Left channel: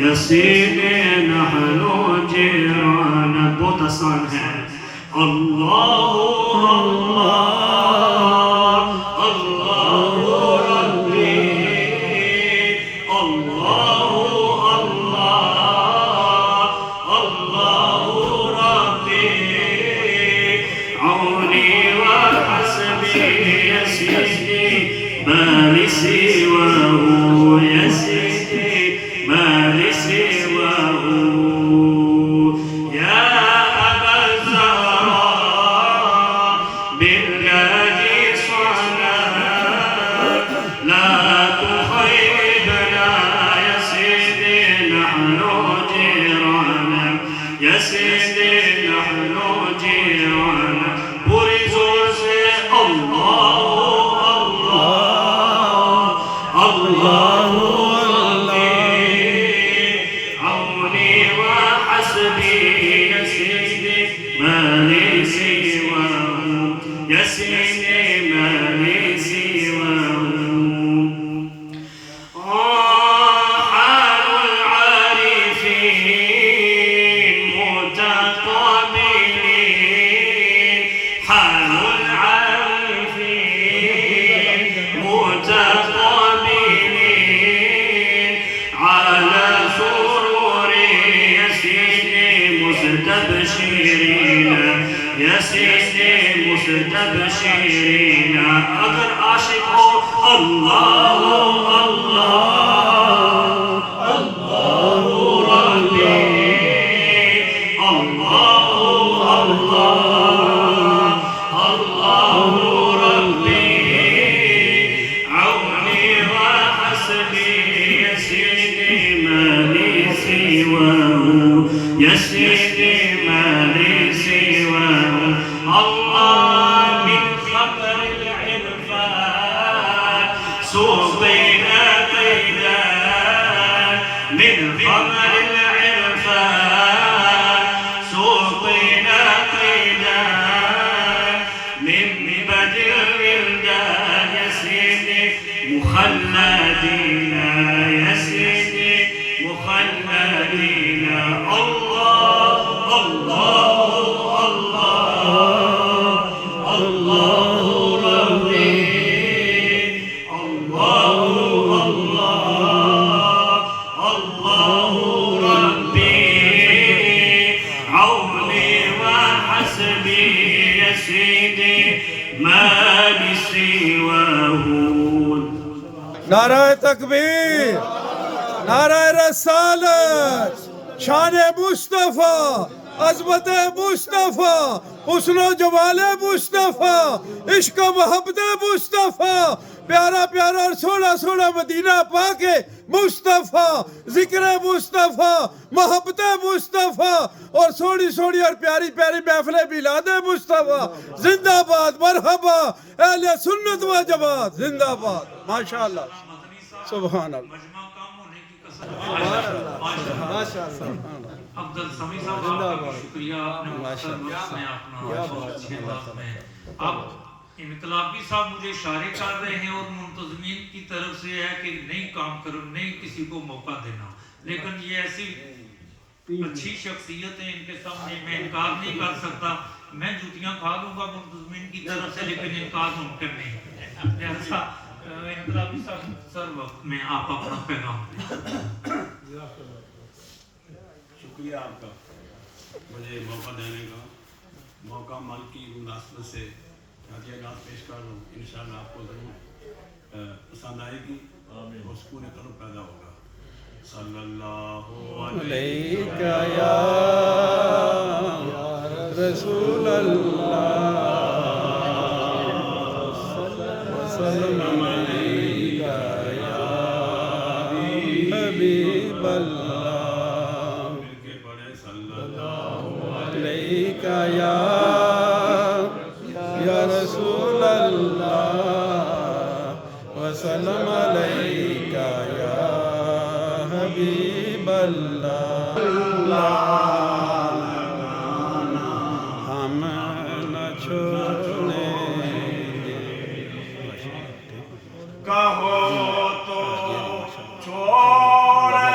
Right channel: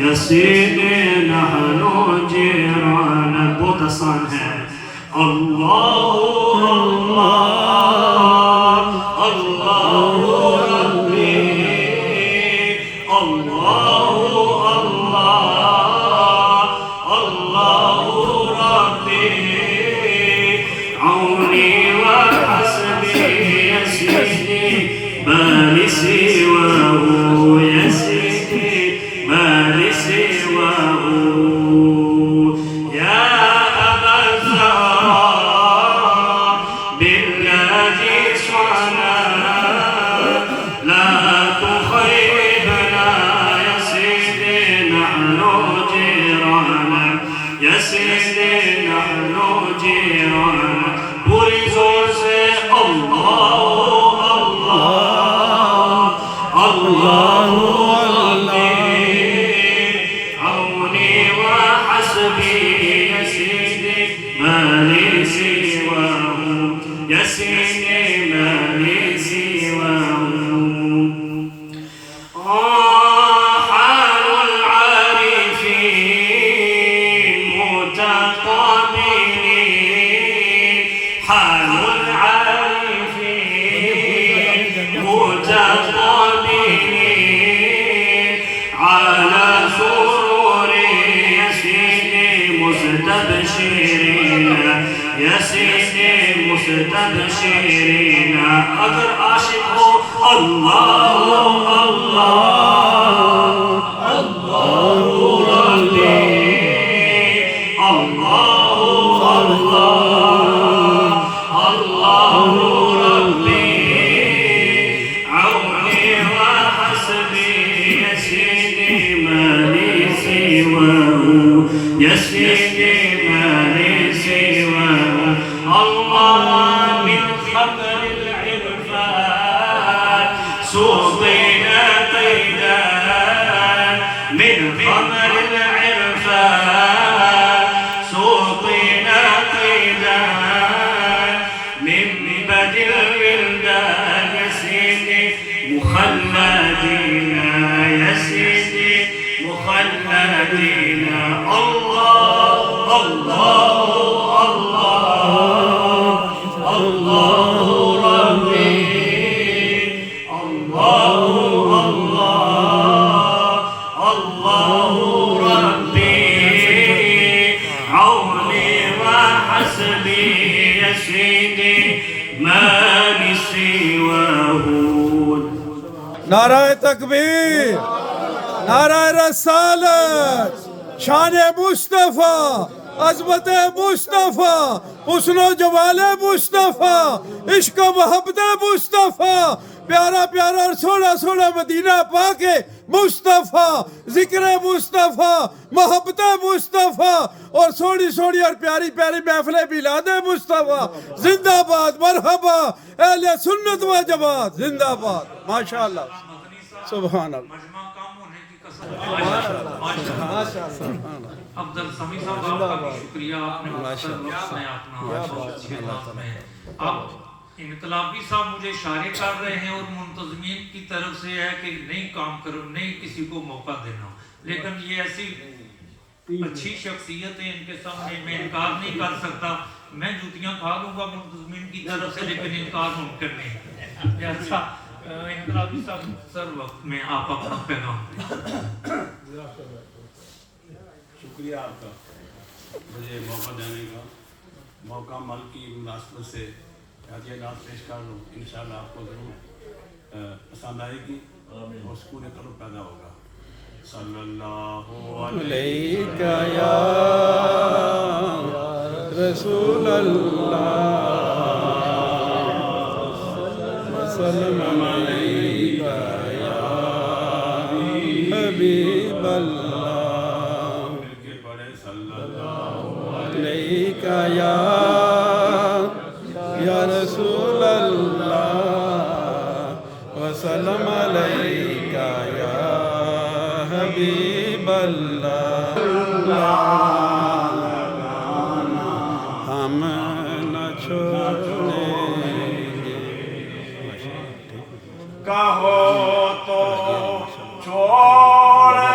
یسینے نحنو جیران بہت آسان ہے اللہ اللہ اللہ ربی اللہ اللہ اللہ ربی عونی وحسبی یسیدی بل سواه يسيدي ما لسواه يا أبا الزهراء بالله صنع لا تخيبنا يا سيدي نحن جيرانك يا سيدي نحن جيرانك برزوا الله الله عوني وحسبي يا سيدي ما لي سواه يا سيدي ما لي سواه حال العارفين متقابلين حال العارفين متقابلين على سرور يا سيدي مستبشرين يا سيدي مستبشرين اگر عاشق ہو اللہ اللہ اللہ ربی اللہ اللہ اللہ ربی عوني وحسبي يا سيدي ما لي سواه يا سيدي ما لي سواه الله من خبر العرفان سوقنا قيدان من خبر العرفان سوقنا قيدان من بدر الولدان يا سيدي مخلدين يا سيدي مخلدين الله الله الله الله ربي الله الله الله ربي عوني وحسبي يا سيدي ما لي سواه نعرہ تکبیر نعرہ رسالت شان مصطفیٰ عظمت مصطفیٰ حسن و جمال مصطفیٰ عشق و محبت مصطفیٰ پیارا پیارا اور سونا سونا مدینہ پاک مصطفیٰ ذکر مصطفیٰ محبت مصطفیٰ اور سوڑی سوڑی اور پیاری پیاری محفل میلاد مصطفیٰ زندہ باد مرحبا اہل سنت و جماعت زندہ باد ماشاءاللہ سبحان اللہ افضل سمی صاحب آپ کا شکریہ اب انقلابی صاحب مجھے اشارے کر رہے ہیں اور منتظمین کی طرف سے ہے کہ نہیں کام کرو نہیں کسی کو موقع دینا لیکن یہ ایسی اچھی شخصیت ہے ان کے سامنے میں انکار نہیں کر سکتا میں جوتیاں کھا لوں گا منتظمین کی طرف سے لیکن انکار ممکن نہیں لہذا انقلابی صاحب سر وقت میں آپ اپنا پیغام شکریہ آپ کا مجھے موقع دینے کا موقع مل کی مناسبت سے نعت پیش کر لوں انشاءاللہ آپ کو ضرور پسند آئے گی اور سکون قلب پیدا ہوگا صلی اللہ علیہ یا رسول اللہ وسلم علیہ یا حبیب اللہ علیہ یا رسول اللہ وسلم علیہ یا حبیب اللہ ہم نہ چھوڑیں کہو تو چھوڑ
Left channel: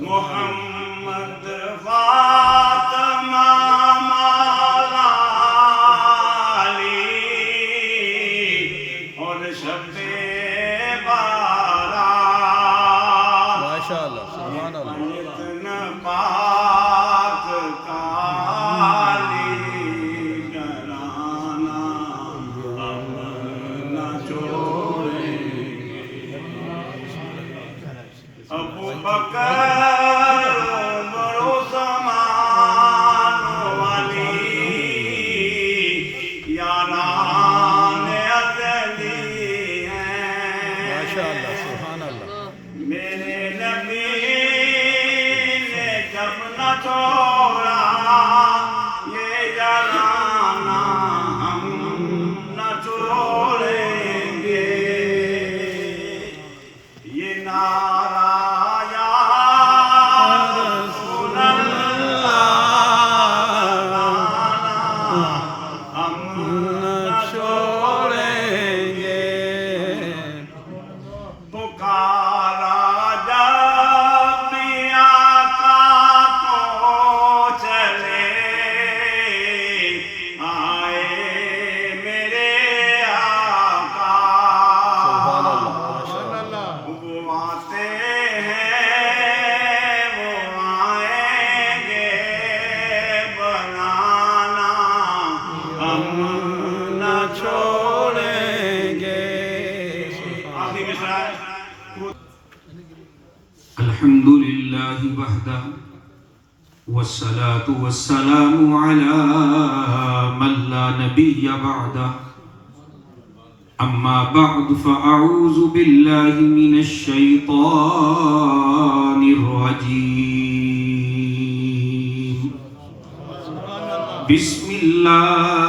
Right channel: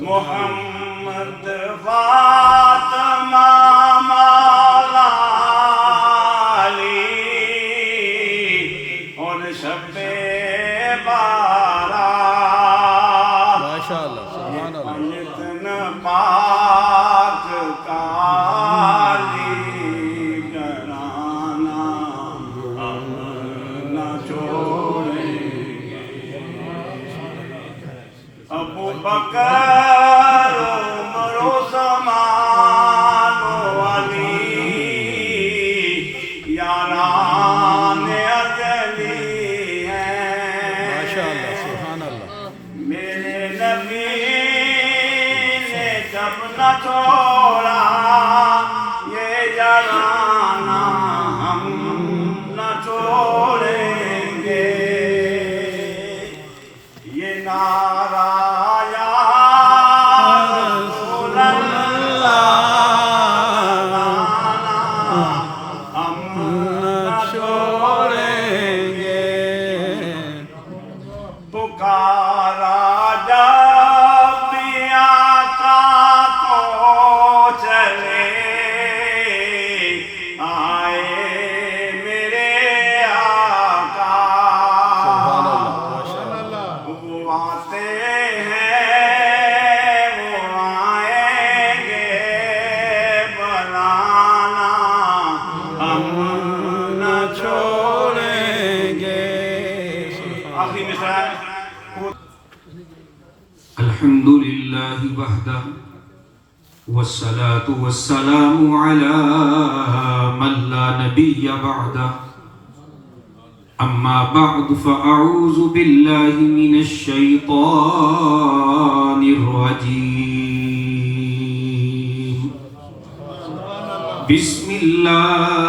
محمد فاطمہ مولا علی اور شب بارات ماشاءاللہ سبحان اللہ اتن پاک کالی گرانا نہ چھوڑیں ابو بکر عمر عثمان علی یاران ازلی ہیں ماشاءاللہ سبحان اللہ میرے نبی نے جب نہ چھوڑا یہ یارانہ ہم نہ چھوڑیں گے یہ نعرہ یا رسول اللہ ہم نہ چھوڑیں گے پکارا جب بھی آقا کو چلے آئے میرے آقا سبحان اللہ ماشاءاللہ وہ آتے ہیں وہ آئیں گے بلانا ہم نہ چھوڑیں گے آخری مصرع الحمد لله وحده والصلاة والسلام على من لا نبي بعده أما بعد فأعوذ بالله من الشيطان الرجيم بسم الله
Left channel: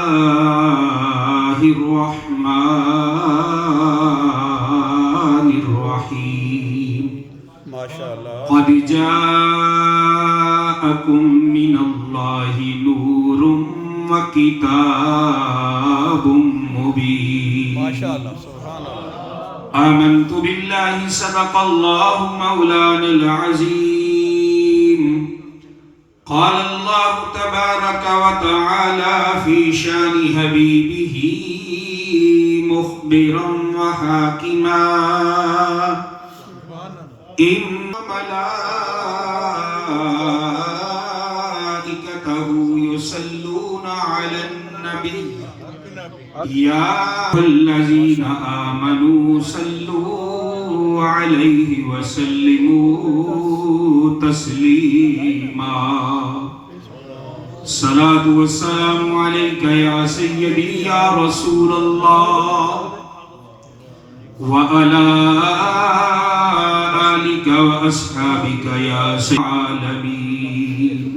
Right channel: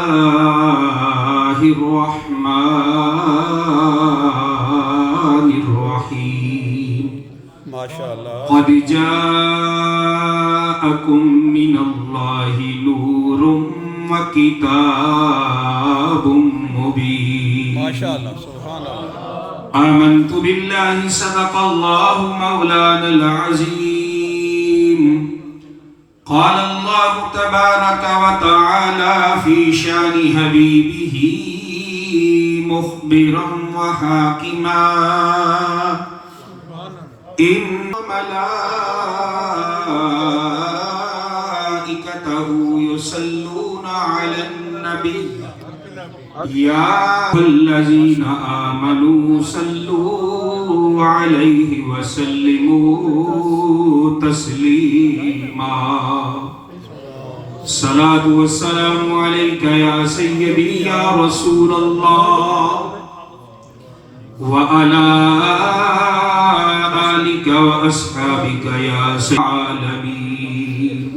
الرحمن الرحيم ماشاءاللہ قد جاءكم من الله نور وكتاب مبين ماشاءاللہ سبحان اللہ آمنت بالله صدق الله مولانا العظيم قال الله تبارك وتعالى في شان حبيبه مخبرا وحاكما إن ملائكته يصلون على النبي يا الذين آمنوا صلوا عليه وسلموا تسليما صلاة والسلام عليك يا سيدي يا رسول الله وعلى آلك وأصحابك يا سيد العالمين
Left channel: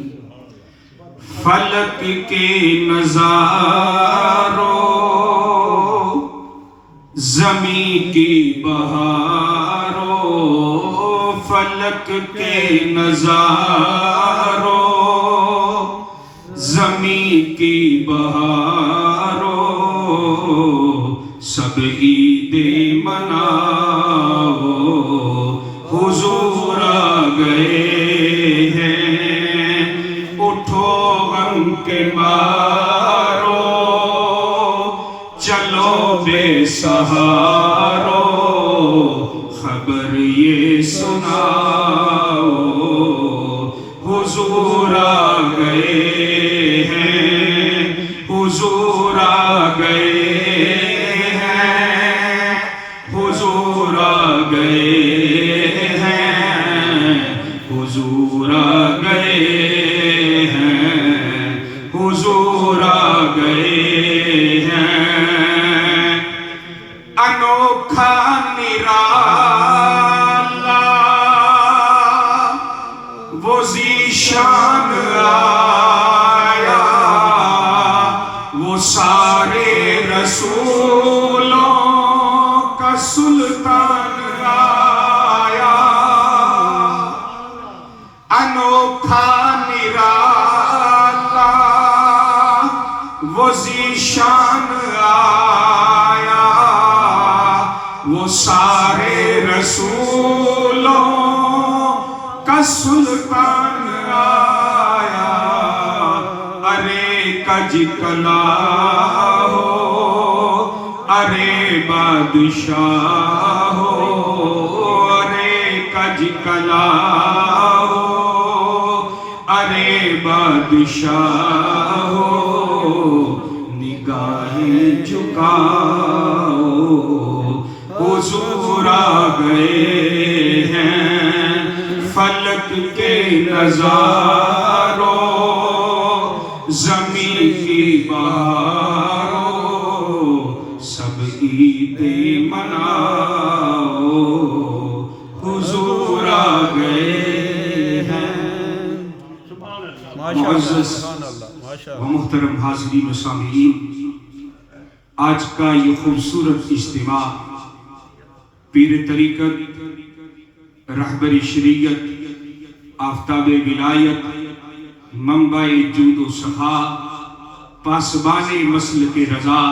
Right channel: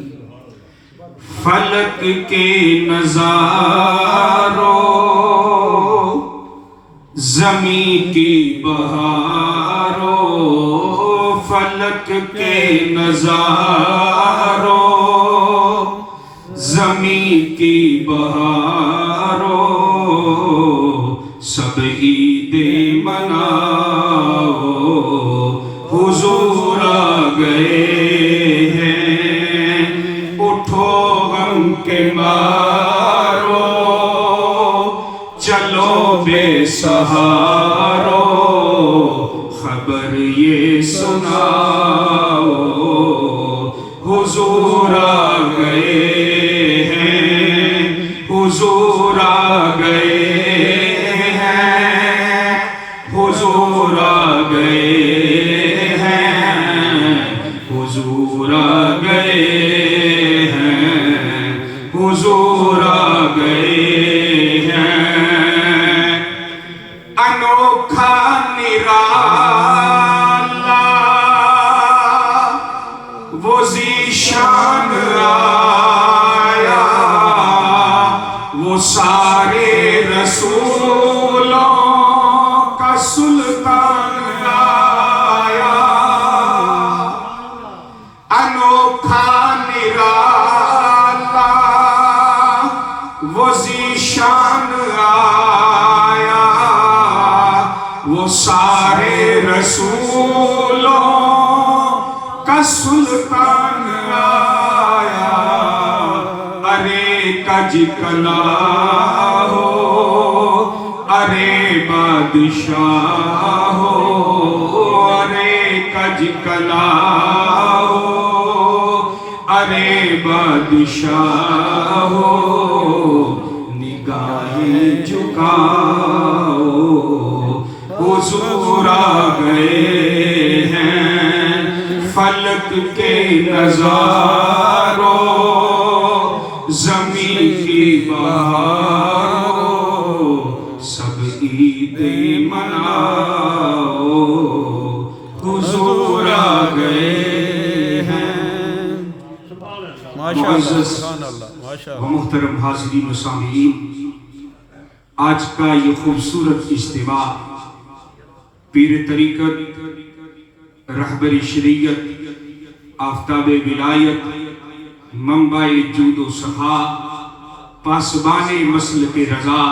فلک کے نظاروں زمین کی بہاروں فلک کے نظاروں زمین کی بہاروں سب عید مناؤ حضور آ گئے ہیں اٹھو غم کے مارو چلو بے سہارو خبر یہ سناؤ حضور آ گئے ہیں حضور آ گئے ہیں حضور آ گئے ہیں حضور آ گئے حضور آ گئے ہیں انوکھا نرالا وہ ذیشان آیا وہ سارے رسولوں کا سلطان آیا انوکھا نرالا وہ ذیشان آیا وہ سارے رسولوں کا سلطان کج کلا ہو، ارے بادشاہ ہو، ارے کج کلا ہو، ارے بادشاہ ہو، نگاہیں جھکاؤ، حضور آ گئے ہیں فلک کے نظاروں، زمین کی بہاروں، سب عید مناؤ، حضور آ گئے ہیں۔ ماشاءاللہ سبحان اللہ ماشاءاللہ۔ محترم حاضرین و سامعین، آج کا یہ خوبصورت اجتماع پیر طریقت، رہبر شریعت، آفتاب ولایت، منبع جود و سخا، پاسبان مسلک رضا،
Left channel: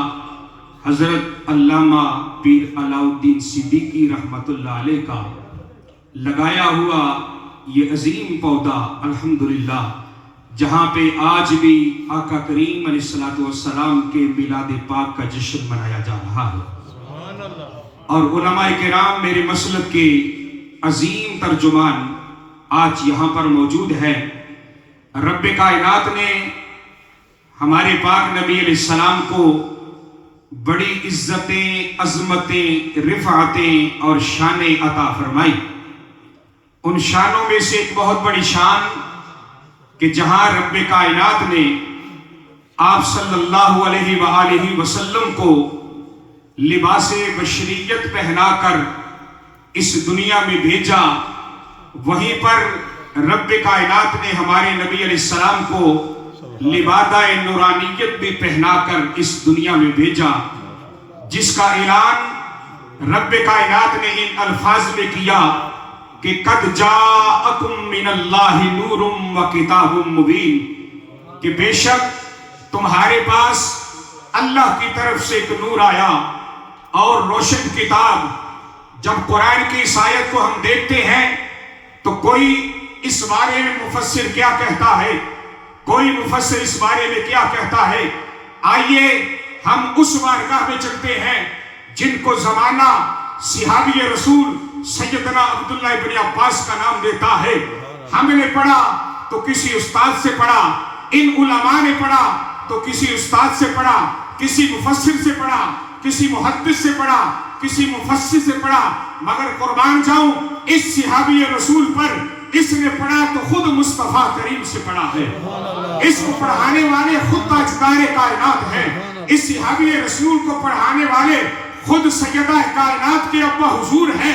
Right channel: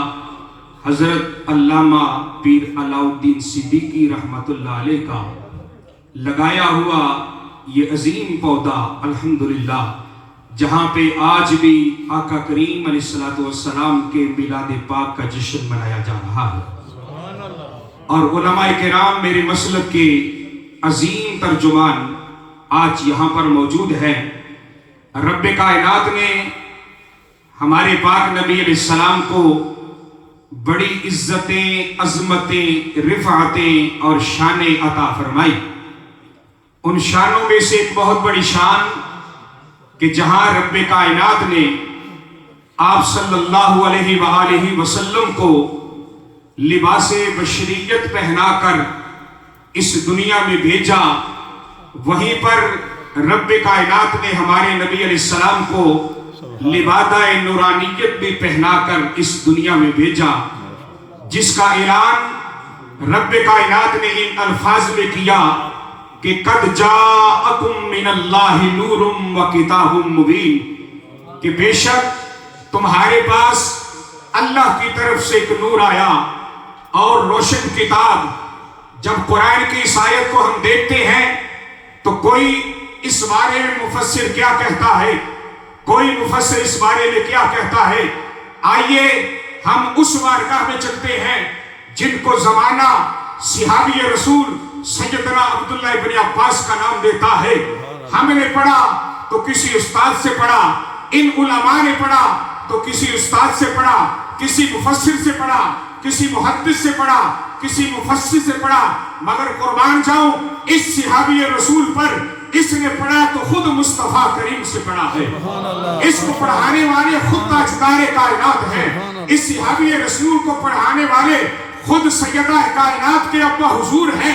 حضرت علامہ پیر علاء الدین صدیقی رحمت اللہ علیہ کا لگایا ہوا یہ عظیم پودا الحمدللہ، جہاں پہ آج بھی آقا کریم علیہ السلام کے میلاد پاک کا جشن منایا جا رہا ہے، اور علماء کرام میرے مسلک کے عظیم ترجمان آج یہاں پر موجود ہیں۔ رب کائنات نے ہمارے پاک نبی علیہ السلام کو بڑی عزتیں، عظمتیں، رفعتیں اور شانیں عطا فرمائی۔ ان شانوں میں سے ایک بہت بڑی شان کہ جہاں رب کائنات نے آپ صلی اللہ علیہ وآلہ وسلم کو لباس بشریت پہنا کر اس دنیا میں بھیجا، وہیں پر رب کائنات نے ہمارے نبی علیہ السلام کو لبادہ نورانیت بھی پہنا کر اس دنیا میں بھیجا، جس کا اعلان رب کائنات نے ان الفاظ میں کیا کہ قد جاءکم من اللہ نور و کتاب مبین، کہ بے شک تمہارے پاس اللہ کی طرف سے ایک نور آیا اور روشن کتاب۔ جب قرآن کی اس آیت کو ہم دیکھتے ہیں تو کوئی اس بارے میں مفسر کیا کہتا ہے، کوئی مفسر اس بارے میں کیا کہتا ہے، آئیے ہم اس بارگاہ میں چلتے ہیں جن کو زمانہ صحابی رسول سیدنا عبداللہ ابن عباس کا نام دیتا ہے۔ ہم نے پڑھا تو کسی استاد سے پڑھا، ان علماء نے پڑھا تو کسی استاد سے پڑھا، کسی مفسر سے پڑھا، کسی محدث سے پڑھا، کسی مفسر سے پڑھا، مگر قربان جاؤں اس صحابی رسول پر اس نے پڑھا تو خود مصطفیٰ کریم سے پڑھا ہے۔ اس کو پڑھانے والے خود تاجدار کائنات ہیں، اس صحابی رسول کو پڑھانے والے خود سیدہ کائنات کے ابا حضور ہیں،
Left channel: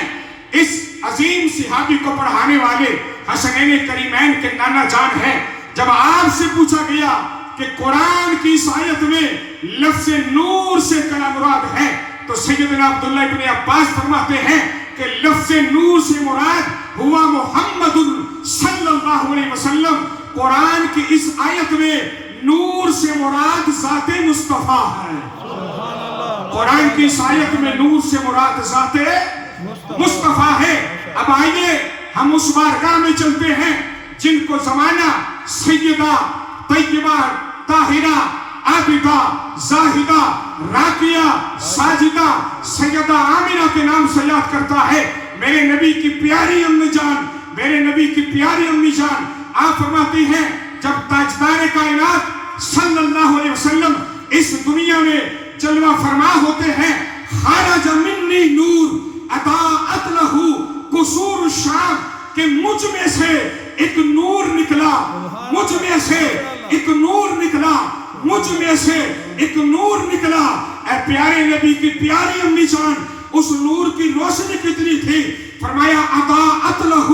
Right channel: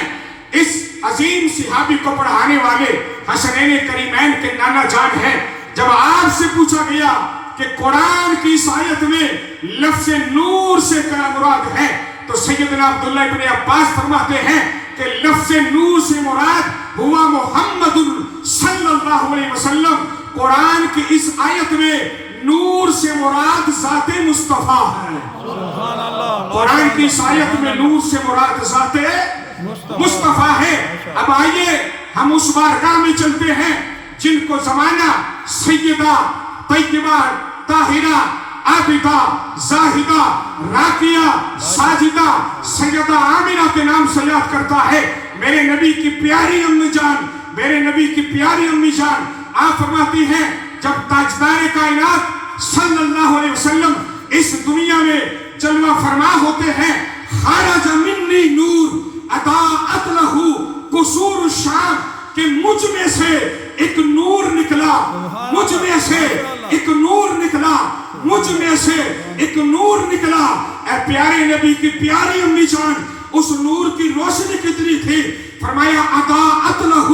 اس عظیم صحابی کو پڑھانے والے حسنین کریمین کے نانا جان ہیں۔ جب آپ سے پوچھا گیا کہ قرآن کی اس آیت میں لفظ نور سے کیا مراد ہے، تو سیدنا عبداللہ ابن عباس فرماتے ہیں کہ لفظ نور سے مراد ہوا محمد صلی اللہ علیہ وسلم۔ قرآن کی اس آیت میں نور سے مراد ذات مصطفیٰ ہے، قرآن کی اس آیت میں نور سے مراد ذات مصطفیٰ ہے۔ اب آئیے ہم اس بارگاہ میں چلتے ہیں جن کو زمانہ سیدہ طیبہ طاہرہ عابدہ زاہدہ راکیہ ساجدہ سیدہ آمنہ کے نام سے یاد کرتا ہے۔ میرے نبی کی پیاری امی جان، میرے نبی کی پیاری امی جان، آپ فرماتی ہیں جب تاجدار کائنات صلی اللہ علیہ وسلم اس دنیا میں جلوہ فرما ہوتے ہیں، خرج منی نور اضاءت لہ قصور الشام، کہ مجھ میں سے ایک نور نکلا، مجھ میں سے ایک نور نکلا، مجھ میں سے ایک نور نکلا۔ اے پیارے نبی کی پیاری امی جان، اس نور کی روشنی کتنی تھی؟ فرمایا اضاءت لہ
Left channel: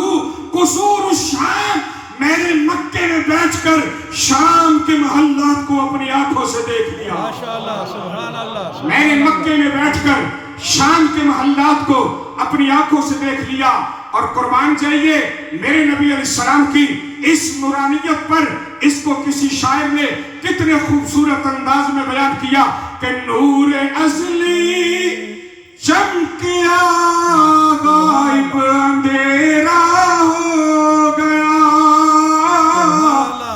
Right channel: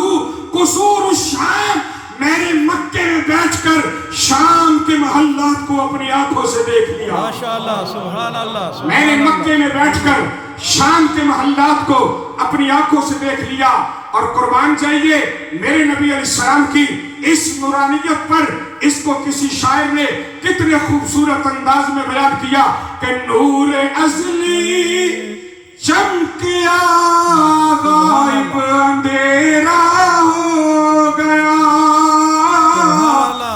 قصور الشام، میرے مکے میں بیٹھ کر شام کے محلات کو اپنی آنکھوں سے دیکھ لیا۔ ماشاءاللہ سبحان اللہ۔ میں نے مکے میں بیٹھ کر شام کے محلات کو اپنی آنکھوں سے دیکھ لیا۔ اور قربان جائیے میرے نبی علیہ السلام کی اس نورانیت پر اس کو کسی شاعر نے کتنے خوبصورت انداز میں بیان کیا کہ نور ازلی چمکیا غائب اندھیرا ہو گیا،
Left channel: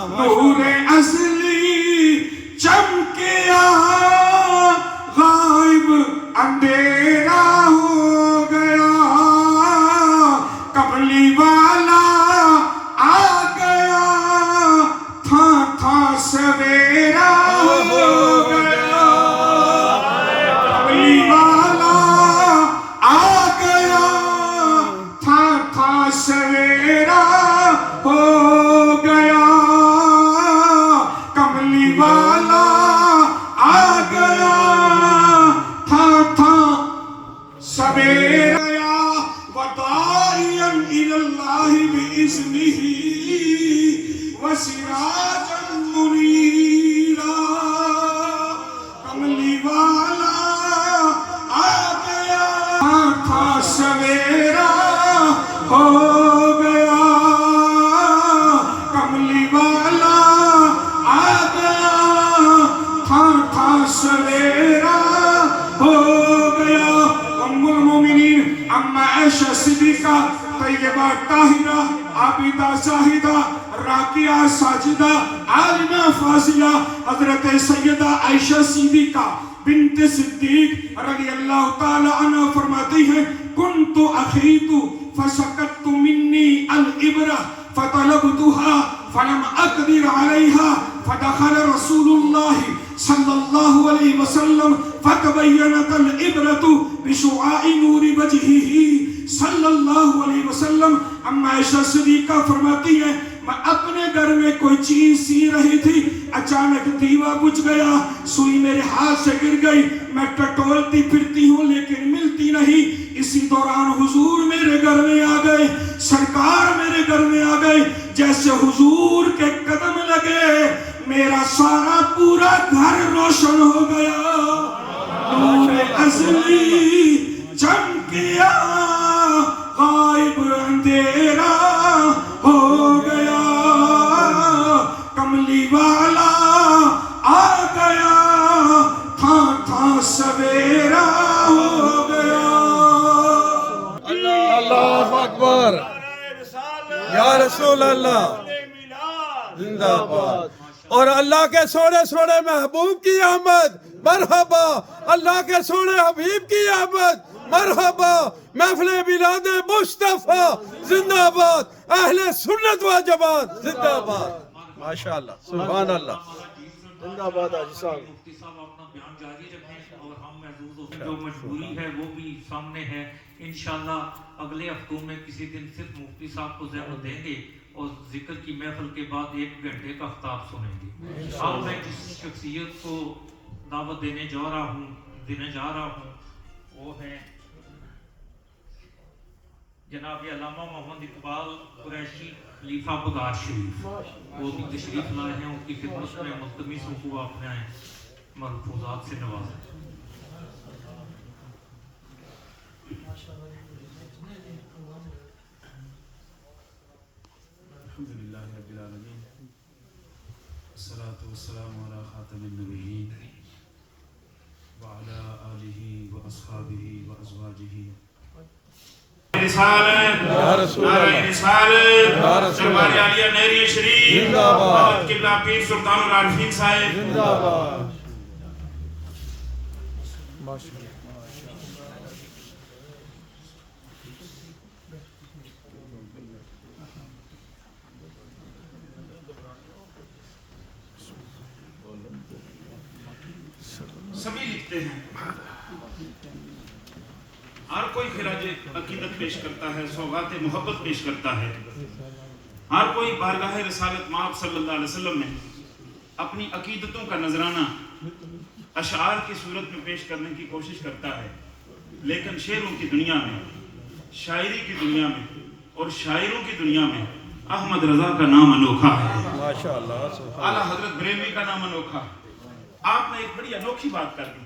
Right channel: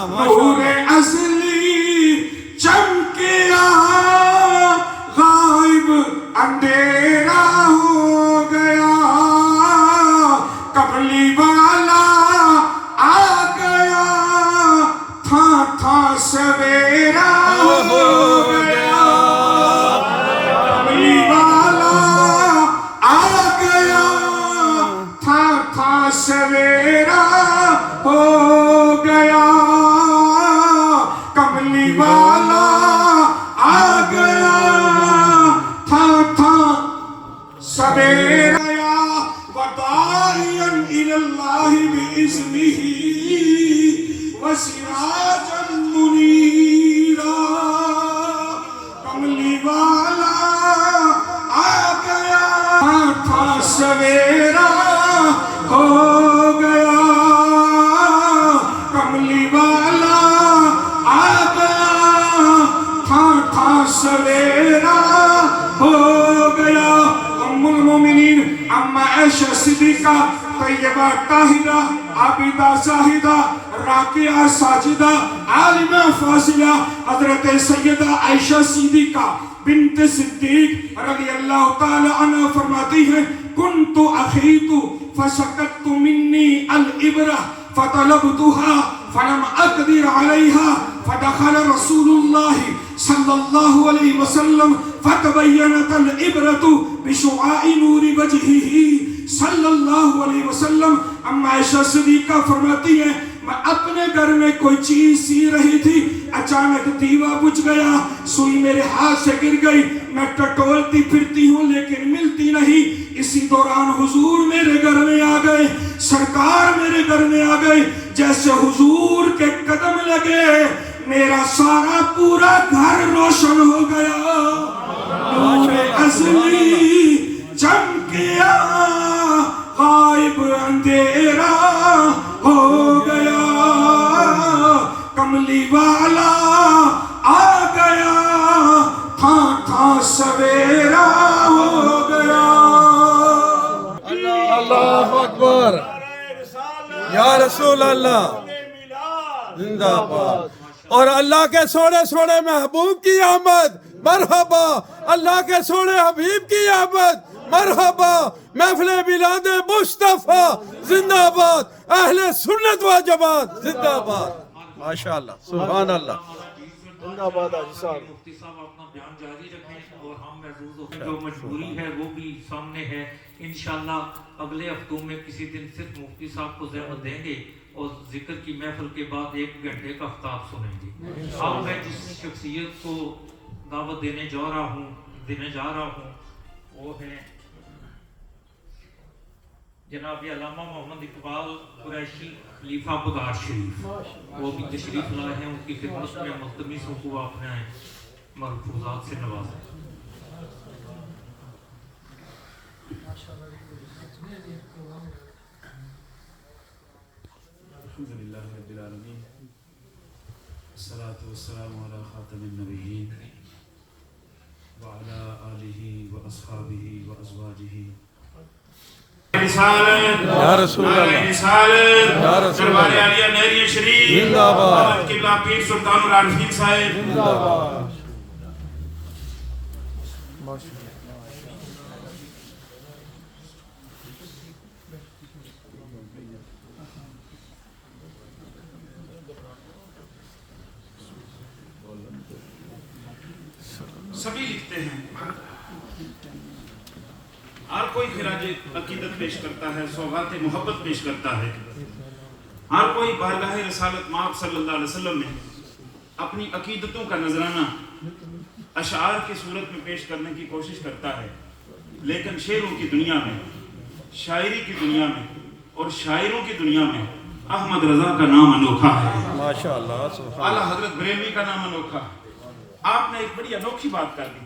نور ازلی سویرا ہو گیا کملی والا آ گیا تھا سویرا ہو گیا کملی والا آ گیا تھا سویرا وداعیا الی اللہ بإذنہ وسراجا منیرا کملی والا آ گیا تھا سویرا ہو گیا کملی والا آ گیا تھا سویرا ہو گیا ام المومنین اما عائشہ صدیقہ طیبہ طاہرہ عابدہ زاہدہ راکعہ ساجدہ عالمہ فاضلہ حضرت سیدہ عائشہ صدیقہ بنت صدیق رضی اللہ تعالی عنہ فرماتی ہے کنت اخیت فسقطت منی الابرہ فطلبتها فلم اقدر علیہا فدخل رسول اللہ صلی اللہ علیہ وسلم فتبینت الابرۃ بشعاع نور وجہہ صلی اللہ علیہ وسلم اما عائشہ صدیقہ فرماتی ہے میں اپنے گھر میں کوئی چیز سی رہی تھی اچانک دیوا بجھ گیا سوئی میرے ہاتھ سے گر گئی میں ٹٹولتی پھرتی ہوں لیکن ملتی نہیں اسی دوران حضور میرے گھر میں آ گئے سرکار میرے گھر میں آ گئے جیسے حضور کے قدم لگے میرا سارا پورا گھر روشن ہو گیا نور ازلی چمکیا غائب اندھیرا ہو گیا کملی والا آ گیا تھا سویرا ہو گیا اللہ اکبر یا رسول اللہ زندہ باد اور اللہ کے سونے سونے محبوب کی آمد مرحبا اللہ کے سونے حبیب کی آمد مرحبا محفل میلاد مصطفیٰ زندہ باد اہل سنت و جماعت زندہ باد ماشاءاللہ سبحان اللہ زندہ باد حاجی صاحب مفتی صاحب اپنا بیان جاری رکھیں اور ہم محفوظ ہو جو مجبوری ہے وہ بھی سامنے ہے انشاءاللہ اگلے ہفتوں میں کسی دن صرف مفتی صاحب کو زحمت دیں گے اور ذکر کی محفل کے بعد 1 گھنٹے کا خطاب سنیں گے اب میں جس شخصیت کو دعوت دینے جا رہا ہوں وہ ہے جناب علامہ محمد اقبال قریشی خلیفہ بدار شریف وہ بھی تشریف لائے ہیں ان کی خدمت میں ملتمس ہوں کو اپنے ملفوظات سے نوازیں الحمدللہ رب العالمین الصلاة والسلام علی خاتم النبیین وعلی آلہ واصحابہ وازواجہ رسالت یا رسول نعرہ اللہ رسالت یا رسول دربار اللہ عالیہ نہری شریف زندہ باد حضرت قبلہ پیر سلطان العارفین صاحب زندہ باد سبھی لکھتے ہیں ہر کوئی خراج عقیدت پیش کرتا ہے سوغات محبت پیش کرتا ہے ہر کوئی بارگاہ رسالت مآب صلی اللہ علیہ وسلم میں اپنی عقیدتوں کا نذرانہ اشعار کی صورت میں پیش کرنے کی کوشش کرتا ہے لیکن شعروں کی دنیا میں شاعری کی دنیا میں اور شاعروں کی دنیا میں احمد رضا کا نام انوکھا ہے ماشاءاللہ سبحان اعلیٰ حضرت بریلوی کا نام انوکھا ہے آپ نے ایک بڑی انوکھی بات کر دی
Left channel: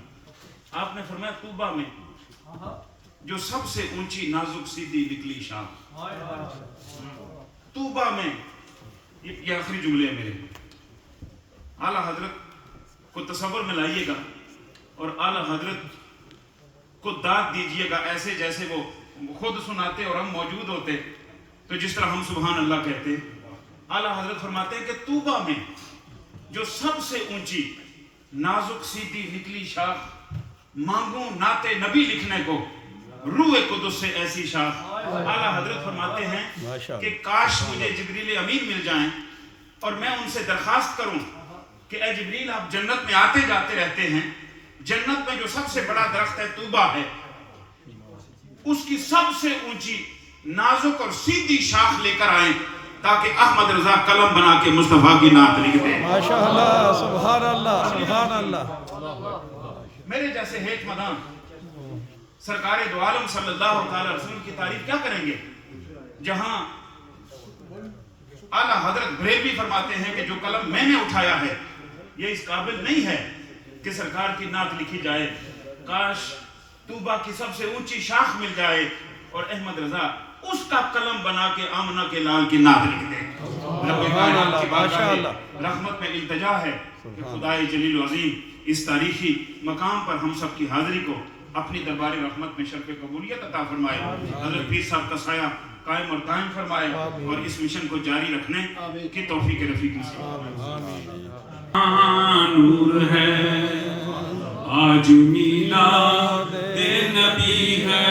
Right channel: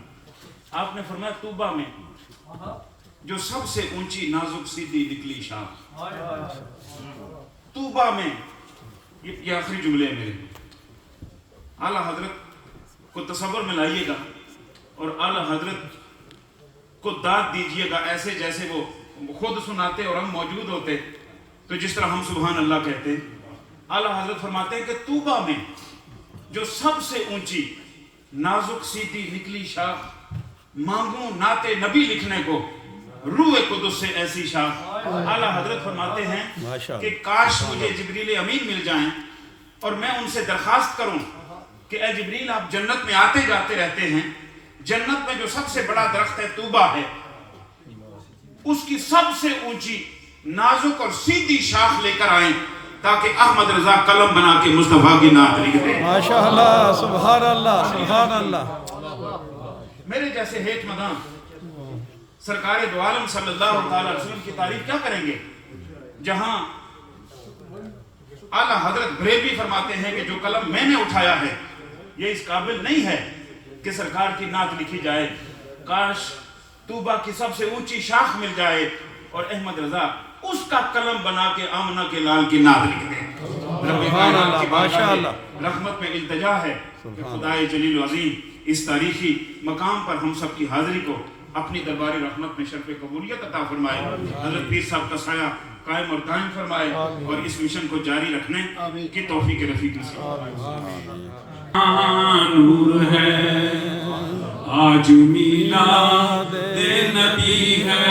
آپ نے فرمایا طوبہ میں جو سب سے اونچی نازک سیدھی نکلی شاخ طوبہ میں یہ آخری جملے ہیں میرے اعلیٰ حضرت کو تصور میں لائیے گا اور اعلیٰ حضرت کو داد دیجئے گا ایسے جیسے وہ خود سناتے اور ہم موجود ہوتے تو جس طرح ہم سبحان اللہ کہتے اعلیٰ حضرت فرماتے ہیں کہ طوبہ میں جو سب سے اونچی نازک سیدھی نکلی شاخ مانگوں نعت نبی لکھنے کو روح قدس سے ایسی شاخ اعلیٰ حضرت فرماتے ہیں کہ کاش مجھے جبریل امین مل جائیں اور میں ان سے درخواست کروں کہ اے جبریل آپ جنت میں آتے جاتے رہتے ہیں، جنت میں جو سب سے بڑا درخت ہے طوبہ ہے، اس کی سب سے اونچی نازک اور سیدھی شاخ لے کر آئیں تاکہ احمد رضا قلم بنا کے مصطفیٰ کی نعت لکھ دیں۔ ماشاءاللہ سبحان اللہ سبحان اللہ۔ میرے جیسے ہیٹ مدام سرکار دو عالم صلی اللہ تعالی رسول کی تعریف کیا کریں گے، جہاں اعلیٰ حضرت بریلوی فرماتے ہیں کہ جو قلم میں نے اٹھایا ہے یہ اس قابل نہیں ہے کہ سرکار کی نعت لکھی جائے، کاش طوبہ کی سب سے اونچی شاخ مل جائے اور احمد رضا اس کا قلم بنا کے آمنہ کے لال کی نعت لکھ دیں۔ سبحان اللہ ماشاءاللہ۔ رحمت میں التجا ہے کہ خدائے جلیل العظیم اس تاریخی مقام پر ہم سب کی حاضری کو اپنی دربار رحمت میں شرف قبولیت عطا فرمائے، حضرت پیر صاحب کا سایہ قائم اور قائم فرمائے اور اس مشن کو جاری رکھنے کی توفیق رفیق نصیب۔ نور ہے آج میلاد نبی ہے،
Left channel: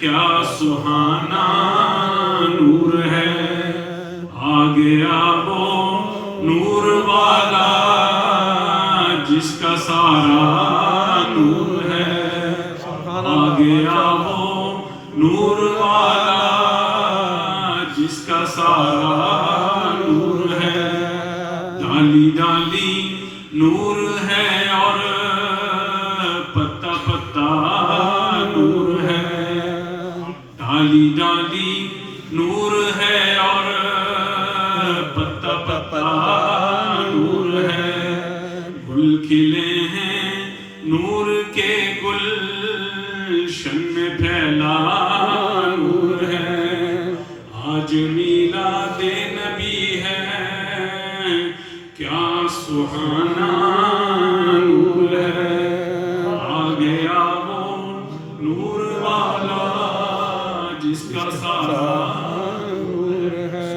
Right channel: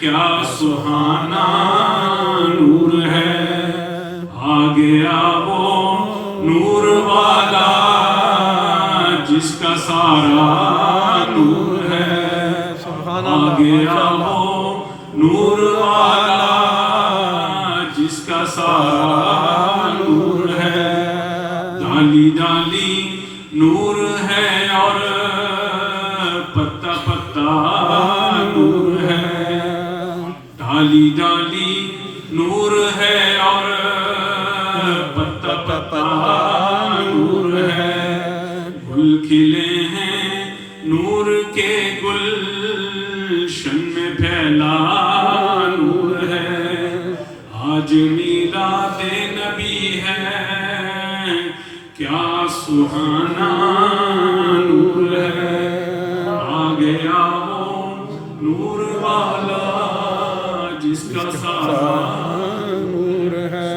کیا سہانا نور ہے، آ گیا وہ نور والا جس کا سارا نور ہے، آ گیا وہ نور والا جس کا سارا نور ہے، ڈالی ڈالی نور ہے اور پتا پتا نور ہے، ڈالی ڈالی نور ہے اور پتا پتا نور ہے، گل کھلے ہیں نور کے گلشن میں پھیلا نور ہے، آج میلاد نبی ہے، کیا سہانا نور ہے، آ گیا وہ نور والا جس کا سارا نور ہے۔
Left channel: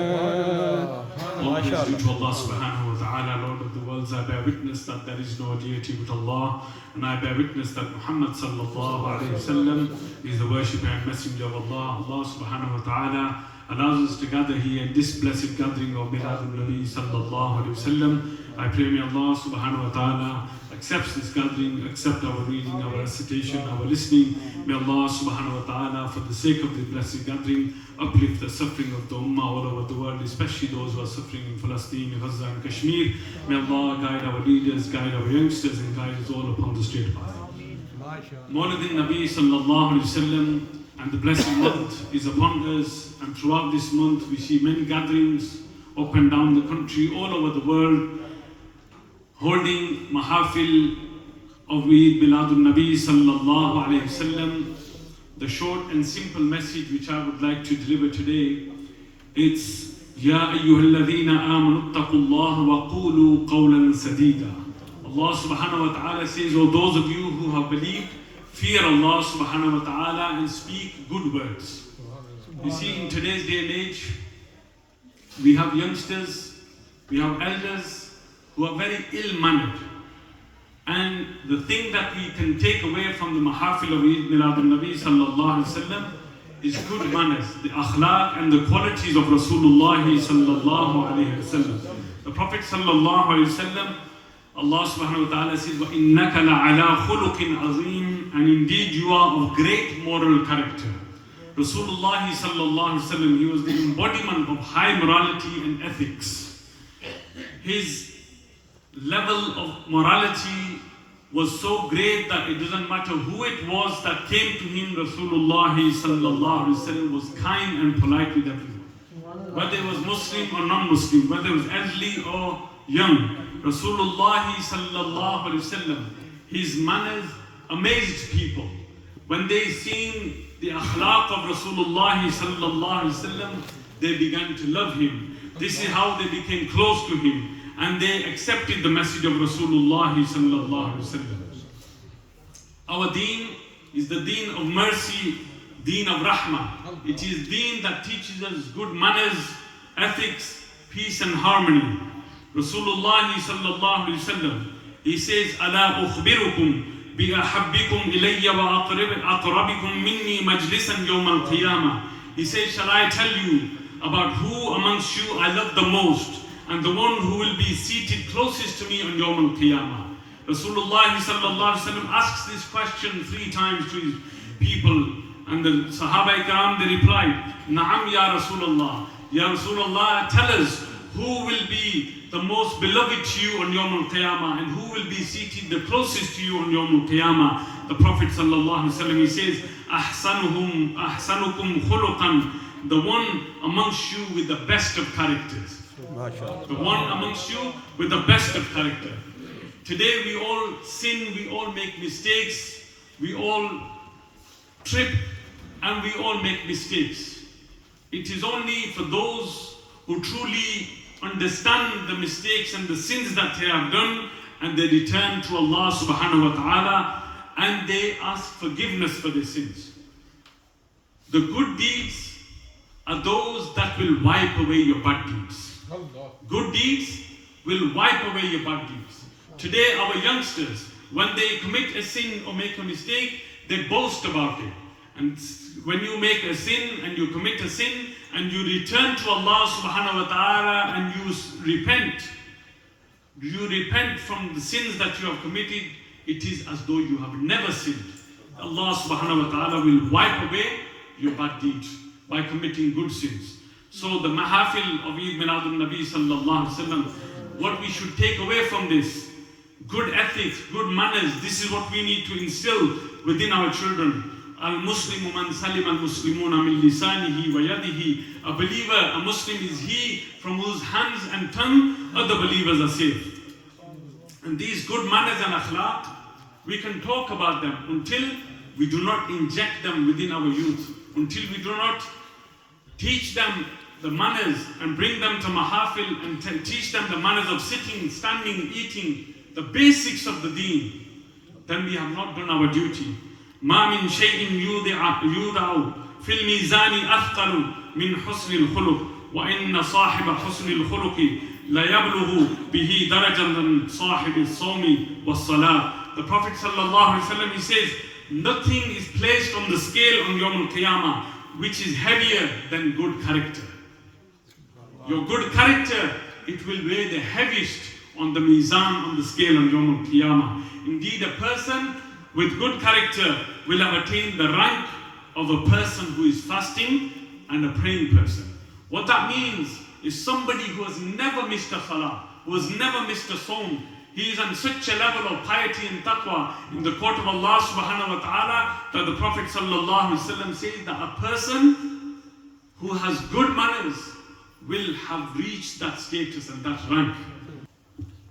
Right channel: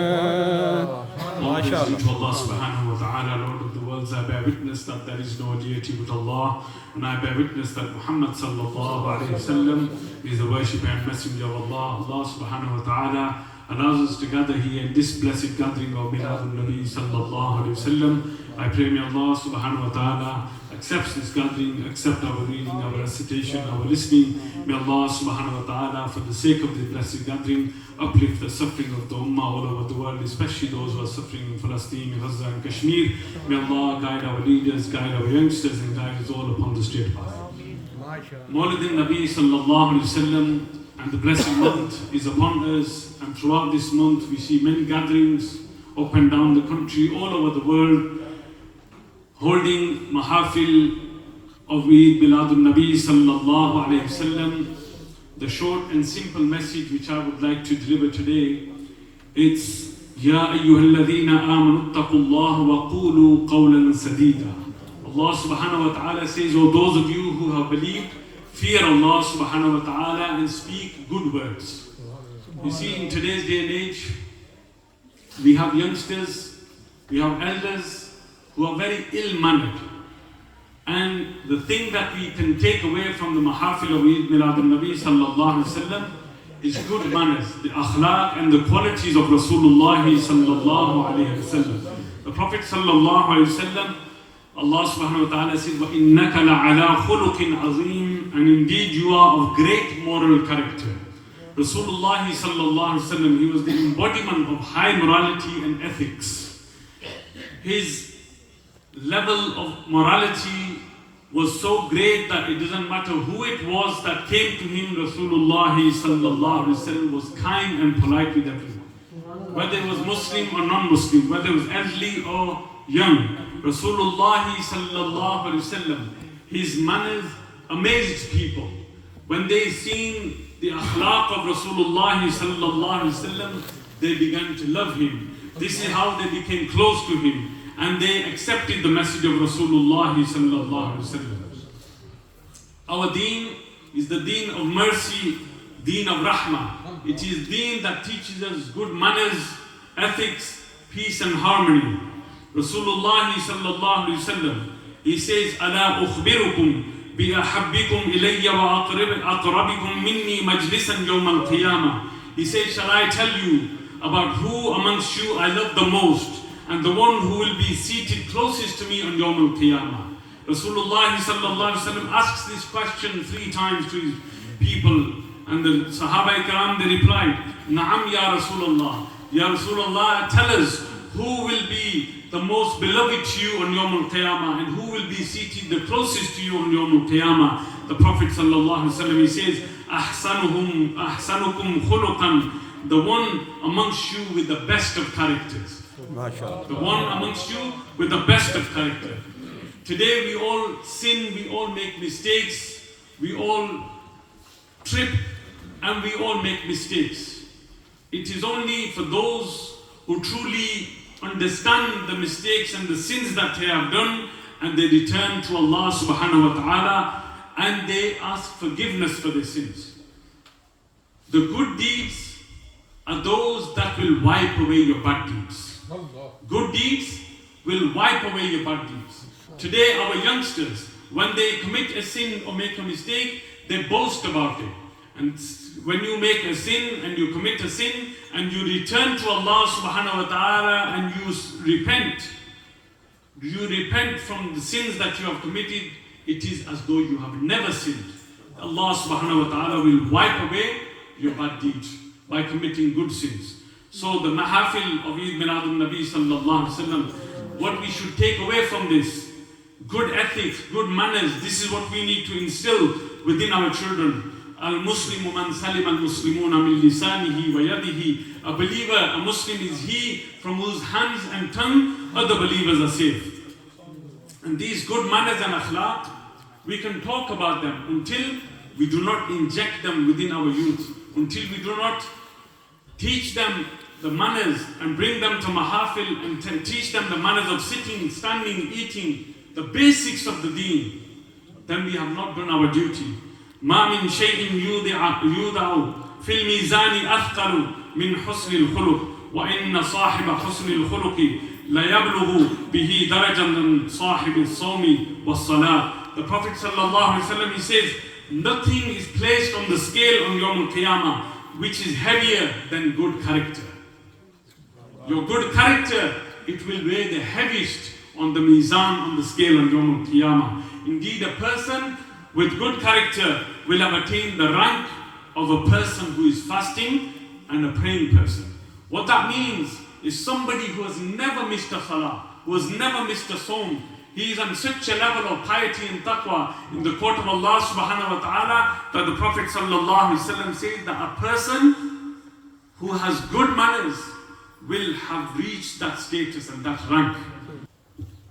To Allah subhanahu wa ta'ala, Lord of the worlds, I bear witness that there is no deity but Allah, and I bear witness that Muhammad sallallahu alayhi wa sallam is the worshipper and messenger of Allah. Allah subhanahu wa ta'ala allows us to gather here in this blessed gathering of Miladul Nabi sallallahu alayhi wa sallam. I pray may Allah subhanahu wa ta'ala accepts this gathering, accept our reading, our recitation, our listening. May Allah subhanahu wa ta'ala, for the sake of this blessed gathering, uplift the suffering of the ummah all over the world, especially those who are suffering in Palestine, Gaza and Kashmir. May Allah guide our leaders, guide our youngsters and guide us all upon the straight path. Mawlid Nabi sallallahu alayhi wa sallam, and the blessed month is upon us, and throughout this month we see many gatherings up and down the country, all over the world, holding mahafil of Eid Miladun Nabi sallallahu alayhi wa sallam. The short and simple message which I would like to deliver today, it's Ya ayyuhalladhina amanu ittaqullaha wa qulu qawlan sadida. Allah subhanahu wa ta'ala says, O those of you who have believed, fear Allah subhanahu wa ta'ala and speak good words. You see, in today's day and age, we have youngsters, we have elders who are very ill-mannered. And the thing that we can take away from the mahafil of Eid Miladun Nabi sallallahu alayhi wa sallam is good manners, the akhlaq and the qualities of Rasulullah sallallahu alayhi wa sallam. The Prophet sallallahu alayhi wa sallam, Allah subhanahu wa ta'ala says, وَإِنَّكَ لَعَلَىٰ خُلُقٍ عَظِيمٍ, and indeed you are of great moral character. Rasulullah sallallahu alayhi wa sallam, he was the embodiment of high morality and ethics. His level of morality was so great that it doesn't matter who it was that came to him, Rasulullah sallallahu alaihi wasallam was kind and polite with everyone. Whether it was Muslim or non-Muslim, whether it was elderly or young, Rasulullah sallallahu alaihi wasallam, his manners amazed people. When they seen the akhlaq of Rasulullah sallallahu alaihi wasallam, they began to love him. This is how they became close to him. And they accepted the message of Rasulullah sallallahu alaihi wasallam. Our deen is the deen of mercy, deen of rahmah. It is deen that teaches us good manners, ethics, peace and harmony. Rasulullah sallallahu alaihi wasallam, he says, "Ala ukhbirukum bi ahabbikum ilayya wa aqrabikum minni majlisan yawm al-qiyamah." He says, "Shall I tell you about who amongst you I love the most, and the one who will be seated closest to me on Yawm al-Qiyamah. Rasulullah sallallahu alaihi wasallam asks this question 3 times to his people, and the Sahaba Ikram, they replied, Na'am ya Rasulullah. Ya Rasulullah, tell us who will be the most beloved to you on Yawm al-Qiyamah, and who will be seated the closest to you on Yawm al-Qiyamah. The Prophet sallallahu alaihi wasallam, he says, Ahsanukum khuluqan, the one amongst you with the best of characters. The one amongst you with the best of character. Today we all sin, we all make mistakes, we all trip, and we all make mistakes. It is only for those who truly understand the mistakes and the sins that they have done, and they return to Allah subhanahu wa ta'ala, and they ask forgiveness for their sins. The good deeds are those that will wipe away your bad deeds. Good deeds will wipe away your bad deeds. Today our youngsters, when they commit a sin or make a mistake, they boast about it. And when you make a sin and you commit a sin and you return to Allah subhanahu wa ta'ala and you repent from the sins that you have committed, it is as though you have never sinned. Allah subhanahu wa ta'ala will wipe away your bad deeds by committing good sins. So the mahafil of Eid Milad al-Nabi sallallahu alaihi wasallam, what we should take away from this, good ethics, good manners, this is what we need to instill within our children. Al-Muslimu man salim al-Muslimuna min lisanihi wa yadihi. A believer, a Muslim is he from whose hands and tongue other believers are safe. And these good manners and akhlaq, we can talk about them until we do not inject them within our youth, until we do not teach them the manners and bring them to mahafil and teach them the manners of sitting, standing, eating, the basics of the deen, then we have not done our duty. ما من شيء يودع في الميزان أثقل من حسن الخلق وإن صاحب حسن الخلق لا يبلغ به درجة من صاحب الصوم والصلاة. The Prophet sallallahu alaihi wasallam, he says, nothing is placed on the scale on Yawm al-Qiyamah which is heavier than good character. Your good character, it will weigh the heaviest on the mizan, on the scale on Yawm al-Qiyamah. Indeed, a person with good character will have attained the rank of a person who is fasting and a praying person. What that means is somebody who has never missed a salah, who has never missed a sawm. He is on such a level of piety and taqwa in the court of Allah subhanahu wa ta'ala that the Prophet sallallahu alaihi wasallam says that a person who has good manners will have reached that status and that rank.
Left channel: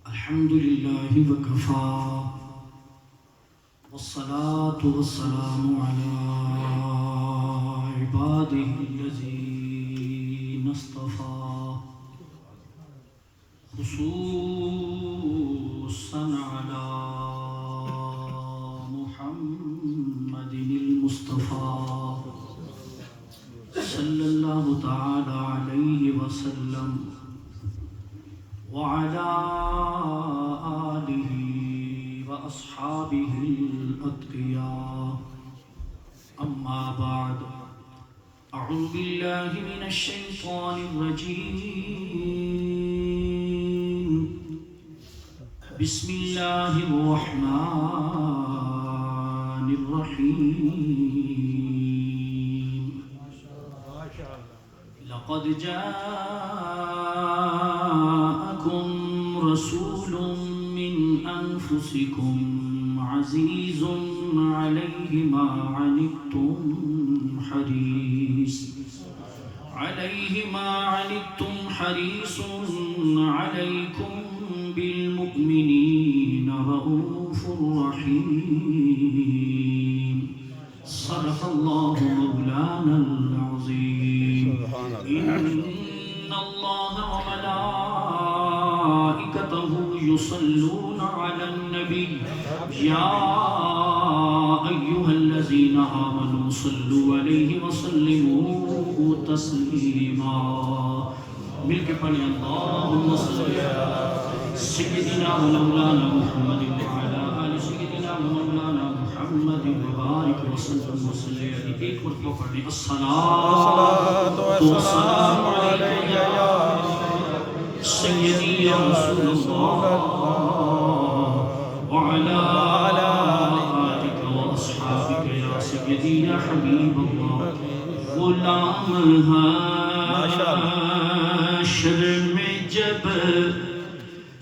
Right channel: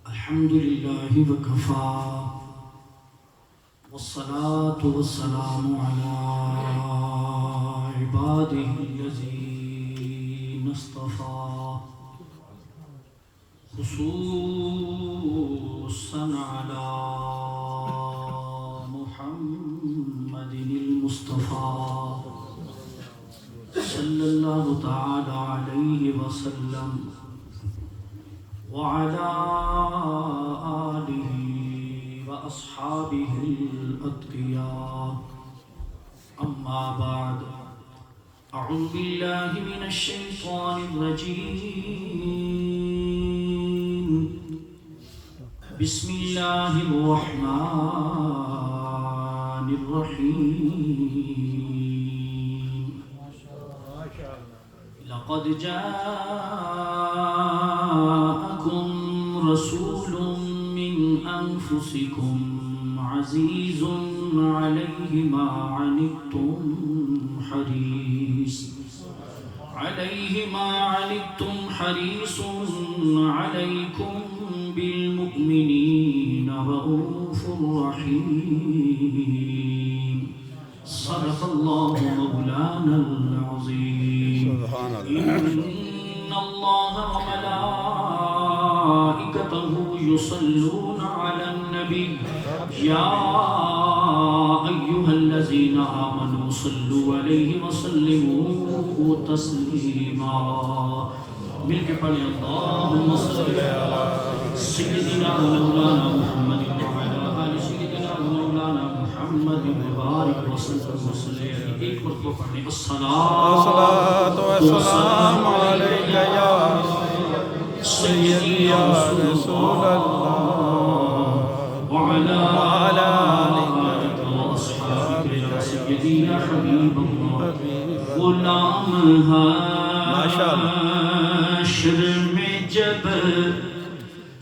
Alhamdulillah wa kafa. والصلاة والسلام على عباده الذين اصطفى خصوصا على محمد المصطفى صلى الله تعالى عليه وسلم وعلى آله وأصحابه الأتقياء. أما بعد، أعوذ بالله من الشيطان الرجيم. بسم الله الرحمن الرحيم. لقد جاءكم رسول من أنفسكم عزيز عليه ما عنتم حريص عليكم بالمؤمنين رؤوف رحيم. صدق الله مولانا العظيم. إن الله وملائكته يصلون على النبي يا أيها الذين آمنوا صلوا عليه وسلموا تسليما. مل کے پڑھیں اللهم صل على سيدنا مولانا محمد وعلى آل سيدنا مولانا محمد وبارك وسلم وسلم. ایک مرتبہ پڑھیں الصلاة والسلام عليك يا سیدی یا رسول اللہ وعلا آلک و اصحابک یا سیدی یا حبیب اللہ غلام حشر میں جب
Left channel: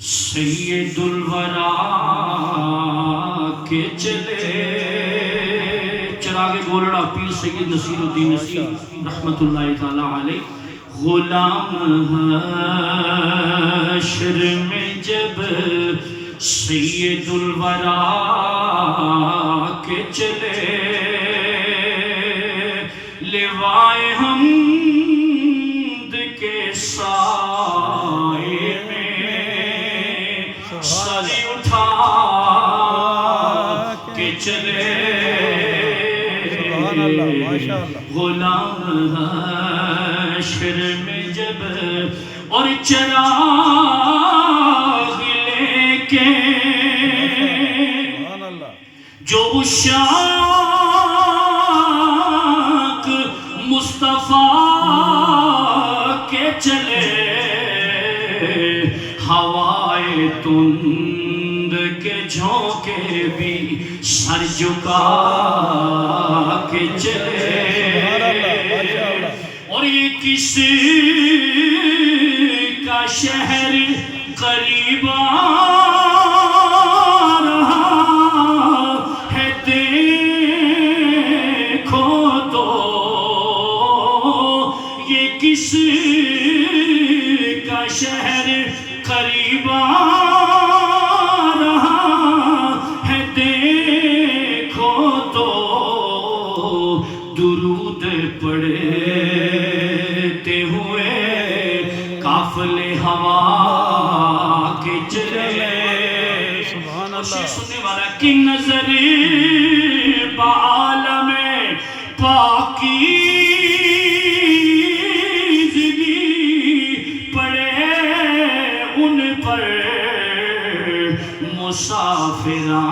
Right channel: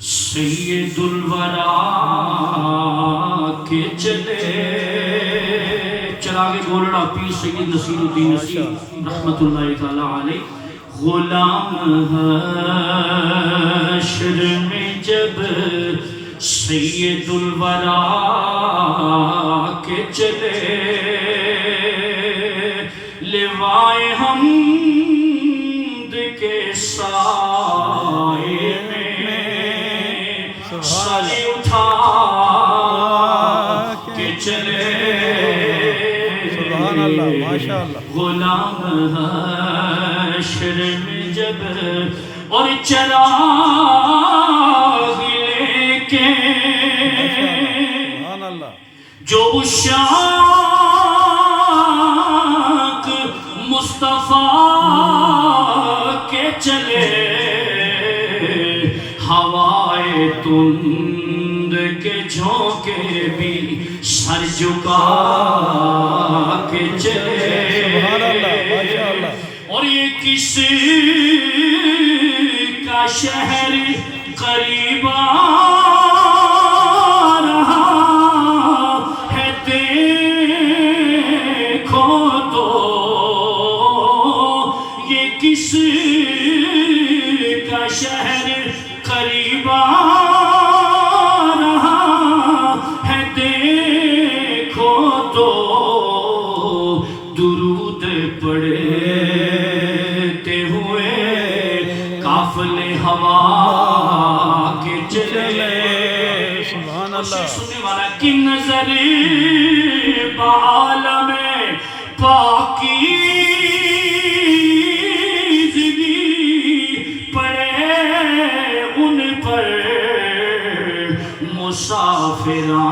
سید الورا کے چلے چراغ گولڑا پیر سید نصیر الدین نصیر رحمت اللہ تعالی علیہ غلام حشر میں جب سید الورا کے چلے لوائے حمد کے سائے سر اٹھا کے چلے غلام حشر میں جب اور چراغ لے کے جو عشاق مصطفیٰ کے چلے ہوائے تند کے جھونکے بھی سر جھکا کے چلے اور یہ کس کا شہر قریب آ رہا ہے دیکھو تو یہ کس کا شہر قریب آ رہا ہے دیکھو تو درود پڑھتے ہوئے قافلے ہوا کے چلے سننے والا کی نظر بعالم پاکیزگی پڑے ان پر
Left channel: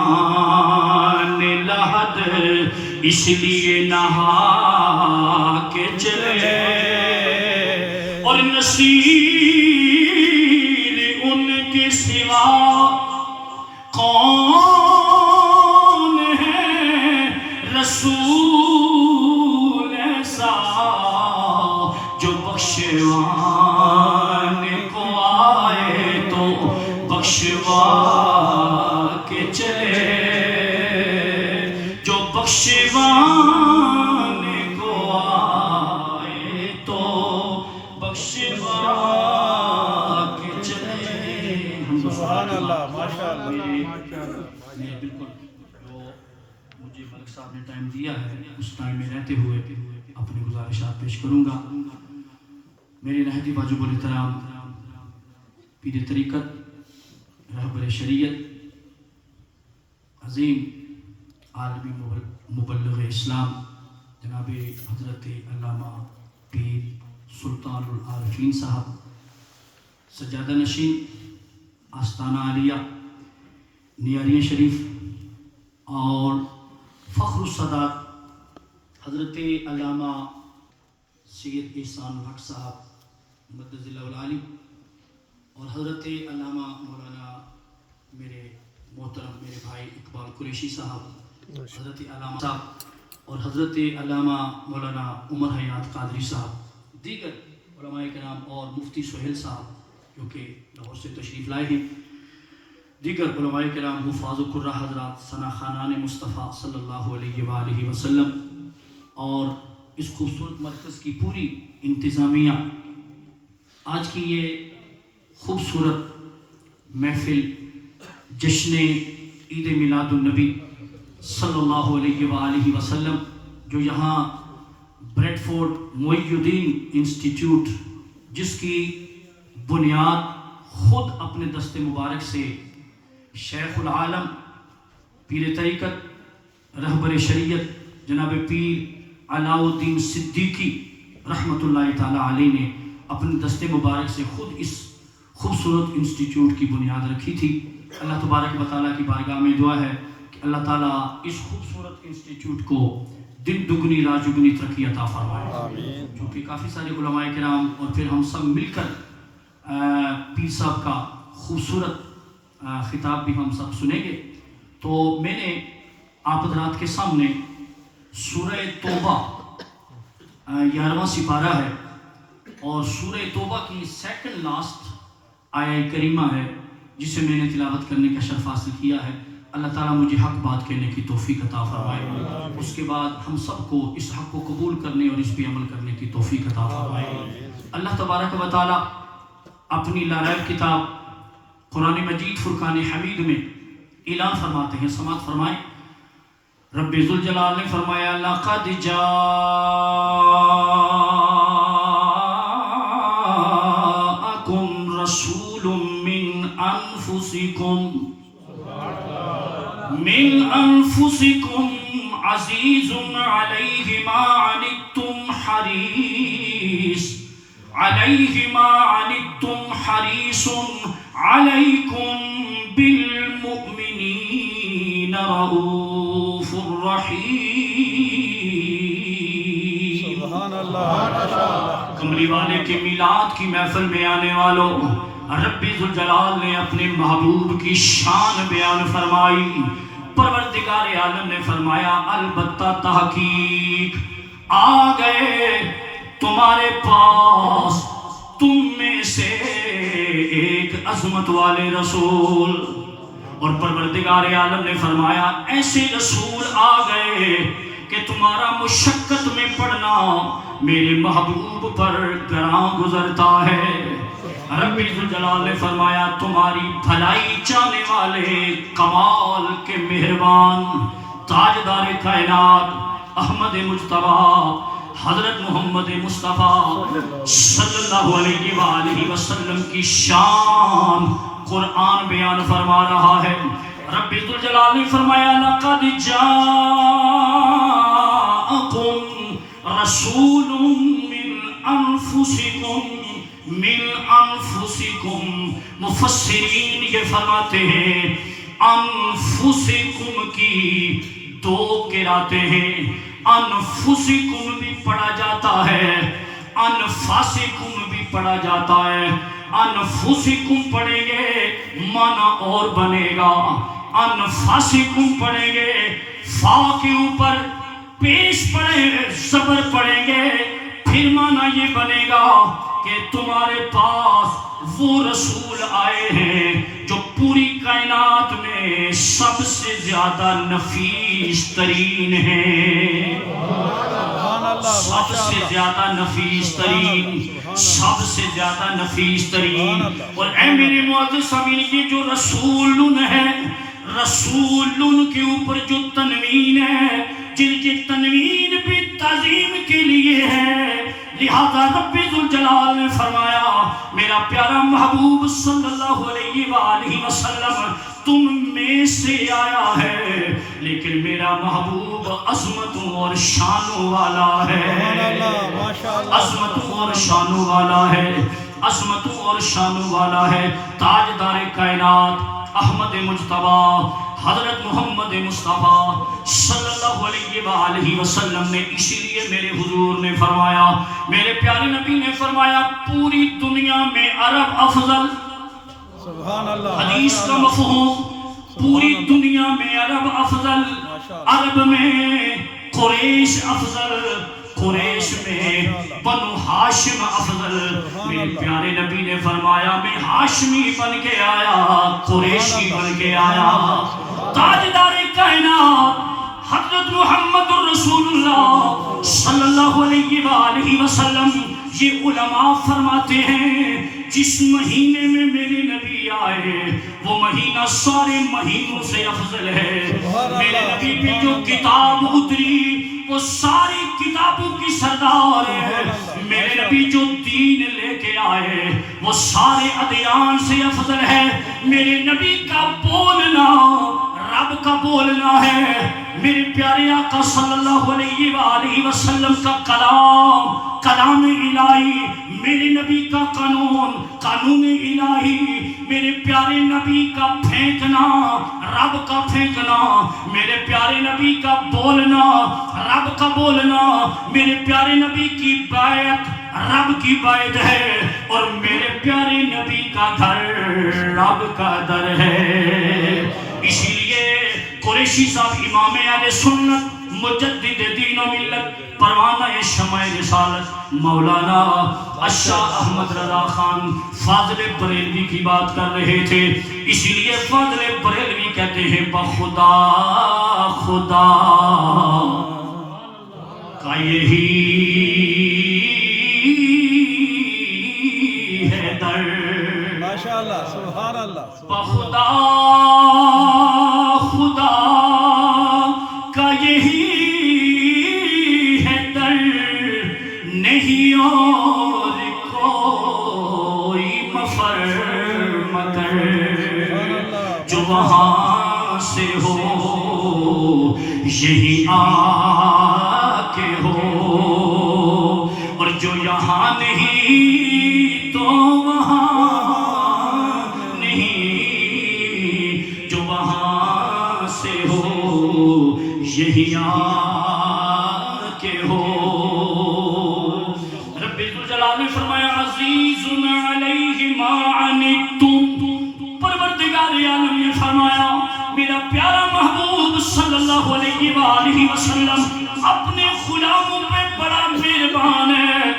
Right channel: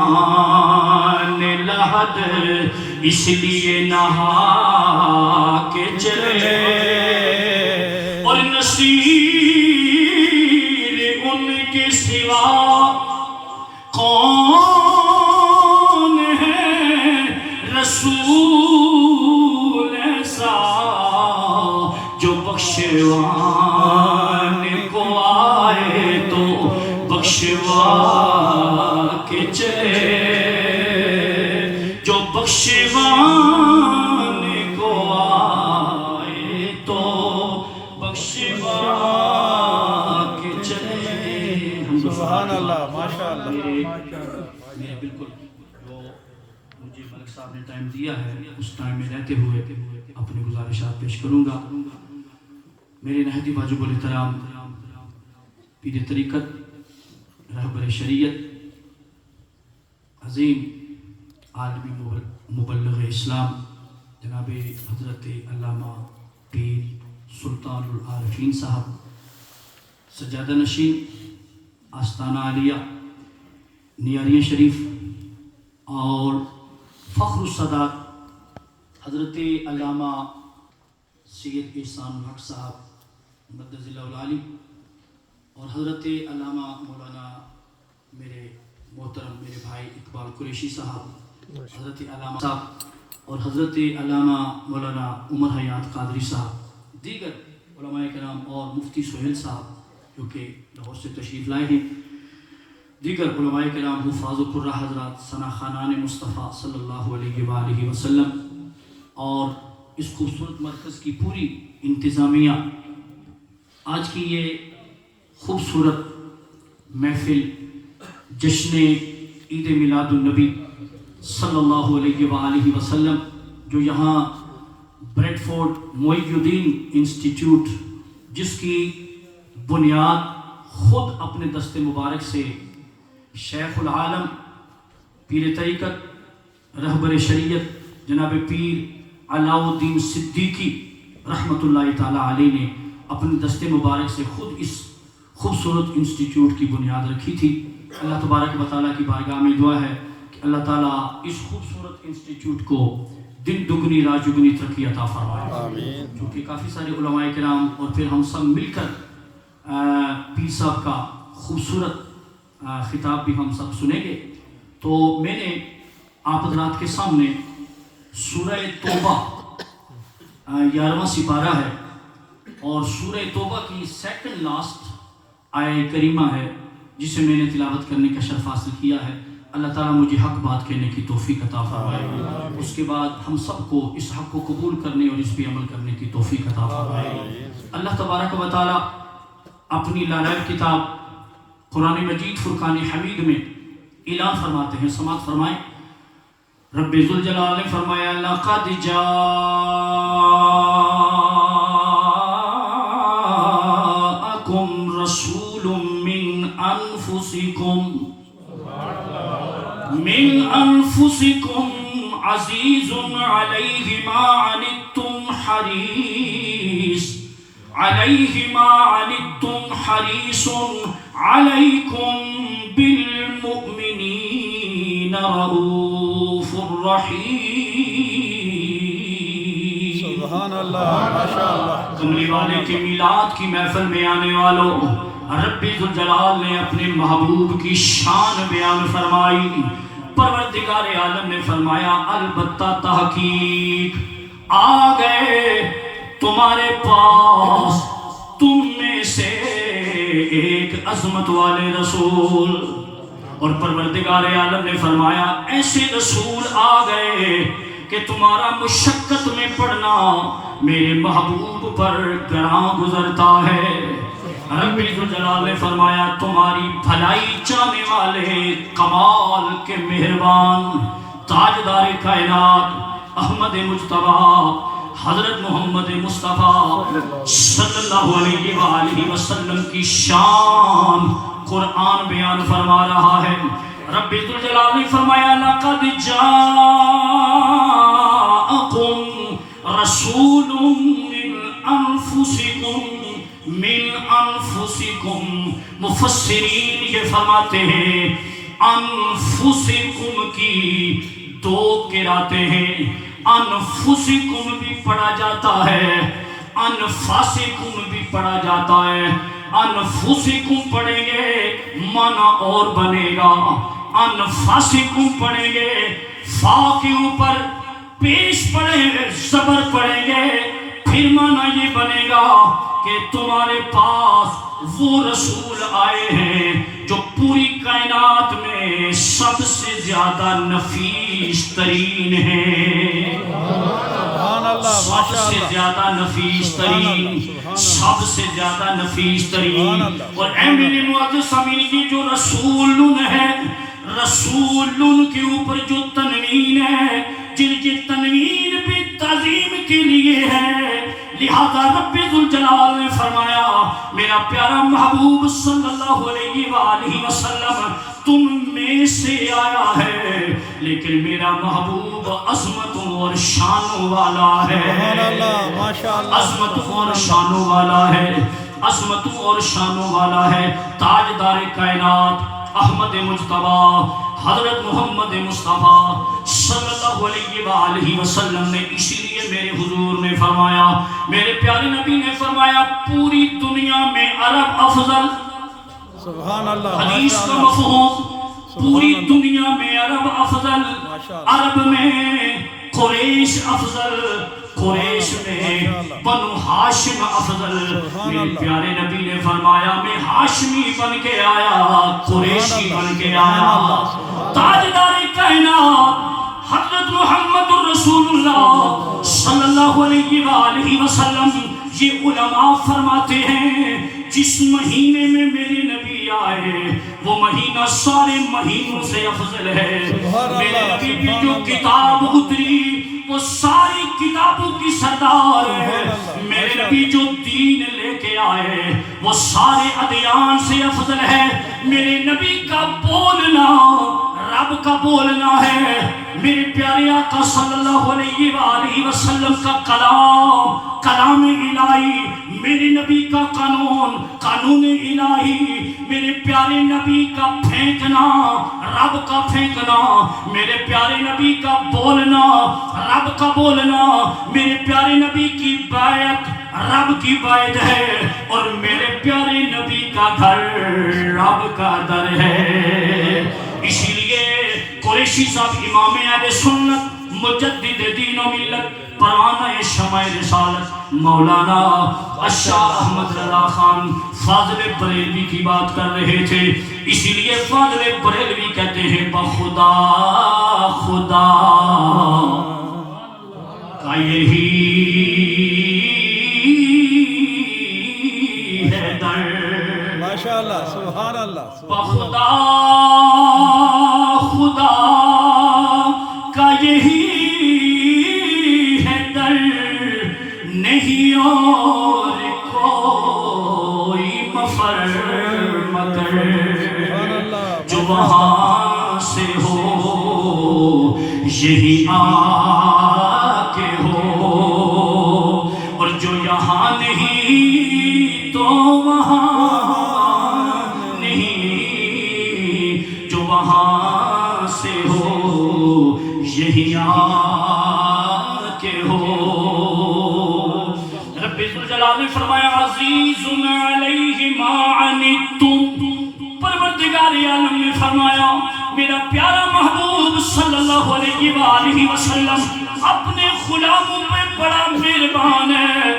مسافران لحد اس لیے نہا کے چلے اور نصیر ان کے سوا کون ہے رسول ایسا جو بخشوان کو آئے تو بخشوا کے چلے جو بخشوان کو آئے تو بخشوا کے چلے سبحان اللہ ماشاءاللہ میں بالکل وہ مجھے ملک صاحب نے ٹائم دیا ہے اس ٹائم میں رہتے ہوئے اپنے گزارشات پیش کروں گا میرے نہایت واجب الاحترام پیر طریقت رہبر شریعت عظیم عالمی مبلغ اسلام جناب حضرت علامہ پیر سلطان العارفین صاحب سجادہ نشین آستانہ عالیہ نیاریہ شریف اور فخر الصدات حضرت علامہ سید احسان الحق صاحب مدد اللہ العالی اور حضرت علامہ مولانا میرے محترم میرے بھائی اقبال قریشی صاحب حضرت علامہ صاحب اور حضرت علامہ مولانا عمر حیات قادری صاحب دیگر علماء کرام اور مفتی سہیل صاحب جو کہ لاہور سے تشریف لائے ہیں دیگر علماء کرام حفاظ و قرہ حضرات ثنا خانان مصطفیٰ صلی اللہ علیہ وآلہ وسلم اور اس خوبصورت مرکز کی پوری انتظامیہ آج کی یہ خوبصورت محفل جشن عید میلاد النبی صلی اللہ علیہ وآلہ وسلم جو یہاں بریڈ فورڈ معی الدین انسٹیٹیوٹ جس کی بنیاد خود اپنے دست مبارک سے شیخ العالم پیر طریقت رہبر شریعت جناب پیر علاء الدین صدیقی رحمت اللہ تعالی علیہ نے اپنے دست مبارک سے خود اس خوبصورت انسٹیٹیوٹ کی بنیاد رکھی تھی اللہ تبارک و تعالیٰ کی بارگاہ میں دعا ہے کہ اللہ تعالیٰ اس خوبصورت انسٹیٹیوٹ کو دن دگنی رات چگنی ترقی عطا فرمائے کیونکہ کافی سارے علماء کرام اور پھر ہم سب مل کر پیر صاحب کا خوبصورت خطاب بھی ہم سب سنیں گے. تو میں نے آپ حضرات کے سامنے سورہ توبہ 11واں سپارہ ہے اور سورہ توبہ کی سیکنڈ لاسٹ آیہ کریمہ ہے جسے میں نے تلاوت کرنے کا شرف حاصل کیا ہے. اللہ تعالیٰ مجھے حق بات کہنے کی توفیق عطا فرمائے. اس کے بعد ہم سب کو اس حق کو قبول کرنے اور اس پہ عمل کرنے کی توفیق عطا فرمائے. اللہ تبارک و تعالیٰ اپنی لاریب کتاب قرآن مجید فرقان حمید میں اعلان فرماتے ہیں. سماعت فرمائیں. رب ذوالجلال نے فرمایا لقد جاءکم رسول من انفسکم عزیز علیہ ما عنتم حریص علیکم بالمؤمنین رؤوف الرحیم. سبحان اللہ ماشاء اللہ. کملی والے کے میلاد کی محفل میں آنے والوں رب ذوالجلال نے اپنے محبوب کی شان بیان فرمائی. پروردگار عالم نے فرمایا البتہ تحقیق آ گئے تمہارے پاس تم میں سے ایک عظمت والے رسول. اور پروردگار عالم نے فرمایا ایسے رسول آ گئے کہ تمہارا مشقت میں پڑنا میرے محبوب پر گراں گزرتا ہے. رب ذوالجلال نے فرمایا تمہاری بھلائی چاہنے والے کمال کے مہربان تاجدار کائنات احمد مجتبیٰ حضرت محمد مصطفیٰ صلی اللہ علیہ وآلہ وسلم کی شان قرآن بیان فرما رہا ہے. رب ذوالجلال نے فرمایا لقد جاءکم رسول من انفسکم. مفسرین یہ فرماتے ہیں انفسکم کی دو قراتیں ہیں. انفسکم بھی پڑھا جاتا ہے انفاسکم بھی پڑھا جاتا ہے. انفسکم پڑھیں گے معنی اور بنے گا. انفاسکم پڑھیں گے فا کے اوپر پیش پڑھیں گے زبر پڑھیں گے پھر معنی یہ بنے گا کہ تمہارے پاس وہ رسول آئے ہیں جو پوری کائنات میں سب سے زیادہ نفیس ترین ہیں. سب سے زیادہ نفیس ترین سب سے زیادہ نفیس ترین. اور اے میرے معزز سامعین یہ جو رسول ہے رسول کے اوپر جو تنوین ہے جن کی تنوین بھی تعظیم کے لیے ہے لہذا رب ذوالجلال نے فرمایا میرا پیارا محبوب صلی اللہ علیہ وآلہ وسلم تم میں سے آیا ہے لیکن میرا محبوب عظمتوں اور شانوں والا ہے. عظمتوں اور شانوں والا ہے. عظمتوں اور شانوں والا ہے. تاجدار کائنات احمد مجتبیٰ حضرت محمد مصطفیٰ صلی اللہ علیہ وآلہ وسلم نے اسی لیے میرے حضور نے فرمایا میرے پیارے نبی نے فرمایا پوری دنیا میں عرب افضل. سبحان اللہ. حدیث کا مفہوم پوری دنیا میں عرب افضل. عرب میں قریش افضل. قریش میں بنو ہاشم افضل. میرے پیارے نبی نے فرمایا میں ہاشمی بن کے آیا قریشی بن کے آیا. تاجدار کائنات حضرت محمد رسول اللہ صلی اللہ علیہ وآلہ وسلم یہ علماء فرماتے ہیں جس مہینے میں میرے نبی آئے وہ مہینہ سارے مہینوں سے افضل ہے. میرے نبی کی جو کتاب اتری وہ ساری کتابوں کی سردار ہے. میرے نبی جو دین لے کے آئے وہ سارے ادیان سے افضل ہے. میرے نبی کا بولنا رب کا بولنا ہے. میرے پیارے آقا صلی اللہ علیہ وآلہ وسلم کا کلام کلام الہی میرے نبی کا قانون قانون الہی میرے پیارے نبی کا پھینکنا رب کا پھینکنا میرے پیارے نبی کا بولنا رب کا بولنا میرے پیارے نبی کی بیعت رب کی بیت ہے اور میرے پیارے نبی کا گھر رب کا در ہے. اسی لیے قریشی صاحب امام اہل سنت مجدد دین و ملت پروانہ شمع رسالت مولانا اشاہ احمد رضا خان فاضل بریلوی کی بات کر رہے تھے. اسی لیے فاضل بریلوی کہتے ہیں بخدا خدا کا یہی ہے در. ماشاءاللہ سبحان اللہ بخدا خدا کا یہی ہے در نہیں اور کوئی مفر مگر جو وہاں سے ہو یہی آ کے ہو اور جو یہاں نہیں تو وہاں نہیں جو وہاں سے ہو یہی آ کے ہو. رب ذوالجلال نے فرمایا عزیز علیہ ما عنتم. پروردگار عالم نے فرمایا میرا پیارا محبوب صلی اللہ علیہ وآلہ وسلم اپنے غلاموں پہ بڑا مہربان ہے,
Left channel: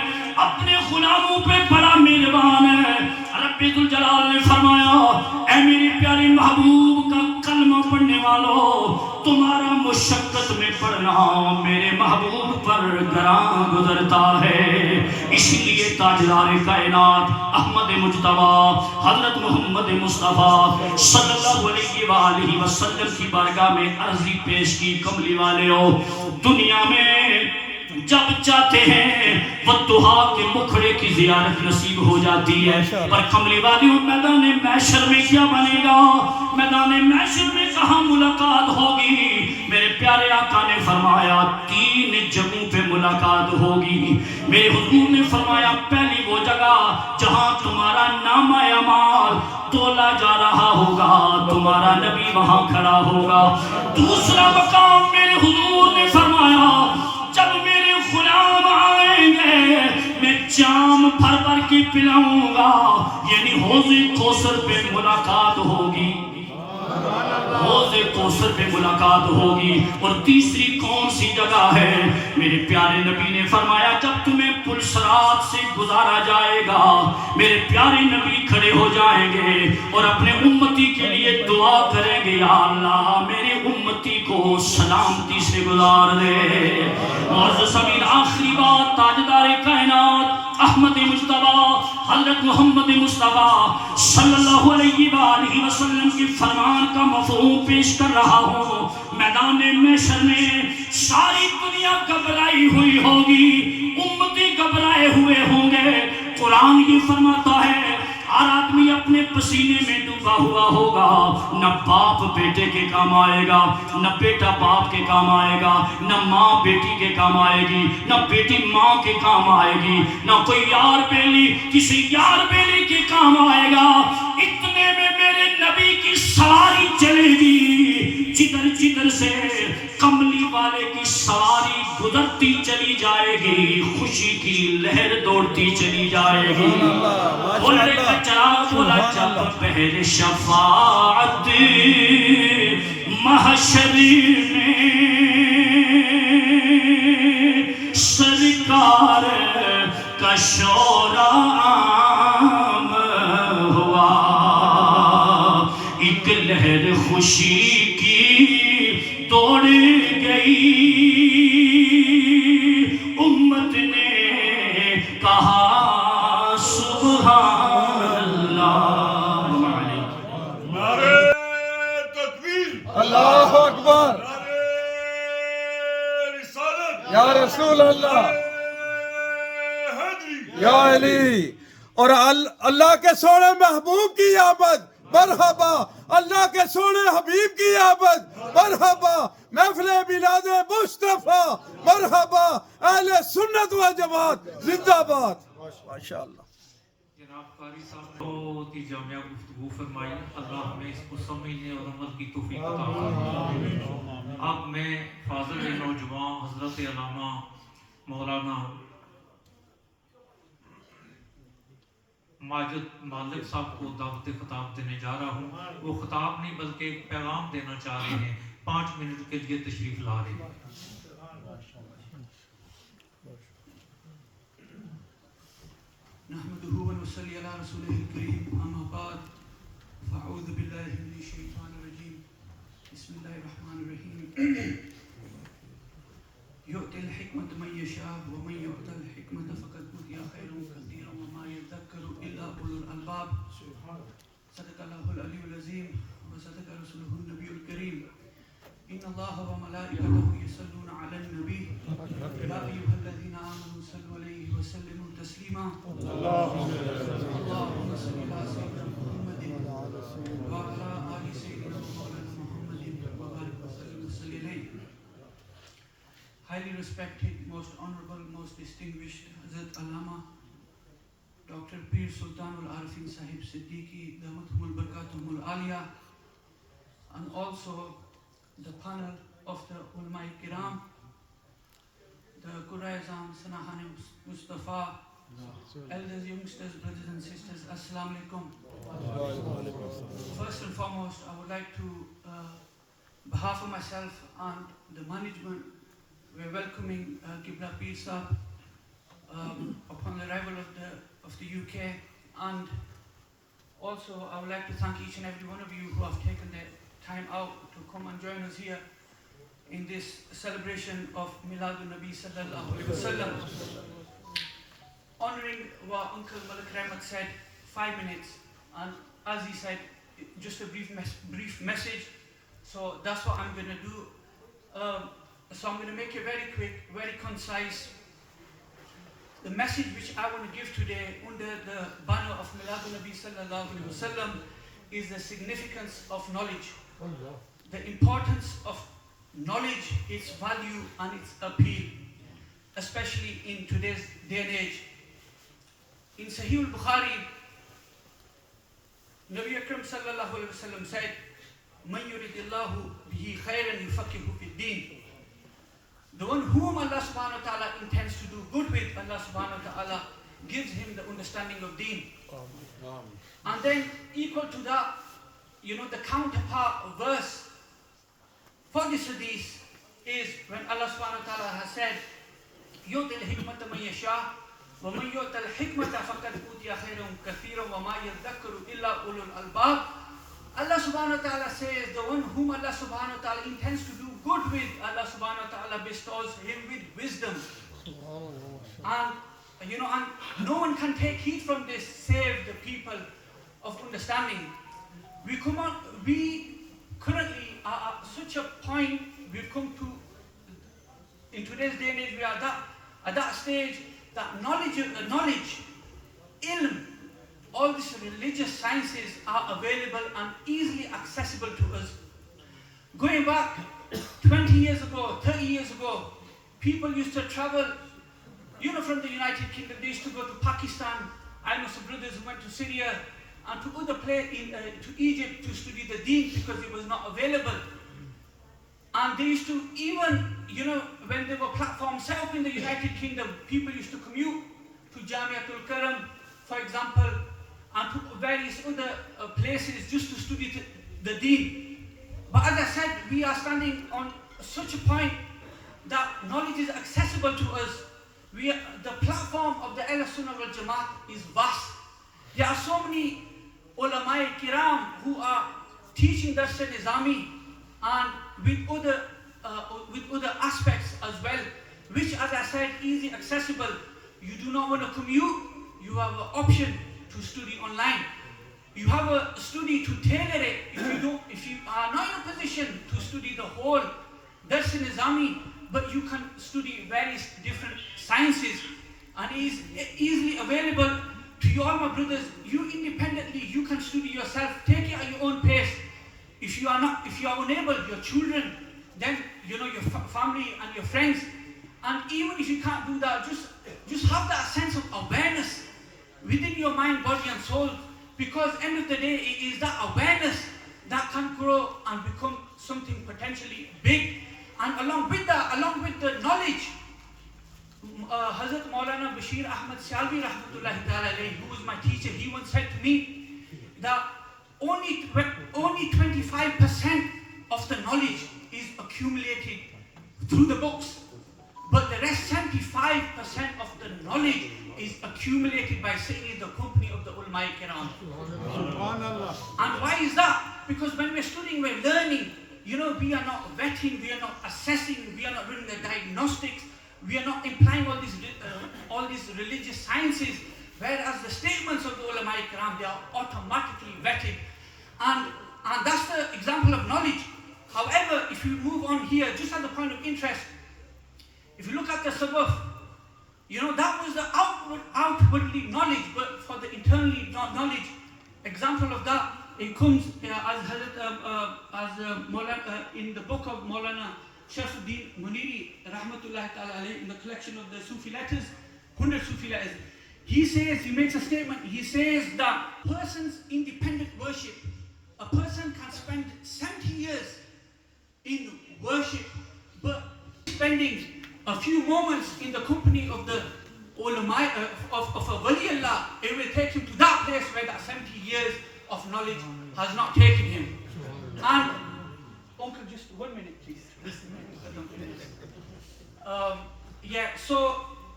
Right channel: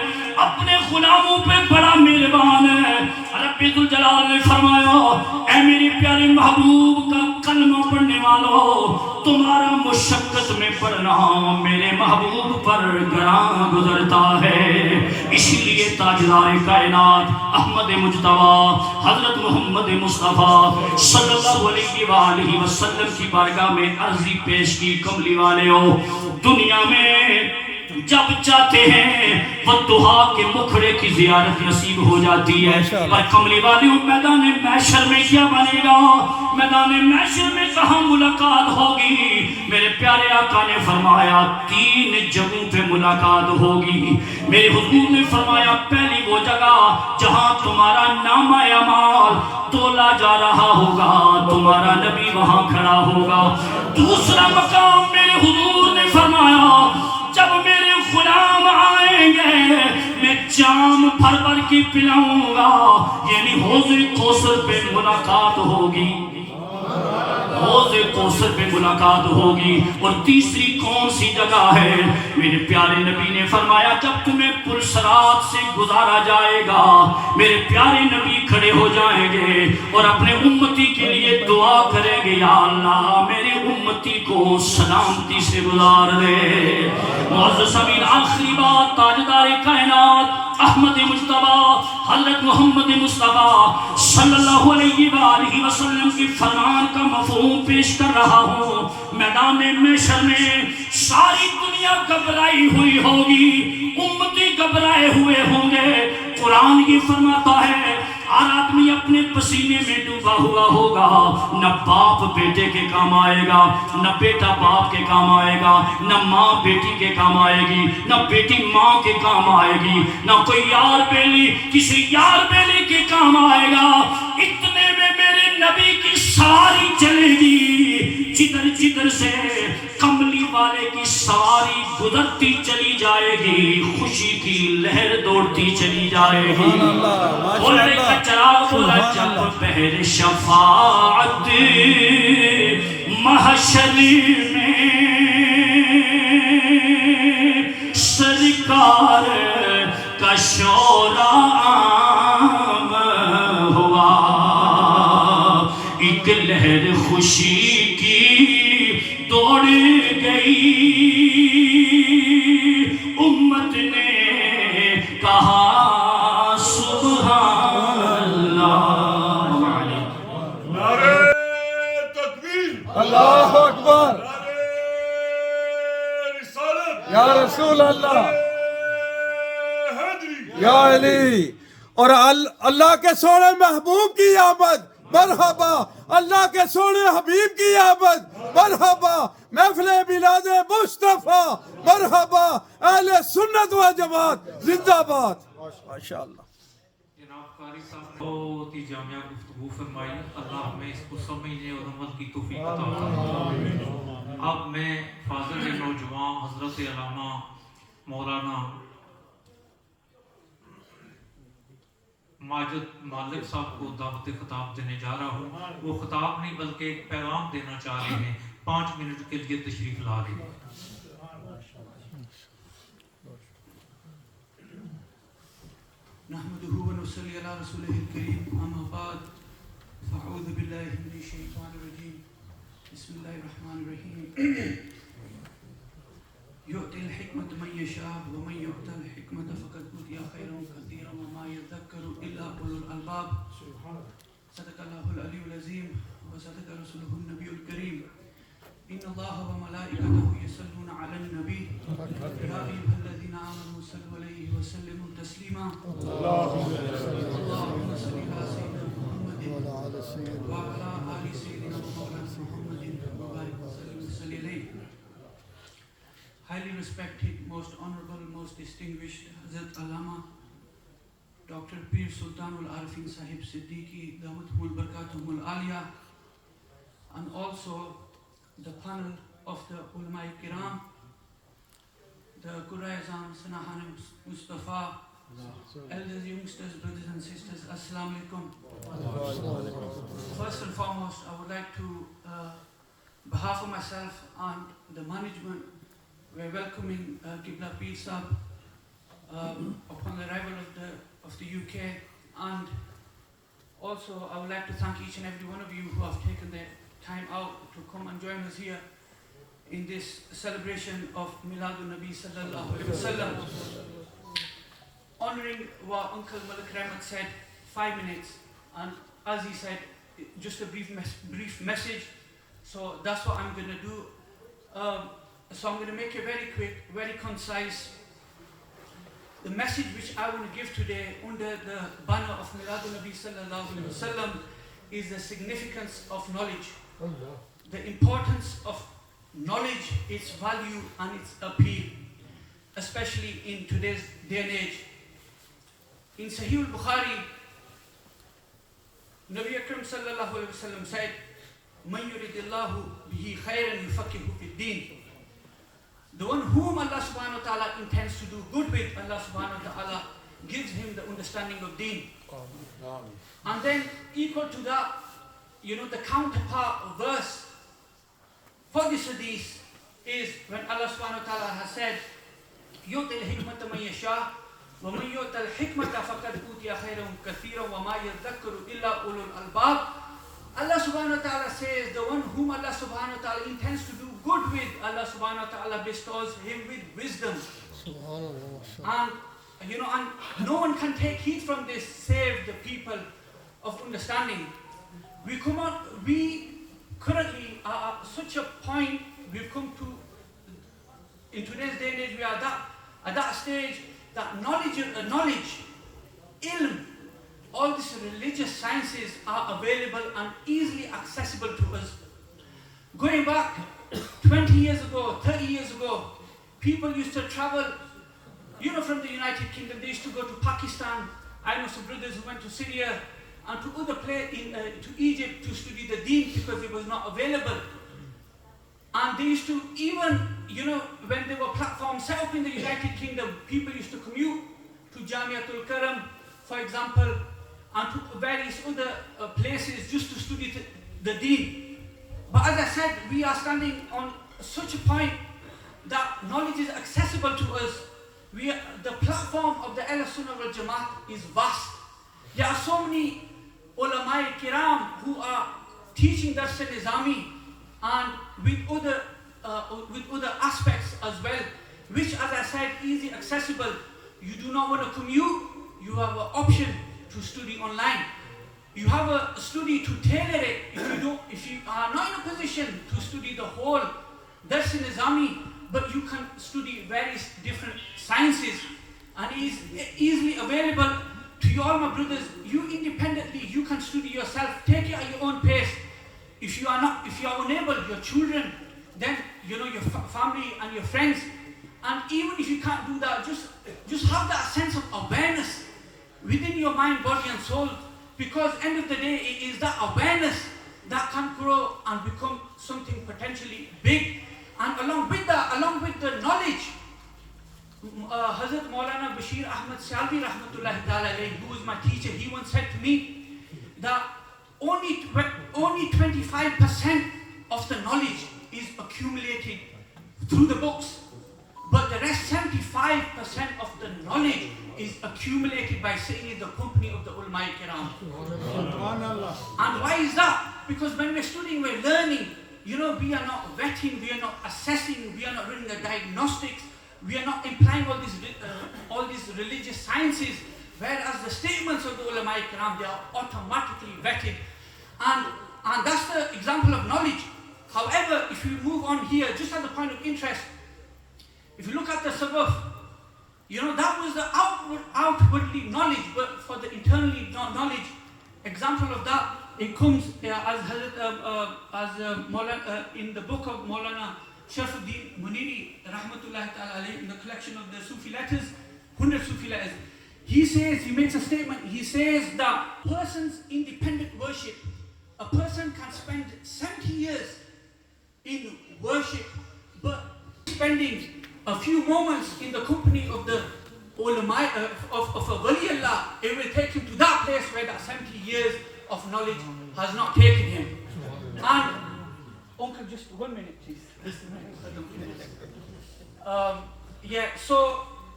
اپنے غلاموں پہ بڑا مہربان ہے. رب ذوالجلال نے فرمایا اے میرے پیارے محبوب کا کلمہ پڑھنے والوں, تمہارا مشقت میں پڑھنا میرے محبوب پر گراں گزرتا ہے. اسی لیے تاجدار کائنات احمد مجتبی حضرت محمد مصطفیٰ صلی اللہ علیہ وآلہ وسلم کی بارگاہ میں عرضی پیش کی, کملی والےو دنیا میں جب چاہتے ہیں والدہا کے مکھڑے کی زیارت نصیب ہو جاتی ہے, پر کملی والیوں میدان محشر میں کیا بنے گا, میدان محشر میں کہاں ملاقات ہوگی. میرے پیارے آقا نے فرمایا 3 جگہوں پہ ملاقات ہوگی. میرے حضور نے فرمایا پہلی وہ جگہ جہاں تمہارا نامہ اعمال تولا جا رہا ہوگا, تمہارا نبی وہاں کھڑا ہوگا. دوسرا مقام میرے حضور نے فرمایا جب میرے غلام آئیں گے میں جام بھر بھر کے پلاؤں گا, یعنی حوض کوثر پہ ملاقات ہوگی, حوض کوثر پہ ملاقات ہوگی. اور تیسری کون سی جگہ ہے؟ میرے پیارے نبی نے فرمایا جب تمہیں پل صراط سے گزارا جائے گا میرے پیارے نبی کھڑے ہو جائیں گے اور اپنے امتی کے لیے دعا کریں گے, یا اللہ میرے امتی کو سلامتی سے گزار دے. معزز امین آخری بات تاجدار کائنات احمد مجتبی حضرت محمد مصطفیٰ صلی اللہ علیہ وآلہ وسلم کی فرمان کا مفہوم پیش کر رہا ہوں. میدان محشر میں ساری دنیا گھبرائی ہوئی ہوگی, امتی گھبرائے ہوئے ہوں گے. قرآن یہ فرماتا ہے ہر آدمی اپنے پسینے میں ڈوبا ہوا ہوگا, نہ باپ بیٹے کے کام آئے گا, نہ بیٹا باپ کے کام آئے گا, نہ ماں بیٹی کے کام آئے گی, نہ بیٹی ماں کے کام آئے گی, نہ کوئی یار بیلی کسی یار بیلی کے کام آئے گا. اتنے میں میرے نبی کی سواری چلے گی, جدھر جدھر سے کملی والے کی سواری گزرتی چلی جائے گی, خوشی کی لہر دوڑتی چلی جائے گی. بولنے کا چراغ بولا جب پہر شفاعت محشر میں سرکار کا شور عام ہوا, ایک لہر خوشی کی دوڑ گئی, امت نے کہا سبحان اللہ. نعرہ تکبیر, اللہ اکبر, یا رسول اللہ, یا علی. اور اللہ کے سونے محبوب کی آمد مرحبا, اللہ کے سونے حبیب کی آمد مرحبا, محفل میلاد مصطفیٰ مرحبا, اہل سنت و جماعت زندہ باد. ماشاءاللہ. جناب قاری صاحب بہت ہی جامعہ گفتگو فرمائی, اللہ ہمیں اس کو سمجھنے اور عمل کی توفیق عطا فرمائے. اب میں فاضل نوجوان حضرت علامہ مولانا ماجد مالک صاحب کو دعوت خطاب دینے جا رہا ہوں. وہ خطاب نہیں بلکہ ایک پیغام دینا چاہ رہے ہیں. 5 منٹ کے لیے تشریف لا رہے ہیں. نحمده ونصلي على رسوله الكريم أما بعد فأعوذ بالله من الشيطان الرجيم بسم الله الرحمن الرحيم يؤتي الحكمة من يشاء ومن يؤتى الحكمة فقد أوتي خيرا كثيرا وما يذكر إلا أولو الألباب صدق الله العلي العظيم وصدق رسوله النبي الكريم إن الله وملائكته يصلون على النبي يا أيها الذين آمنوا صلوا عليه وسلموا تسليما اللهم صل على سيدنا محمد وعلى آل سيدنا ومولانا محمد وبارك وسلم وصلي عليه. Highly respected, most honorable, most distinguished Hazrat Allama Dr. Pir Sultanul Arifin Sahib Siddiqui Damatul Barakatumul Aliyah, and also the panel of the Ulama Kiram, the Quraizan, Sanahanim Mustafa, elders, youngsters, brothers and sisters, Assalamu alaikum. First and foremost, I would like to, behalf of myself and the management, we're welcoming Qibla Pir Sahib upon the arrival of the UK, and also I would like to thank each and every one of you who have taken their time out to come and join us here in this celebration of Miladun Nabi Sallallahu Alaihi Wasallam. Honoring what Uncle Malik Rahmat said, 5 minutes, and as he said, just a brief message. So that's what I'm going to do. So I'm going to make it very quick, very concise. The message which I want to give today under the banner of Miladun Nabi Sallallahu Alaihi Wasallam is the significance of knowledge. The importance of knowledge, its value and its appeal, especially in today's day and age. In Sahih al-Bukhari, Nabi Akram Sallallahu Alaihi Wasallam said, "Man yuridillahu bihi khayran yufaqihu fid din." The one whom Allah Subhanahu wa Taala intends to do good with, Allah Subhanahu wa Taala gives him the understanding of deen. And then equal to that, the counterpart verse for this hadith is when Allah Subhanahu wa Taala has said, "Yu'til hikmata man yasha, wa man yu'tal hikmata faqad utiya khayran kathiran wa ma yadhakkaru illa ulul albab." Allah Subhanahu wa Taala says, the one whom Allah Subhanahu wa Taala intends to do good with, Allah Subhanahu wa Taala bestows him with wisdom. And and no one can take heed from this save the people of understanding. We currently are at such a point, we've come to, in today's day and age, we are at that stage that knowledge, ilm, all these religious sciences are available and easily accessible to us. Going back 20 years ago, 30 years ago, people used to travel, from the United Kingdom, they used to go to Pakistan. I know some brothers who went to Syria and to other places, to Egypt to study the deen because it was not available. And they used to even, when there were platforms set up in the United Kingdom, people used to commute to Jamiatul Karam, for example, and to various other places just to study the deen. But as I said, we are standing on such a point that knowledge is accessible to us. The platform of the Ahl Sunnah wal Jamaat is vast. There are so many ulama kiram who are teaching Dars Nizami and with other aspects as well, which, as I said, easy accessible. You do not want to commute, you have an option to study online. You have a study to tailor it. If you are not in a position to study the whole Dars Nizami, but you can study various different sciences, and it is easily available to you all, my brothers. You independently, you can study yourself, take it at your own pace. If you are unable, your children, then your family and your friends. And even if you can't do that, just have that sense of awareness within your mind, body and soul, because end of the day, it is that awareness that can grow and become something potentially big. And along with that, along with the knowledge, Hazrat Maulana Bashir Ahmad Salvi Rahmatullahi Ta'ala alayhi, who was my teacher, he once said to me that only 25% of the knowledge is accumulated through the books, but the rest 75% of the knowledge is accumulated by sitting in the company of the ulama kiram. And why is that? Because when we're studying, we're learning. You know, we are not vetting, we are not assessing, we are not doing the diagnostics, we are not implying all these religious sciences, whereas the statements of the ulama kiram, they are automatically vetted. And that's the example of knowledge. However, if you move on here, just as a point of interest, if you look at the sabaf, you know, that was the outwardly knowledge, but for the internally knowledge, example of that, it comes in the book of Maulana Sharafuddin Muniri Rahmatullahi Ta'ala alayhi, in the collection of the Sufi letters, 100 Sufi letters. He makes a statement, he says that person's independent worship, a person can spend 70 years in worship, but spending a few moments in the company of the ulama, of a wali Allah, it will take him to that place where that 70 years of knowledge has not taken him. And uncle, just 1 minute please.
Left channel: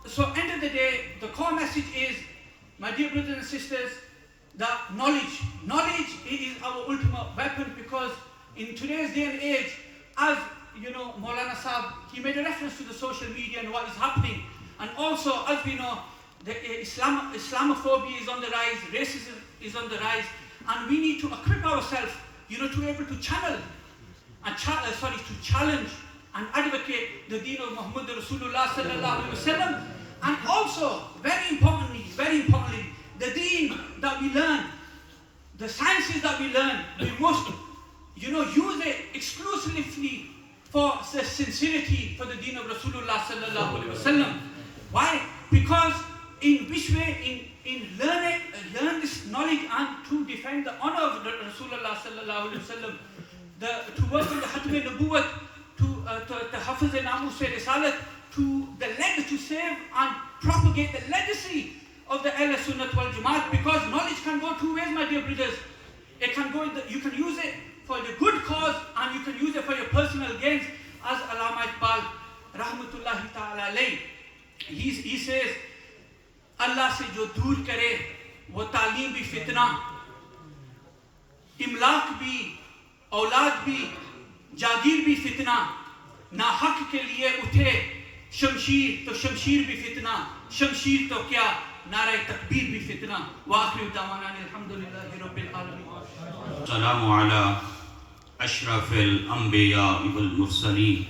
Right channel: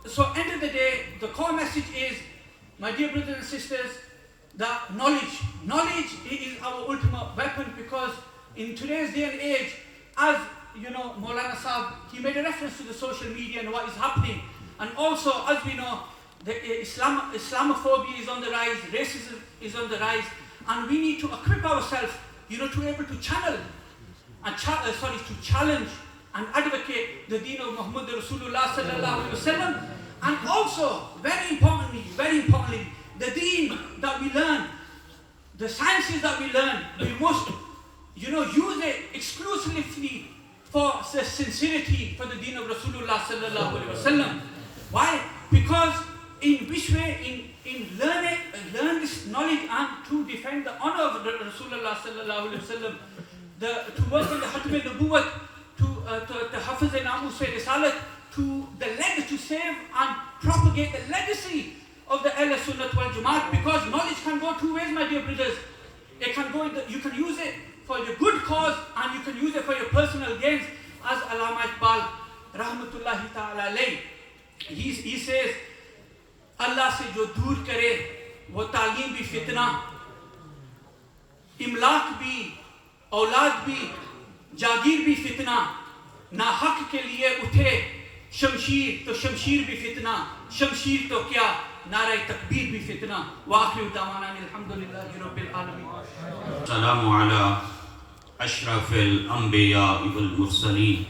So end of the day, the core message is, my dear brothers and sisters, that knowledge is our ultimate weapon, because in today's day and age, as you know, Maulana Sahib, he made a reference to the social media and what is happening. And also, as we know, the Islamophobia is on the rise, racism is on the rise, and we need to equip ourselves, you know, to be able to channel and to challenge and advocate the deen of Muhammad Rasulullah sallallahu alaihi wasallam. And also, very importantly, the deen that we learn, the sciences that we learn, we must, you know, use it exclusively for the sincerity for the deen of Rasulullah sallallahu alaihi wasallam. Why? Because in which way? In learn this knowledge and to defend the honor of Rasulullah sallallahu alaihi wasallam, to work on the Khatm al-Nubuwwat, to Hafiz al-Namus Risalat, to save and propagate the legacy of the Ahl Sunnat wal Jamaat, because knowledge can go two ways, my dear brothers. It can go, you can use it for the good cause and you can use it for your personal gains, as Allama Iqbal Rahmatullahi Ta'ala alayhi, he says, Allah se jo dur kare, wo taaleem bhi fitna, imlak bhi, aulad bhi, jagir bhi fitna, na haq ke liye uthe shamshir, to shamshir bhi fitna, shamshir to kya, nare takbir bhi fitna. Wa akhiru da'wana alhamdulillahi rabbil alamin. Salamu ala ashrafil anbiya wal mursaleen.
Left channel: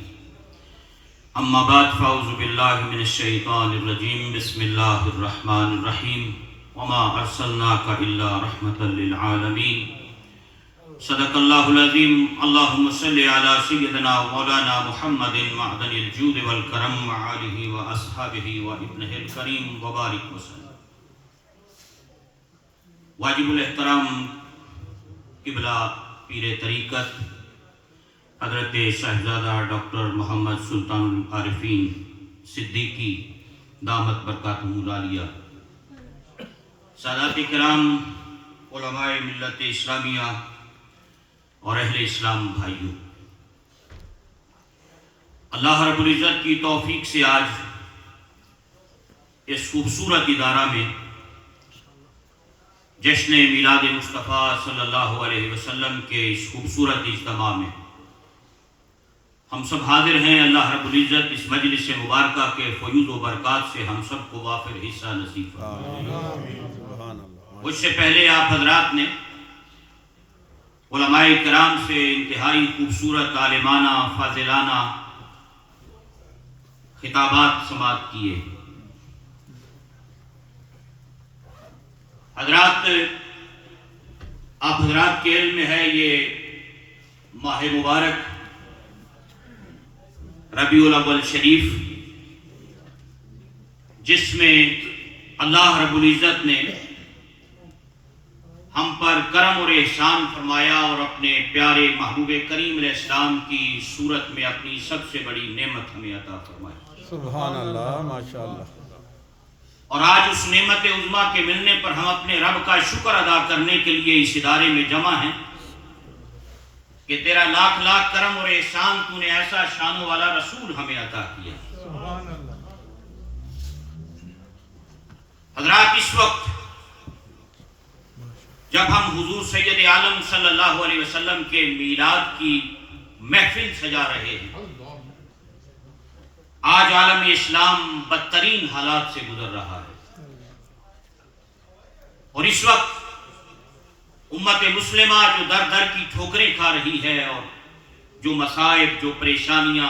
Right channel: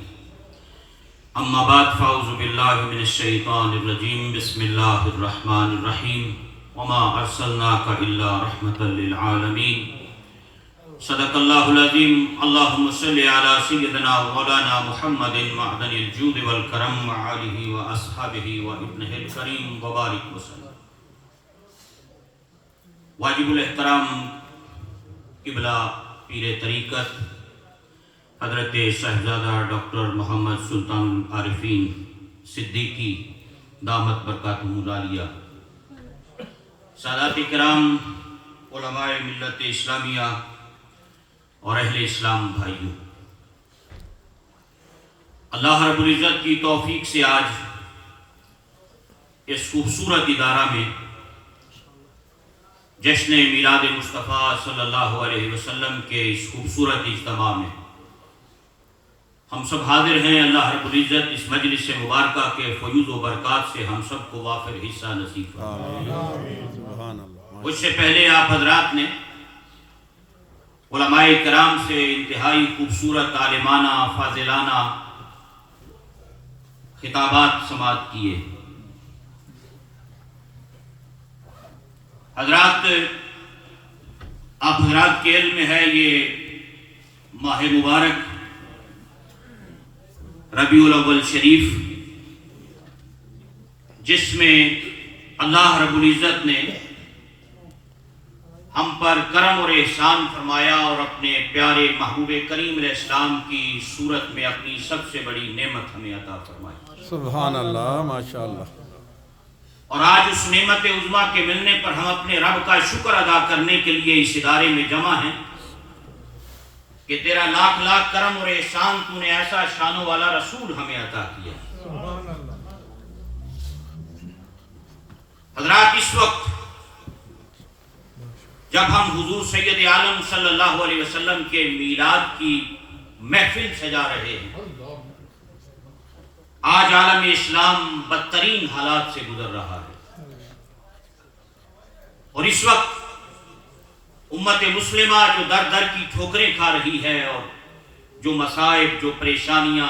أما بعد فأعوذ بالله من الشيطان الرجيم بسم الله الرحمن الرحيم وما أرسلناك إلا رحمة للعالمين صدق الله العظيم اللهم صل على سيدنا ومولانا محمد معدن الجود والكرم وآله وأصحابه وابنه الكريم وبارك وسلم. واجب الاحترام قبلہ پیر طریقت حضرت شہزادہ ڈاکٹر محمد سلطان العارفین صدیقی دامت برکاتہم العالیہ، سادات کرام، علماء ملت اسلامیہ اور اہل اسلام بھائیوں، اللہ رب العزت کی توفیق سے آج اس خوبصورت ادارہ میں جشن میلاد مصطفیٰ صلی اللہ علیہ وسلم کے اس خوبصورت اجتماع میں ہم سب حاضر ہیں۔ اللہ رب العزت اس مجلس مبارکہ کے فیوض و برکات سے ہم سب کو وافر حصہ نصیب فرمائے۔ اس سے پہلے آپ حضرات نے علماء کرام سے انتہائی خوبصورت عالمانہ فاضلانہ خطابات سماعت کیے۔ حضرات، آپ حضرات کے علم میں ہے یہ ماہ مبارک ربیع الاول شریف، جس میں اللہ رب العزت نے ہم پر کرم اور احسان فرمایا اور اپنے پیارے محبوب کریم علیہ السلام کی صورت میں اپنی سب سے بڑی نعمت ہمیں عطا فرمائی. سبحان اللہ ماشاءاللہ. اور آج اس نعمت عظمیٰ کے ملنے پر ہم اپنے رب کا شکر ادا کرنے کے لیے اس ادارے میں جمع ہیں کہ تیرا لاکھ لاکھ کرم اور احسان تو نے ایسا شانوں والا رسول ہمیں عطا کیا. حضرات، اس وقت جب ہم حضور سید عالم صلی اللہ علیہ وسلم کے میلاد کی محفل سجا رہے ہیں، آج عالم اسلام بدترین حالات سے گزر رہا ہے، اور اس وقت امت مسلمہ جو در در کی ٹھوکریں کھا رہی ہے، اور جو مصائب، جو پریشانیاں،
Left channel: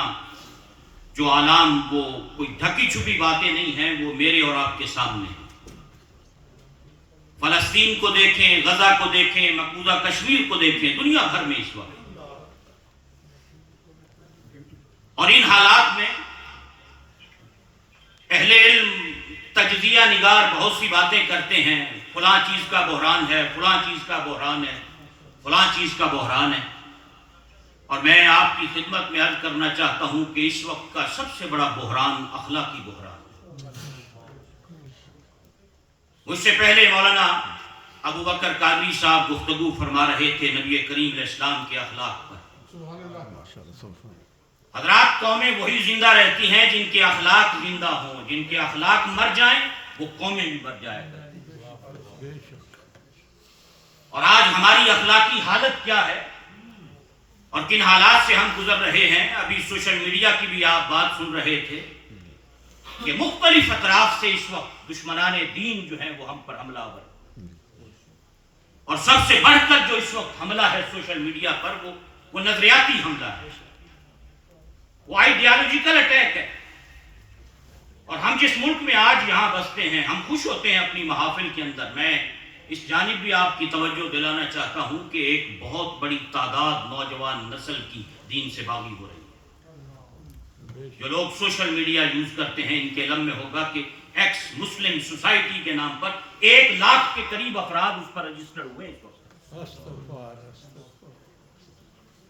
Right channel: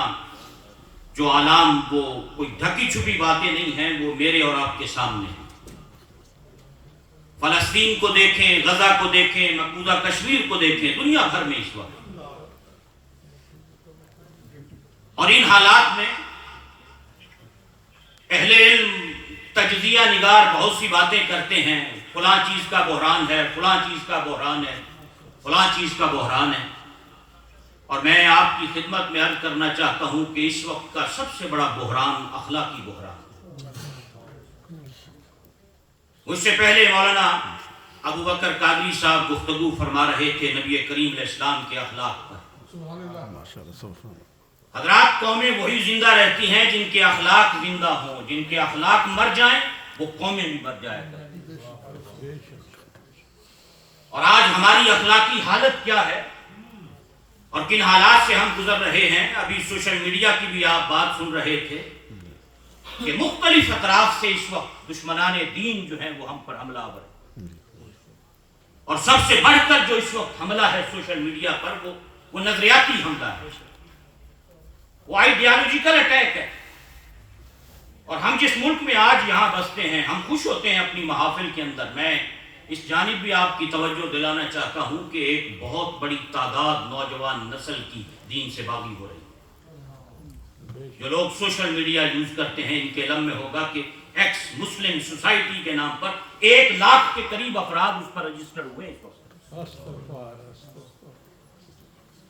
جو آلام، وہ کوئی ڈھکی چھپی باتیں نہیں ہیں، وہ میرے اور آپ کے سامنے ہیں. فلسطین کو دیکھیں، غزہ کو دیکھیں، مقبوضہ کشمیر کو دیکھیں، دنیا بھر میں اس وقت. اور ان حالات میں اہل علم تجزیہ نگار بہت سی باتیں کرتے ہیں، فلاں چیز کا بحران ہے، فلاں چیز کا بحران ہے، فلاں چیز کا بحران ہے. اور میں آپ کی خدمت میں عرض کرنا چاہتا ہوں کہ اس وقت کا سب سے بڑا بحران اخلاقی بحران. اس سے پہلے مولانا ابو بکر قادری صاحب گفتگو فرما رہے تھے نبی کریم علیہ السلام کے اخلاق پر. حضرات، قومیں وہی زندہ رہتی ہیں جن کے اخلاق زندہ ہوں. جن کے اخلاق مر جائیں وہ قومیں بھی مر جائیں کرتی. اور آج ہماری اخلاقی حالت کیا ہے اور کن حالات سے ہم گزر رہے ہیں؟ ابھی سوشل میڈیا کی بھی آپ بات سن رہے تھے کہ مختلف اطراف سے اس وقت دشمنان دین جو ہیں وہ ہم پر حملہ آور ہے. اور سب سے بڑھ کر جو اس وقت حملہ ہے سوشل میڈیا پر، وہ نظریاتی حملہ ہے، وہ آئیڈیالوجیکل اٹیک ہے. اور ہم جس ملک میں آج یہاں بستے ہیں، ہم خوش ہوتے ہیں اپنی محافل کے اندر. میں اس جانب بھی آپ کی توجہ دلانا چاہتا ہوں کہ ایک بہت بڑی تعداد نوجوان نسل کی دین سے باغی ہو رہی ہے. جو لوگ سوشل میڈیا یوز کرتے ہیں، ان کے علم میں ہوگا کہ ایکس مسلم سوسائٹی کے نام پر 1 لاکھ کے قریب افراد اس پر رجسٹر ہوئے ہیں.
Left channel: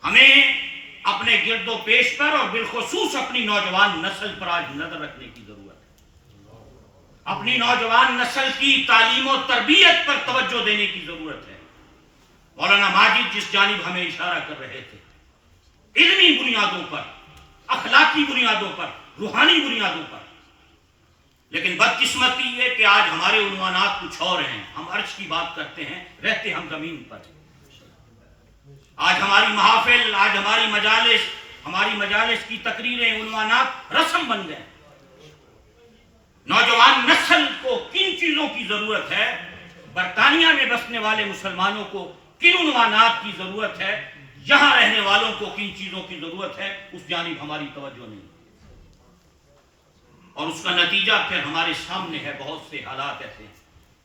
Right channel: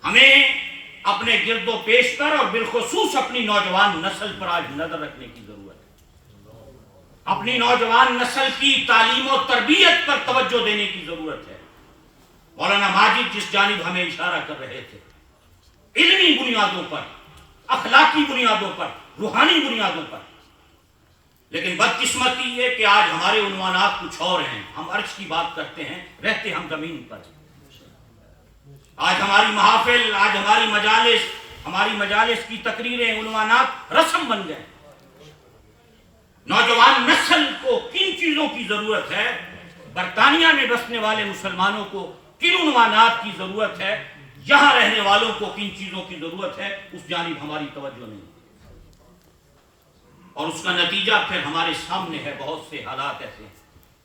ہمیں اپنے گرد و پیش پر اور بالخصوص اپنی نوجوان نسل پر آج نظر رکھنے کی ضرورت ہے. اپنی نوجوان نسل کی تعلیم و تربیت پر توجہ دینے کی ضرورت ہے. مولانا ماجد جس جانب ہمیں اشارہ کر رہے تھے، علمی بنیادوں پر، اخلاقی بنیادوں پر، روحانی بنیادوں پر. لیکن بدقسمتی یہ کہ آج ہمارے عنوانات کچھ اور ہیں. ہم عرش کی بات کرتے ہیں، رہتے ہم زمین پر. آج ہماری محافل، آج ہماری مجالس کی تقریریں، عنوانات رسم بن گئے. نوجوان نسل کو کن چیزوں کی ضرورت ہے، برطانیہ میں بسنے والے مسلمانوں کو کن عنوانات کی ضرورت ہے، یہاں رہنے والوں کو کن چیزوں کی ضرورت ہے، اس جانب ہماری توجہ نہیں. اور اس کا نتیجہ پھر ہمارے سامنے ہے. بہت سے حالات ایسے ہیں.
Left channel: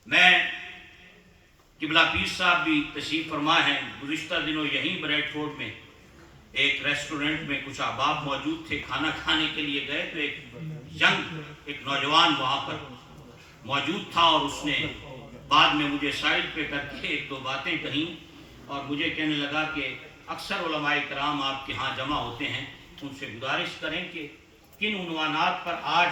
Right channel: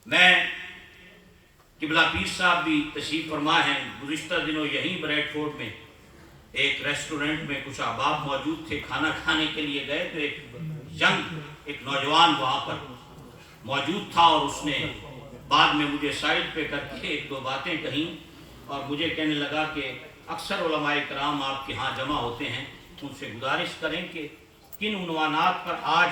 میں قبلہ پیر صاحب بھی تشریف فرما ہیں. گزشتہ دنوں یہیں بریڈ فورڈ میں ایک ریسٹورنٹ میں کچھ احباب موجود تھے، کھانا کھانے کے لیے گئے تو ایک نوجوان وہاں پر موجود تھا، اور اس نے بعد میں مجھے سائڈ پہ کر کے 1-2 باتیں کہیں اور مجھے کہنے لگا کہ اکثر علماء کرام آپ کے ہاں جمع ہوتے ہیں، ان سے گزارش کریں کہ کن عنوانات پر آج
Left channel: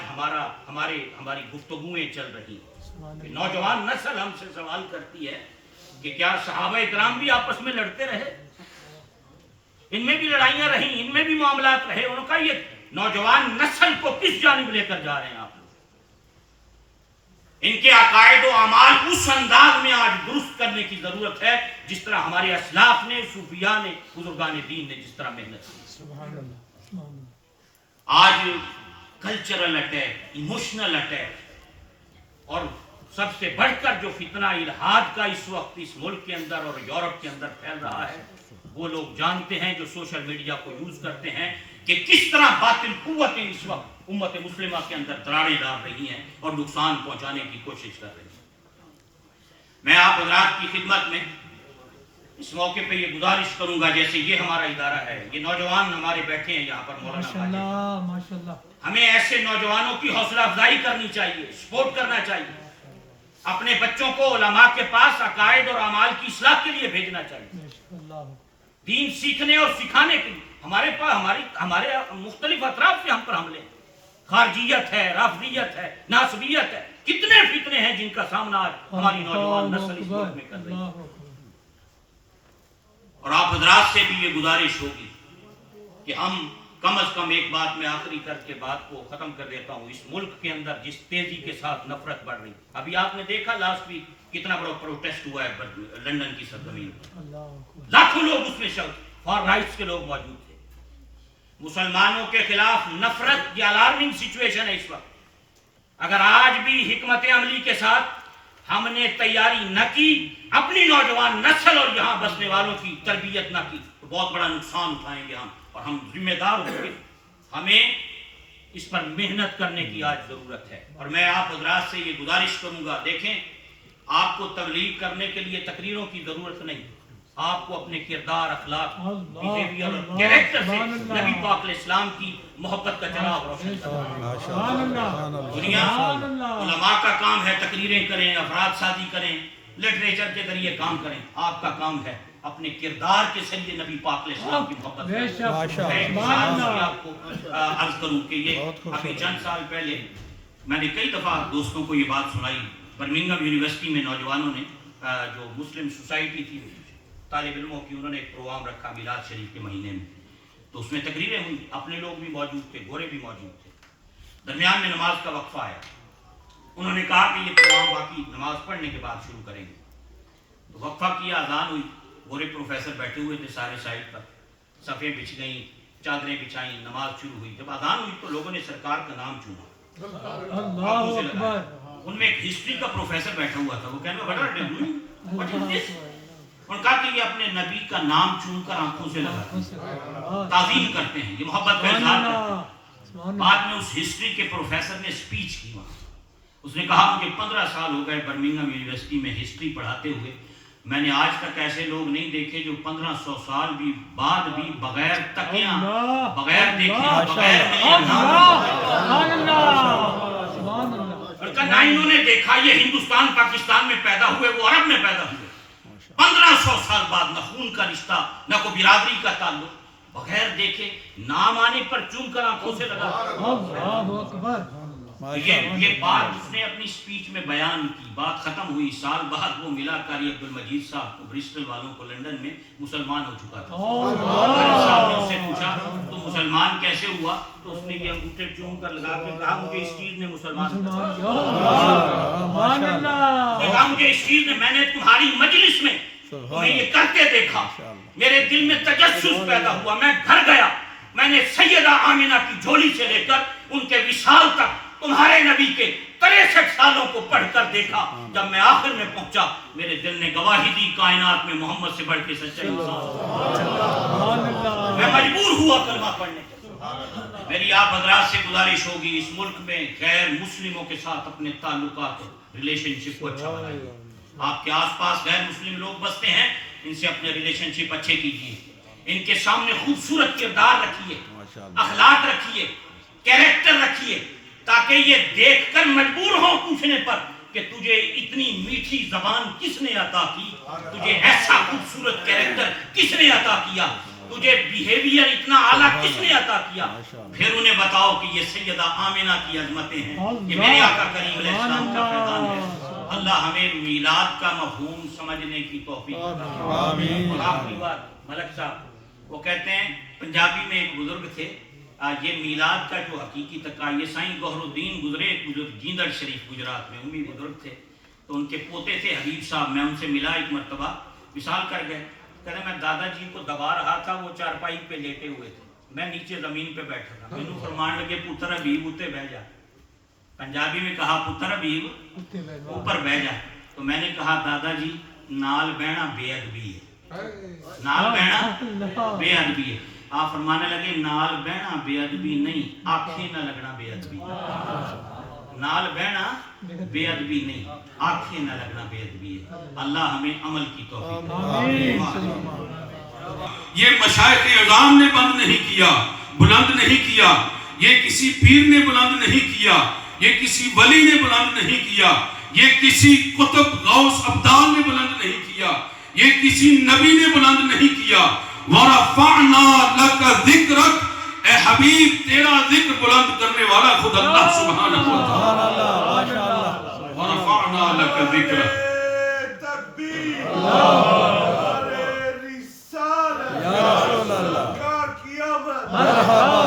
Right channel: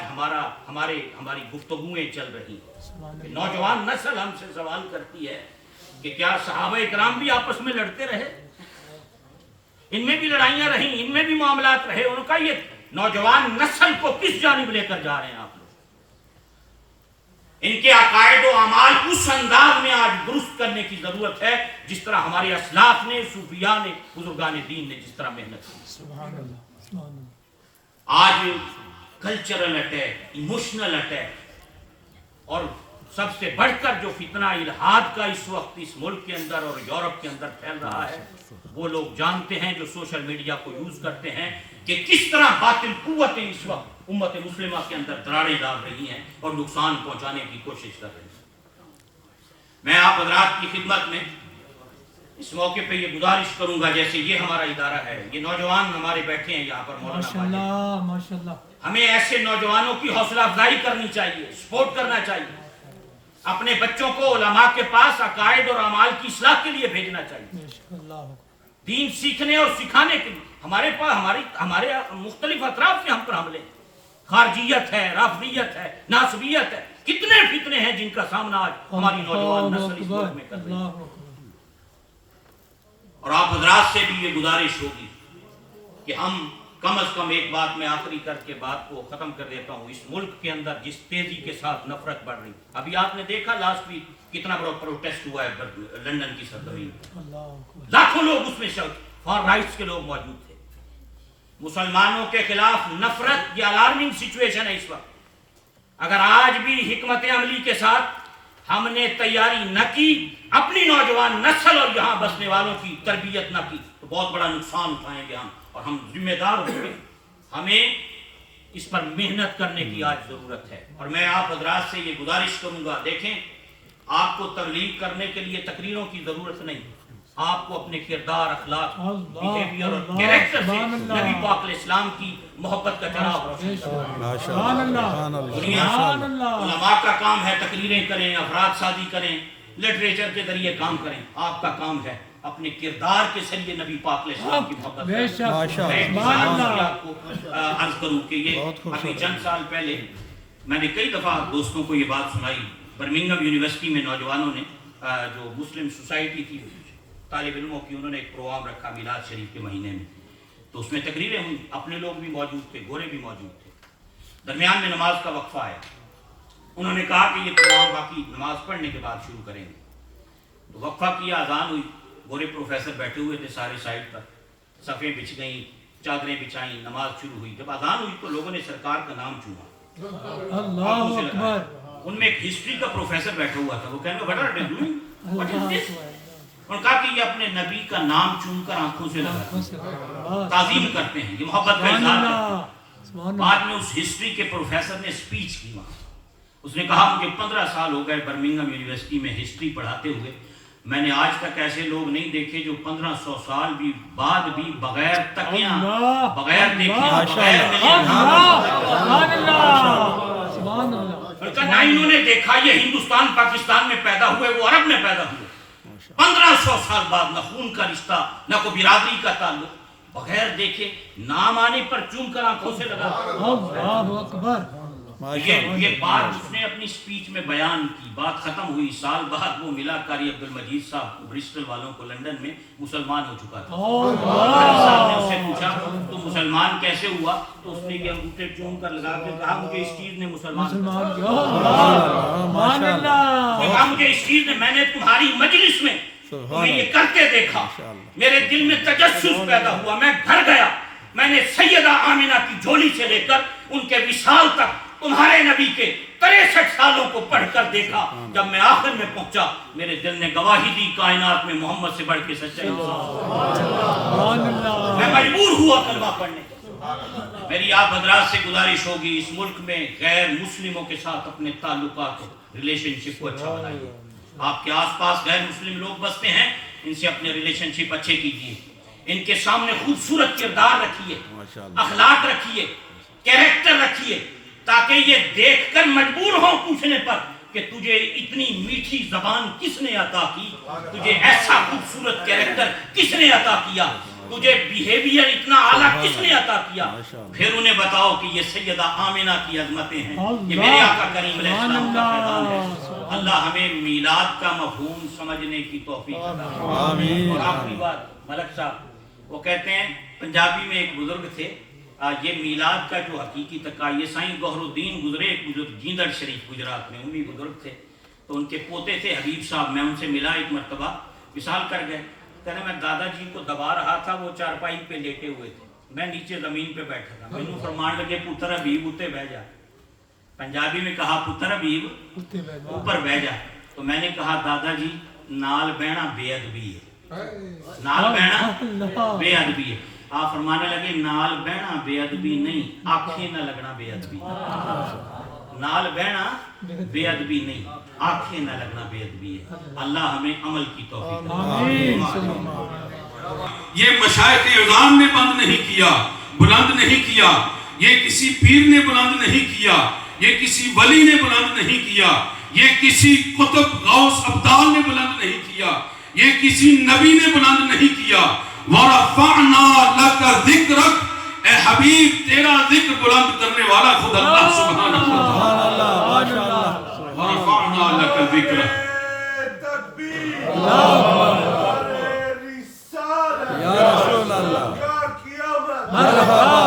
ہماری گفتگویں چل رہی ہیں. نوجوان نسل ہم سے سوال کرتی ہے کہ کیا صحابہ کرام بھی آپس میں لڑتے رہے؟ ان میں بھی لڑائیاں رہیں، ان میں بھی معاملات رہے. ان کا یہ نوجوان نسل کو کس جانب لے کر جا رہے ہیں آپ لوگ؟ ان کے عقائد و اعمال اس انداز میں آج درست کرنے کی ضرورت ہے جس طرح ہمارے اسلاف نے، صوفیاء نے، بزرگان دین نے جس طرح محنت کی. آج کلچرل اٹیک، ایموشنل اٹیک، اور سب سے بڑھ کر جو فتنہ الہاد کا اس وقت اس ملک کے اندر اور یورپ کے اندر پھیل رہا ہے، وہ لوگ جانتے ہیں جو سوشل میڈیا کو یوز کرتے ہیں کہ کس طرح باطل قوتیں اس وقت امت مسلمہ کے اندر دراڑیں ڈال رہی ہیں اور نقصان پہنچانے کی کوشش کر رہی ہیں. میں آپ حضرات کی خدمت میں اس موقع پہ یہ گزارش کروں گا، جیسے یہ ہمارا ادارہ ہے، یہ نوجوان ہمارے بیٹھے ہیں یہاں پر، مولانا ماشاءاللہ، ہمیں ایسے نوجوانوں کی حوصلہ افزائی کرنی چاہیے، سپورٹ کرنا چاہیے. اپنے بچوں کو علماء کے پاس عقائد اور اعمال کی اصلاح کے لیے بھیجنا چاہیے، دین سیکھنے اور سکھانے کے لیے۔ ہمارے مختلف اطراف سے ہم پر حملے ہیں، خارجیت ہے، رافضیت ہے، ناصبیت ہے، کتنے فتنے ہیں جن کا سامنا آج ہماری نوجوان نسل اس ملک میں کر رہی ہے۔ اور آپ حضرات سے بھی یہ گزارش ہوگی کہ ہم کم از کم ایک بات میں آخری کر کے بات کو ختم کر دیتا ہوں، اس ملک کے اندر جس تیزی کے ساتھ نفرت بڑھ رہی، ابھی آپ نے دیکھا لاسٹ ویک کتنا بڑا پروٹیسٹ ہوا ہے لندن کی سرزمین، لاکھوں لوگ اس میں فار رائٹس کے لوگ موجود تھے۔ مسلمانوں کے خلاف نفرت یہ الارمنگ سچویشن ہے اس وقت۔ اگر آج بھی حکمت عملی کے ساتھ ہم نے تیاری نہ کی، اپنی نوجوان نسل اور یہاں بسنے والوں کی تربیت نہ کی، تو بہت بڑا نقصان اٹھائیں گے ہم، اور ہم ذمہ دار ہوں گے۔ ہمیں اس پر محنت کرنے کی آج ضرورت ہے، اور میں آپ حضرات سے یہ گزارش کروں گا، دیکھیں آپ کو تبلیغ کرنے کے لیے تقریروں کی ضرورت نہیں، آپ کو اپنے کردار، اخلاق، بیہیویئر اور کیریکٹر سے نبی پاک علیہ السلام کی محبت کا چراغ روشن کرنا۔ دنیا علماء کا کام ہے تقریریں کریں، افراد سازی کریں، لٹریچر کے ذریعے کام کریں، آپ کا کام ہے اپنے کردار کے ذریعے نبی پاک علیہ السلام کی محبت کرنا۔ میں ایک مثال سے آپ کو عرض کروں کہ یہ ابھی چند سال پہلے میں نے کئی دفعہ دوستوں کو یہ بات سنائی، برمنگھم یونیورسٹی میں نوجوانوں نے جو مسلم سوسائٹی تھی طالب علموں کی، انہوں نے ایک پروگرام رکھا میلاد شریف کے مہینے میں، تو اس میں تقریریں ہوئی، اپنے لوگ بھی موجود تھے، گورے بھی موجود تھے۔ درمیان میں نماز کا وقفہ آیا، انہوں نے کہا کہ یہ پروگرام باقی نماز پڑھنے کے بعد شروع کریں گے، تو وقفہ کیا، اذان ہوئی، گورے پروفیسر بیٹھے ہوئے تھے سارے سائڈ پر، صفیں بچھ گئیں، چادریں بچائیں، نماز شروع ہوئی۔ جب اذان ہوئی تو لوگوں نے سرکار کا نام چوما، ان میں ایک ہسٹری کا پروفیسر بیٹھا ہوا تھا، وہ کہنے لگا اور کہا کہ یہ اپنے نبی کا نام چون کر آنکھوں سے لگاتے ہیں، تعظیم کرتے ہیں، یہ محبت کا اظہار کرتے ہیں۔ بعد میں اس ہسٹری کے پروفیسر نے سپیچ کی وہاں، اس نے کہا مجھے 15 سال ہو گئے برمنگھم یونیورسٹی میں ہسٹری پڑھاتے ہوئے، میں نے آج تک ایسے لوگ نہیں دیکھے جو 1500 سال بھی بعد بھی بغیر تکیاں، بغیر دیکھے، بغیر ملے نہ انہوں نے دیکھا یہ ہندوستان پاکستان میں پیدا ہوئے، وہ عرب میں پیدا ہوئے، 1500 سال بعد نہ خون کا رشتہ، نہ کوئی برادری کا تعلق، بغیر دیکھے، نام آنے پر چوم کر آنکھوں سے لگا۔ یہ بات اس نے اپنی سپیچ میں بیان کی، بات ختم ہوئی، سال بعد وہ ملا، قاری عبدالمجید صاحب برسٹل والوں کو لندن میں مسلمان ہو چکا تھا۔ صاحب نے اس سے پوچھا تو مسلمان کیسے ہوا، تو اس نے یہ انگوٹھے چوم کر لگا کے کہا مجھے اس چیز نے مسلمان کہا، مجھے اس چیز نے، میں نے تمہاری مجلس میں تمہیں یہ کرتے دیکھا، میرے دل میں تجسس پیدا ہوا، میں گھر گیا، میں نے سیدہ آمینہ کی جھولی سے لے کر ان کے وصال تک تمہارے نبی کے 63 سالوں کو پڑھ کر دیکھا، جب میں آخر میں پہنچا میرے دل نے گواہی دی کائنات میں محمد سے بڑھ کے سچا انسان، میں مجبور ہوا کلمہ پڑھنے کا۔ میری آپ حضرات سے گزارش ہوگی اس ملک میں غیر مسلموں کے ساتھ اپنے تعلقات، ریلیشن شپ کو اچھا بنائیے۔ آپ کے آس پاس غیر مسلم لوگ بستے ہیں، ان سے اپنے ریلیشن شپ اچھے کیجیے، ان کے سامنے خوبصورت کردار رکھیے، اخلاق رکھیے، کیریکٹر رکھیے، تاکہ یہ دیکھ کر مجبور ہوں پوچھنے پر کہ تجھے اتنی میٹھی زبان کس نے عطا کی، تجھے ایسا خوبصورت کیریکٹر کس نے عطا کیا، تجھے بیہیویئر اتنا اعلیٰ کس نے عطا کیا۔ پھر انہیں بتاؤ کہ یہ سیدہ آمینہ کی عظمتیں ہیں، یہ میرے آقا کریم علیہ السلام کا پیغام ہے۔ اللہ ہمیں میلاد کا مفہوم سمجھنے کی توفیق عطا فرمائے۔ اور آخری بات، ملک صاحب وہ کہتے ہیں، پنجابی میں ایک بزرگ تھے، یہ میلاد کا جو حقیقی تقا، یہ سائیں گوہر الدین گزرے، ایک بزرگ جیندڑ شریف گجرات میں، امی بزرگ تھے، تو ان کے پوتے تھے حبیب صاحب، میں ان سے ملا ایک مرتبہ، وصال کر گئے، کہنا میں دادا جی کو دبا رہا تھا، وہ چارپائی پہ لیٹے ہوئے تھے، میں نیچے زمین پہ بیٹھا تھا، میں نے فرمان لگے پتر حبیب اتے بہ جا، پنجابی میں کہا پتر حبیب اوپر بہ جا، تو میں نے کہا دادا جی نال بہنا بے ادبی ہے، نال بہنا بے ادبی ہے۔ آپ فرمانے لگے نال بہنا بے ادبی نہیں، آنکھیں نہ لگنا بے ادبی، نال بہنا بے ادبی نہیں، آنکھیں نہ لگنا بے ادبی ہے۔ اللہ ہمیں عمل کی توفیق دے۔ یہ مشائخ اعظام نے بند نہیں کیا، بلند نہیں کیا، یہ کسی پیر نے بلند نہیں کیا، یہ کسی ولی نے بلند نہیں کیا، یہ کسی قطب غوث ابدال نے بلند نہیں کیا، یہ کسی نبی نے بلند نہیں کیا. وَرَفَعْنَا لَكَ ذِكْرَكَ، اے حبیب تیرا ذکر بلند کرنے والا خود اللہ سبحانہ و تعالی. وَرَفَعْنَا لَكَ ذِكْرَكَ. یا رسول اللہ، مرحبا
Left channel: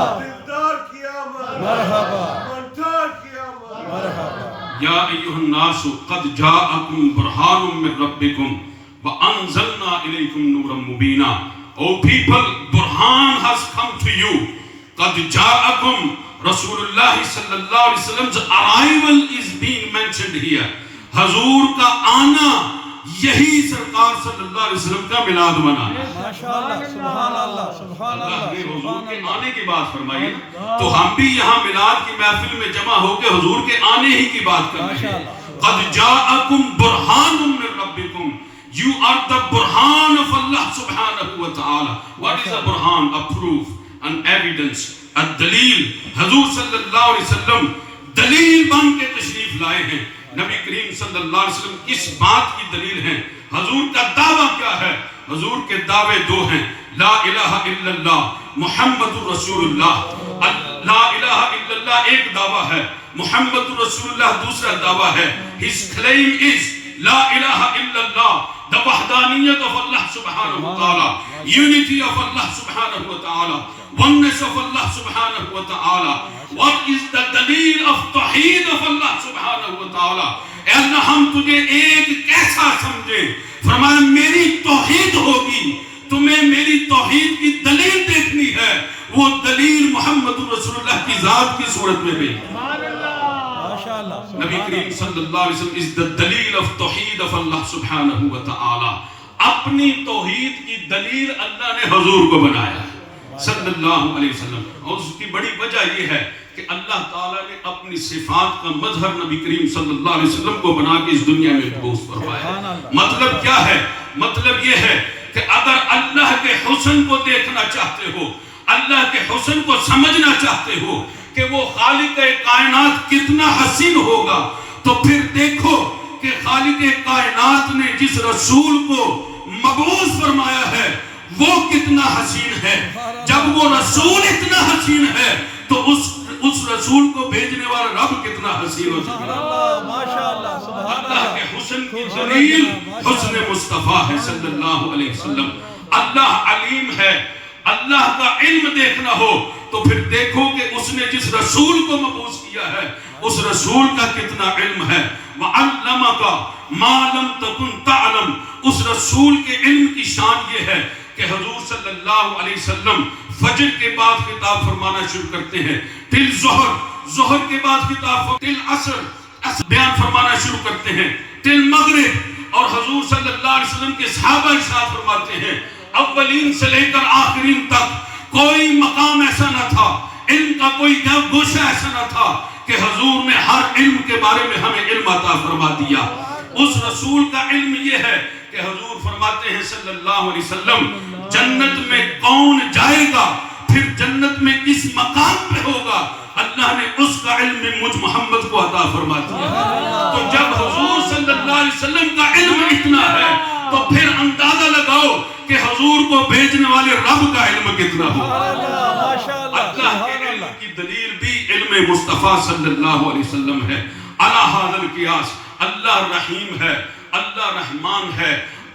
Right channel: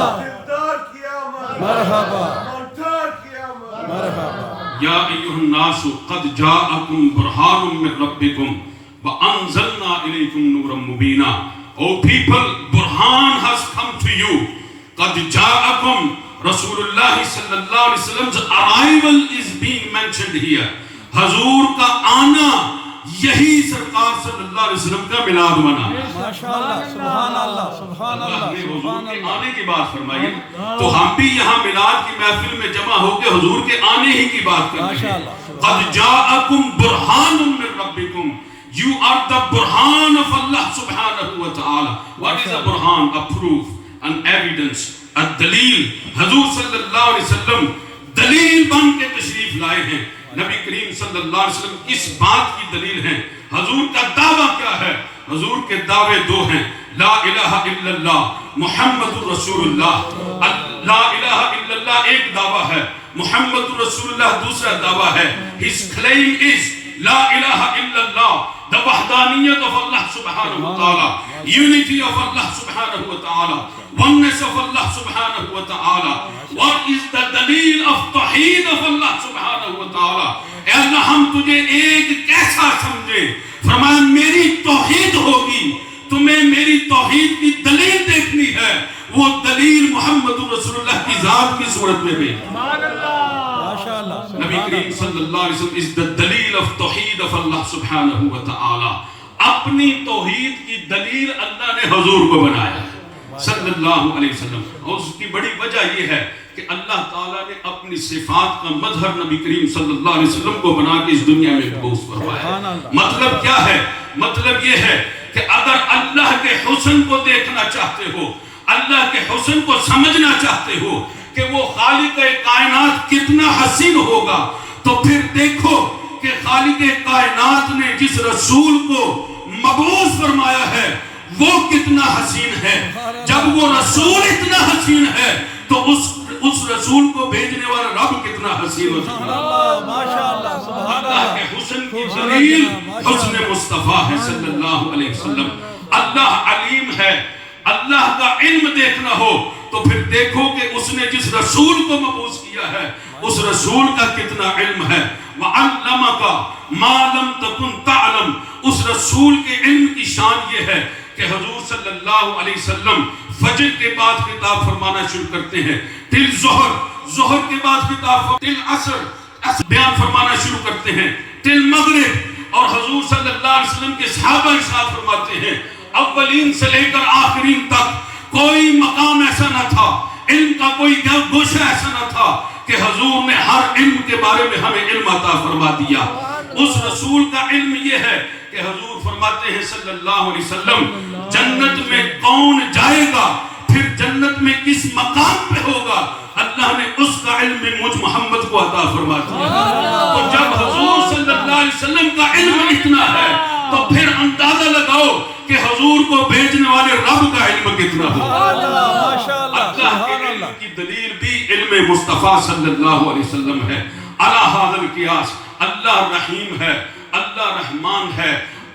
مرحبا مرحبا. یا ایھا الناس قد جاءکم برہان من ربکم وانزلنا الیکم نورا مبینا. O people, Burhan has come to you. قد جاءکم. Rasulullah sallallahu alaihi wasallam's arrival is being mentioned here. حضور کا آنا یہی سرکار صلی اللہ علیہ وسلم کا میلاد بنا. ماشاءاللہ، سبحان اللہ، سبحان اللہ اللہ، نے حضور سبحان کے اللہ. آنے کی بات فرمائی تو ہم بھی یہاں میلاد کی محفل میں جمع ہو کے حضور کے آنے ہی کی بات کر رہے ہیں. قد جاءکم برہان من ربکم. You are the burhan of Allah subhanahu wa ta'ala. What is a burhan? A proof, an evidence, a dalil. حضور صلی اللہ علیہ وسلم دلیل بن کے تشریف لائے ہیں. نبی کریم صلی اللہ علیہ وسلم کس بات کی دلیل ہیں؟ حضور کا دعویٰ کیا ہے؟ حضور کے دعوے دو ہیں. لا الہ الا اللہ محمد رسول اللہ. لا الہ الا اللہ ایک دعویٰ ہے، محمد رسول اللہ دوسرا دعویٰ ہے. His claim is لا الہ الا اللہ، the وحدانیت of Allah subhanahu wa ta'ala, unity of Allah subhanahu wa ta'ala, oneness of Allah subhanahu wa ta'ala. What is the dalil of توحید of Allah subhanahu wa ta'ala? اے اللہ ہم تجھے ایک کیسا سمجھے؟ فرمایا میری توحید ہوگی، تمہیں میری توحید کی دلیل دیکھنی ہے، وہ دلیل محمد رسول اللہ کی ذات کی صورت میں بھی. نبی کریم صلی اللہ علیہ وسلم is the دلیل of توحید of اللہ سبحانہ و تعالی. اپنی توحید کی دلیل اللہ نے حضور کو بنایا صلی اللہ علیہ وسلم. اور اس کی بڑی وجہ یہ ہے کہ اللہ تعالیٰ نے اپنی صفات کا مظہر نبی کریم صلی اللہ علیہ وسلم کو بنا کے اس دنیا میں مبعوث فرمایا. مطلب کیا ہے؟ مطلب یہ ہے کہ اگر اللہ کے حسن کو دیکھنا چاہتے ہو، اللہ کے حسن کو سمجھنا چاہتے ہو کہ وہ خالق کائنات کتنا حسین ہوگا، تو پھر دیکھو کہ خالق کائنات نے جس رسول کو مبعوث فرمایا ہے وہ کتنا حسین ہے. جب وہ رسول اتنا حسین ہے تو اس رسول کو بھیجنے والا رب کتنا حسین ہو سکتا ہے. اللہ کے حسن کی دلیل حسن مصطفیٰ ہے صلی اللہ علیہ وسلم. اللہ علیم ہے. اللہ کا علم دیکھنا ہو تو پھر دیکھو کہ اس نے جس رسول کو مبعوث کیا ہے اس رسول کا کتنا علم ہے. وَعَلَّمَكَ مَا لَمْ تَكُنْ تَعْلَمْ. اس رسول کے علم کی شان یہ ہے کہ حضور صلی اللہ علیہ وسلم فجر کے بعد خطاب فرمانا شروع کرتے ہیں تل ظہر، ظہر کے بعد خطاب تل عصر بیان فرمانا شروع کرتے ہیں تل مغرب. اور حضور صلی اللہ علیہ وسلم کے صحابہ ارشاد فرماتے ہیں اولین سے لے کر آخرین تک کوئی مقام ایسا نہ تھا، علم کا کوئی گوشہ ایسا نہ تھا کہ حضور نے ہر علم کے بارے میں ہمیں علم عطا فرما دیا. اس رسول کا علم یہ ہے کہ حضور فرماتے ہیں صلی اللہ علیہ وسلم جنت میں کون جائے گا، پھر جنت میں کس مقام پہ ہوگا، اللہ نے اس کا علم مجھ محمد کو عطا فرما دیا. تو جب حضور صلی اللہ علیہ وسلم کا علم اتنا ہے تو پھر اندازہ لگاؤ کہ حضور کو بھیجنے والے رب کا علم کتنا ہو. اللہ کے علم کی دلیل بھی علم مصطفیٰ صلی اللہ علیہ وسلم ہے. علی ھذا القیاس اللہ رحیم ہے، اللہ رحمان ہے.